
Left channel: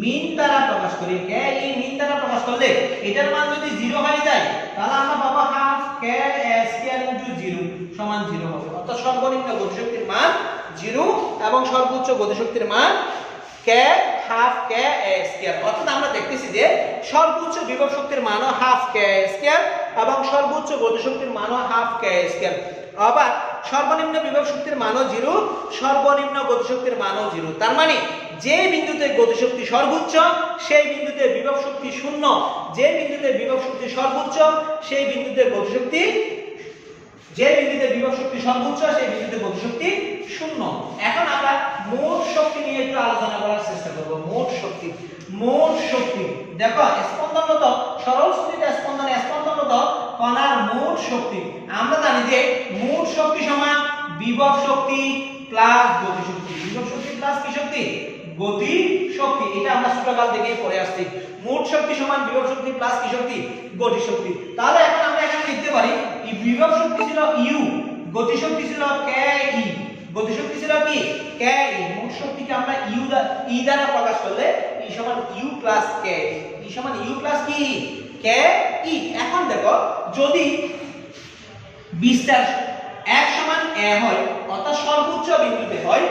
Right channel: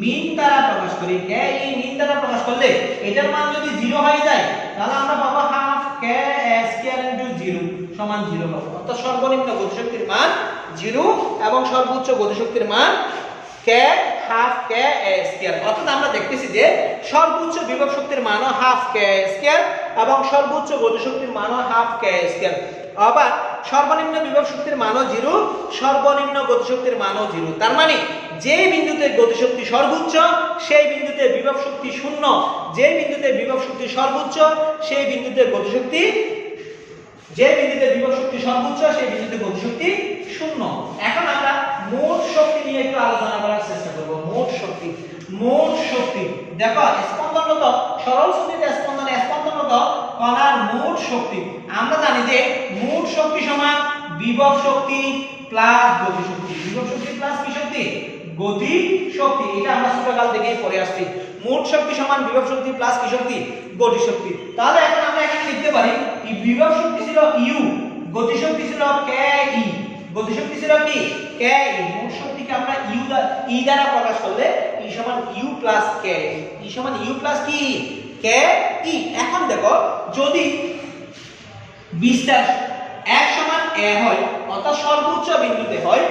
মিন দ্বারা প্রকাশ করি। কে ই মিন দ্বারা প্রকাশ করলে এটার মান যদি 0 হয়ে যায় তাহলে আমরা পাবো হাফ কে স্কয়ার ইনটু 0 সমান 0 হবে। অর্থাৎ সর্বনিম্ন গতিশক্তির মান 0 এবং সর্বোচ্চ গতিশক্তির মান কে হাফ কে স্কয়ার। অর্থাৎ আমরা দেখতেছি যে সর্বোচ্চ বিভব শক্তির মানও হাফ কে স্কয়ার এবং সর্বোচ্চ গতিশক্তির মানও হাফ কে স্কয়ার। আবার সর্বনিম্ন বিভব শক্তির মানও 0, সর্বনিম্ন গতিশক্তির মানও 0। তার মানে যে বিন্দুতে গতিশক্তি সর্বোচ্চ সেই বিন্দুতে বিভব শক্তি শূন্য, যে বিন্দুতে বিভব শক্তি সর্বোচ্চ সেই বিন্দুতে গতিশক্তি, যে বিন্দুতে বিভব শক্তি সর্বোচ্চ সেই বিন্দুতে গতিশক্তি শূন্য। এখন আমরা মোট শক্তি নিয়ে একটু আলোচনা করার চেষ্টা করব। মোট শক্তি দেখো স্পন্দনরত সরল স্থিতিতে স্পন্দনরত কণার মোট শক্তি আমরা জানি যে মোট শক্তি সমান বিভব শক্তি প্লাস গতিশক্তি। বিভব শক্তি প্লাস কি শক্তি? গতি শক্তি। এটা আমরা ছোটকাল থেকেই পড়ে আসছি। মোট শক্তি সমান বিভব শক্তি প্লাস কি শক্তি? গতি শক্তি। তাহলে এখন আমরা এখানে লিখতে পারি এই বিভব শক্তি ছিল ইউ, গতি শক্তি ছিল কে ই। গতি শক্তি ছিল কি? কে ই। মোট শক্তিকে আমরা ই দ্বারা প্রকাশ করলে ই সমান ইউ প্লাস কে, ই সমান ইউ প্লাস কি? কে ই। এখন দেখো যদি বিস্তার 1 সমান a হয় অর্থাৎ সর্বোচ্চ বিন্দুতে হয়,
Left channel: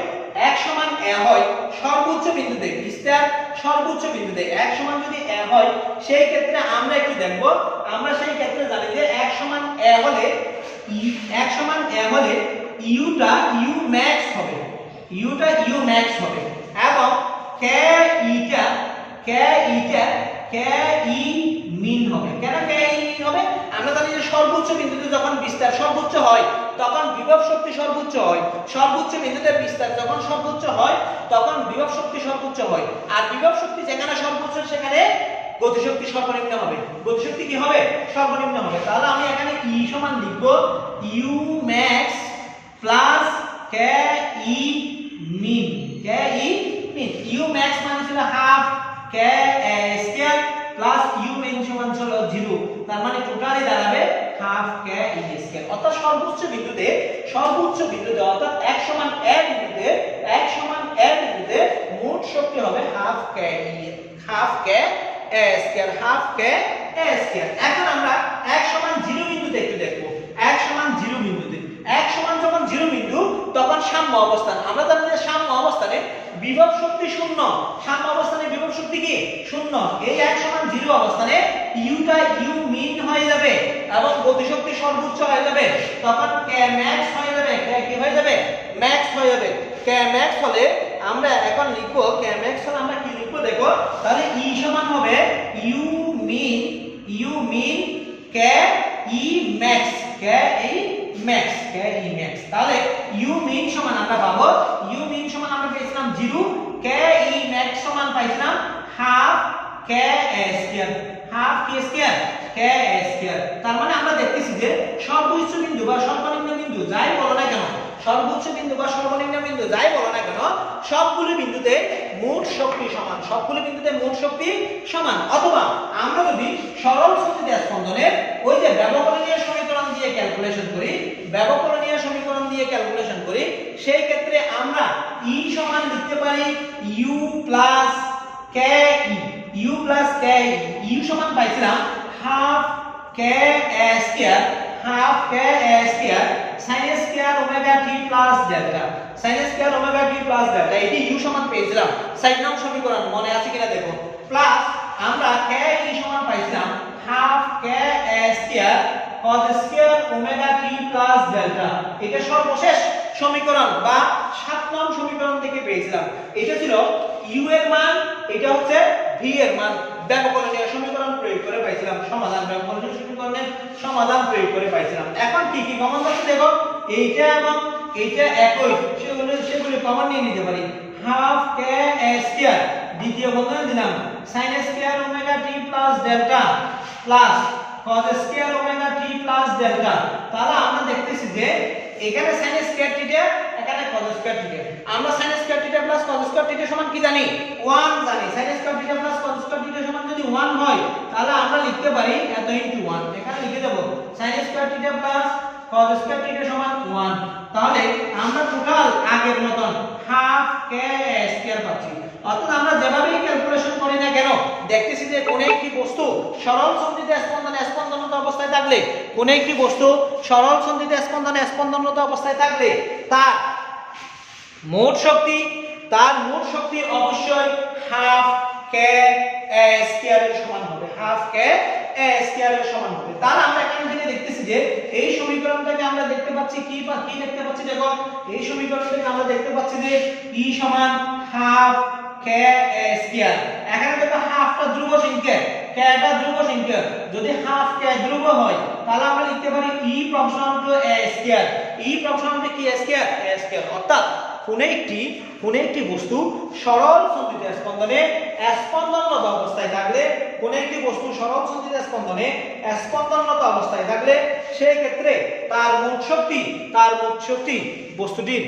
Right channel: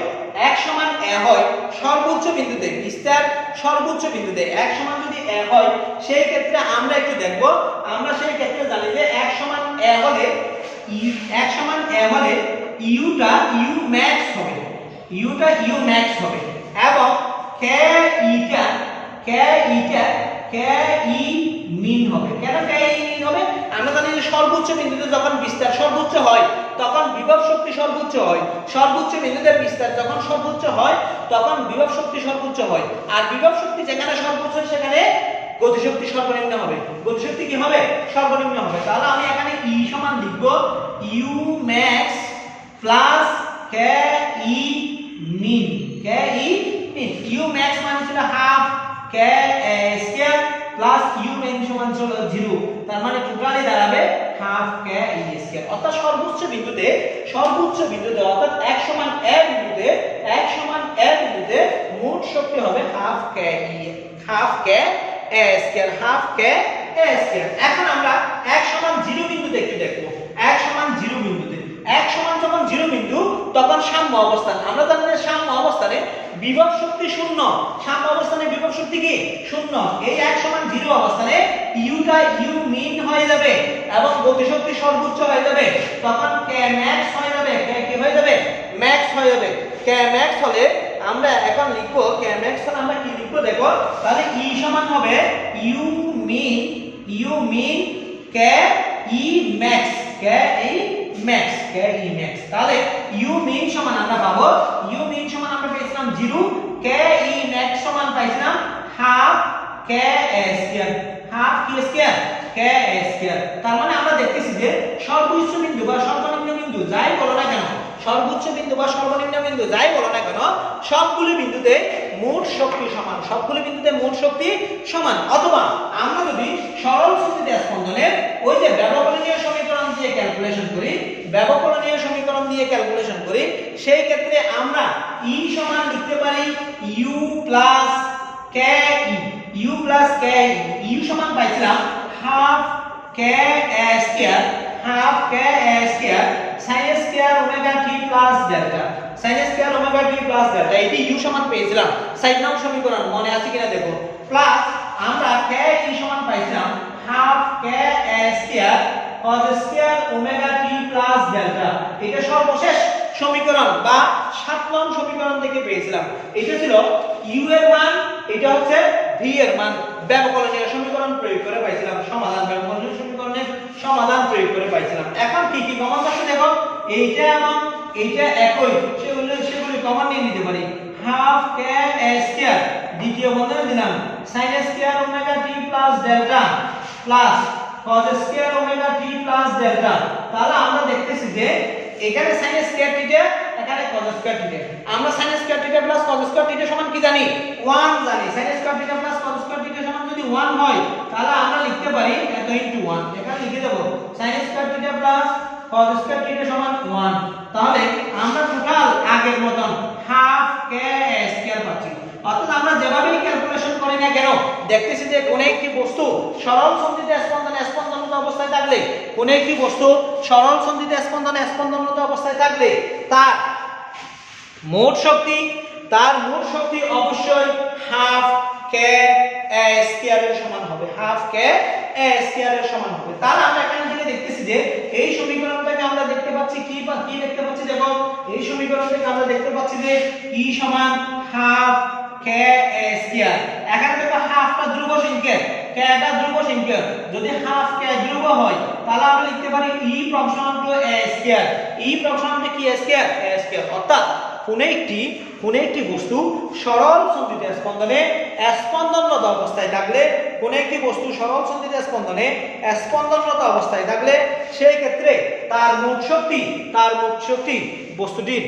1 সমান a হয় সর্বোচ্চ বিন্দুতে, বিস্তার সর্বোচ্চ বিন্দুতে 1 সমান যদি a হয় সেই ক্ষেত্রে আমরা একটু দেখব। আমরা সেই ক্ষেত্রে জানি যে 1 সমান a হলে 1 সমান a হলে ইউটা ইউ ম্যাক্স হবে, ইউটা ইউ ম্যাক্স হবে এবং কে ইটা কে ই মিন হবে। কেন কে ই মিন হবে? আমরা জানি যে সর্বোচ্চ বিন্দুতে যখন বিস্তার সর্বোচ্চ হয় তখন বিভব শক্তি সর্বোচ্চ হয়, সর্বোচ্চ বিন্দুতে বিস্তার যখন সর্বোচ্চ হয় তখন বিভব শক্তি সর্বোচ্চ হয়। আর বিভব শক্তি যেখানে সর্বোচ্চ সেখানে গতিশক্তি সর্বনিম্ন হবে। গতিশক্তি কি হবে? সর্বনিম্ন হবে। তাহলে আমি এখানে ই সমান লিখব U max plus K E min. K E min, U max মানে ছিল half K square plus U min সমান ছিল 0। তার মানে টোটালি দাঁড়াবে হাফ কে ই স্কয়ার। অর্থাৎ সর্বোচ্চ বিন্দুতে অর্থাৎ 1 সমান a বিন্দুতে মোট শক্তি হবে half K square, half K square. এখন আমরা 1 সমান 0 বিন্দুতে একটু দেখব। 1 সমান 0 বিন্দুতে, 1 সমান যখন 0 বিন্দু তখন সাম্য অবস্থান। আমরা জানি যে সাম্য অবস্থানে বিভব শক্তি শূন্য, সাম্য অবস্থানে বিভব শক্তি কি? শূন্য। এই 1 সমান 0 অবস্থানে ইউটা ইউ মিন হয়ে যাবে এবং গতিশক্তি সর্বোচ্চ হয়ে যাবে। তখন কে ম্যাক্স হয়ে যাবে। কে কি হয়ে যাবে? ম্যাক্স হয়ে যাবে। কে ম্যাক্স হলে আমরা এখন লিখব, কে ম্যাক্স হলে আমরা কি লিখব দেখো। তাহলে ই সমান হবে U min K E max, K E max. তাহলে ইউ মিন সমান আমরা পাবো, ইউ মিন সমান আমরা পেয়েছিলাম 0, কে ই ম্যাক্স সমান পাইছিলাম হাফ কে স্কয়ার, হাফ কি স্কয়ার? কে স্কয়ার। তার মানে আমরা দেখতেছি যে সর্বোচ্চ বিন্দু বা সর্বনিম্ন বিন্দু যাই বলো না কেন, সর্বোচ্চ বিন্দু বা সর্বনিম্ন বিন্দু যাই বলো না কেন সবগুলো বিন্দুতে মোট শক্তি সমান, সবগুলো বিন্দুতে মোট শক্তি সমান। অথবা আমরা যদি সরল স্থিতিতে স্পন্দনের ওই যে ব্যবকলনীয় সমীকরণ দিয়ে ক্যালকুলেশন করি সেই ক্ষেত্রে আমরা ই সমান লিখতে পারি U plus K E, U plus K E. U সমান পাইছিলাম half K square, half K square sin square omega T plus delta, sin square omega T plus delta. এটি ইউ সমান পেয়েছিলাম 7 নং সমীকরণ, মনে আছে কিনা দেখো। প্লাস আমরা কে কি সমান পাইছিলাম হাফ কে এ square cos square omega T plus delta. এটা সর্বশেষ সমীকরণ বা 7 নং সমীকরণ থেকে পেয়েছিলাম। এটা ছিল u এর মান, এটা হচ্ছে v এর মান। ব্যবকলনীয় সমীকরণ প্রয়োগ করে পাইছিলাম সমাধান, ব্যবকলনীয় সমীকরণের সমাধান প্রয়োগ করে পাইছিলাম। এখন কি কি কমন আছে দেখো, এইটা এবং এইটা একই, সেগুলো কমন নিয়ে নিতে পারি। হাফ কে এ স্কয়ার দ্বিতীয় বন্ধনে দিলাম sin square omega T plus delta plus cos square omega T plus delta. তাহলে আমরা দেখতেছি যে এখানে sin স্কয়ার থিটা, এখানে cos স্কয়ার থিটা। আমরা sin square theta plus cos square theta সমান কি জানি? 1 জানি। sin square theta plus cos square theta সমান যদি 1 হয় তাহলে আমরা লিখতে পারি এত ইনটু 1। এখানে লিখে দেব sin square theta plus cos square theta সমান 1। তাহলে আমরা টোটাল আগের মতন হাফ কে এ স্কয়ার পাচ্ছি। অর্থাৎ আমরা যেভাবেই ক্যালকুলেশন করি না কেন দেখতেছি যে কোন একটি বস্তু সরল সন্ধিত স্পন্দনরত অবস্থায় থাকলে, কোন একটি বস্তু সরল সন্ধিত স্পন্দনরত অবস্থায় থাকলে তার মোট শক্তি অবশ্যই হাফ কে এ স্কয়ার এর সমান হবে, হাফ কে এ স্কয়ার এর সমান হবে। তাহলে আমরা এখানে থেকে দেখতেছি যে এই সমীকরণটাকে আমরা দেখতে পাচ্ছি কি দেখতে পাচ্ছি দেখো, এই সমীকরণটাকে আমরা দেখতে পাচ্ছি যে E সমান হাফ কে এ স্কয়ার। এখানে দেখো হাফটা ধ্রুব সংখ্যা, কেটা ধ্রুব সংখ্যা। যদি হাফ কে ধ্রুব হয় তাহলে আমরা লিখতে পারি E proportional to a square. E proportional to কি a স্কয়ার? a square. অর্থাৎ কোন একটি বস্তু সরল সন্ধিত স্পন্দনরত অবস্থায় থাকলে, কোন একটি বস্তু সরল সন্ধিত স্পন্দনরত অবস্থায় থাকলে সেই ক্ষেত্রে তার মোট শক্তি বস্তুটির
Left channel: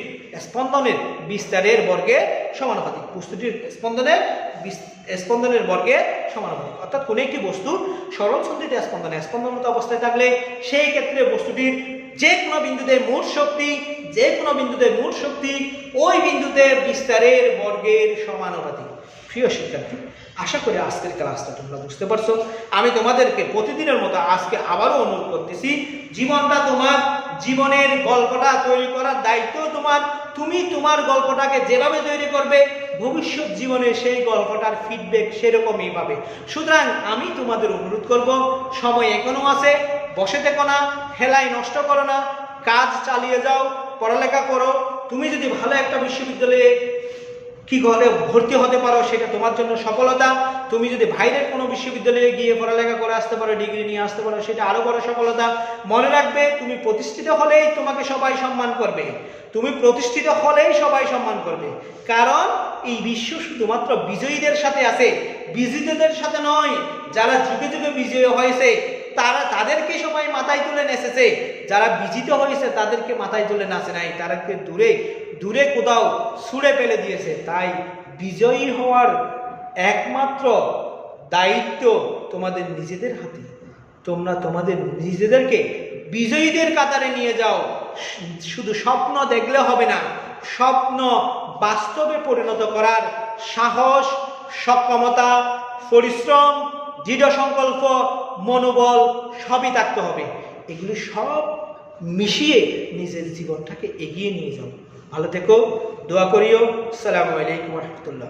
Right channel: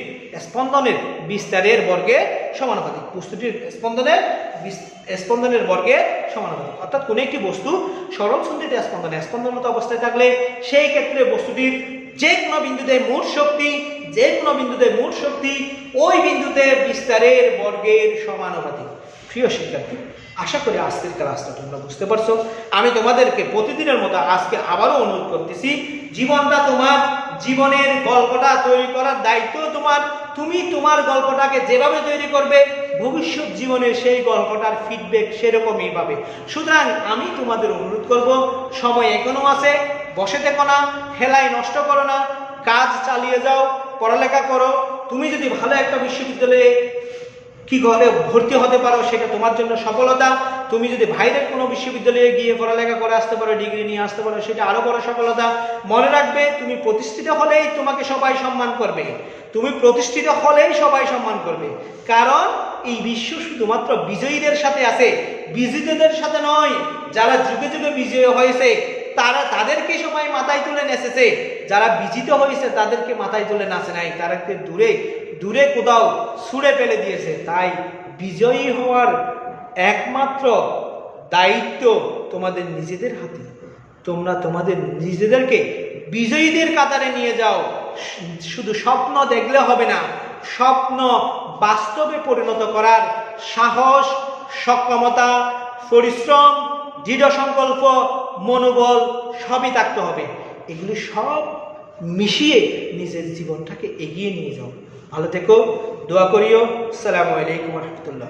স্পন্দনের বিস্তারের বর্গের সমানুপাতিক, বস্তুটির স্পন্দনের বর্গের সমানুপাতিক। অর্থাৎ কোন একটি বস্তু সরল সন্ধিত স্পন্দনরত অবস্থায় থাকলে সেই ক্ষেত্রে বস্তুটির যে কোনো বিন্দুতে মোট শক্তি ওই বিন্দুতে বিস্তারের বর্গের সমানুপাতিক। প্রিয় শিক্ষার্থী, আশা করি আজকের ক্লাসটা তোমরা বুঝতে পারছো। আমি তোমাদেরকে প্রতিদিনের মতো আজকে আবারও অনুরোধ করতেছি, জীবনটা তোমার, জীবনের গল্পটা তৈরি করার দায়িত্ব তোমার। তুমি তোমার গল্পটাকে যেভাবে তৈরি করবে ভবিষ্যৎ জীবনে সেই গল্পটার ফিডব্যাক সেরকমই পাবে। সুতরাং আমি তোমাদের অনুরোধ করব, সময় এখনো আছে, বসে থেকো না, হেলায় নষ্ট করো না, কাজ চালিয়ে যাও, পড়ালেখা করো। তুমি যদি ভালো একটা বিশ্ববিদ্যালয়ে ভর্তি হতে পারো সেটা তোমার জন্য সফলতা। তুমি যদি বাইরের কোনো বিশ্ববিদ্যালয়ে গিয়ে পড়ালেখা করে আসতে পারো, ডিগ্রি নিয়ে আসতে পারো, সেটা আরো বড় সফলতা। মনে রাখবে, তুমি প্রতিষ্ঠিত হলেই তোমাকে সবাই সম্মান করবে, কারণ এই বিশ্ব শুধুমাত্র বিজয়ীদের সাথে আছে, বিজিতদের সাথে নয়। যারা যুগে যুগে বিজয়ী হয়েছে তাদেরকে সবাই মাথায় তুলে নেচেছে, যারা বিজিত হয়েছে তাদেরকে মাথায় তুলে নাচে নাই, তাদেরকে দূরে কোথাও ছুঁড়ে ফেলে দিয়েছে। তাই বিজয়ী হওয়ার একমাত্র দায়িত্ব তোমাদের নিজেদের হাতে। তোমরা তোমাদের নিজেদেরকে বিজয়ীদের কাতারে নিয়ে যাও। শুধু স্বপ্ন দেখলে হবে না, স্বপ্ন বাস্তবে পরিণত করার সাহস, সক্ষমতা, পরিশ্রম, দৃঢ় সংকল্প, মনোবল সবই থাকতে হবে। এগুলি সব মিশিয়ে নিজের জীবনটাকে এগিয়ে নিয়ে যাও। ভালো থেকো, দোয়া করিও। আসসালামু আলাইকুম ওয়া রাহমাতুল্লাহ।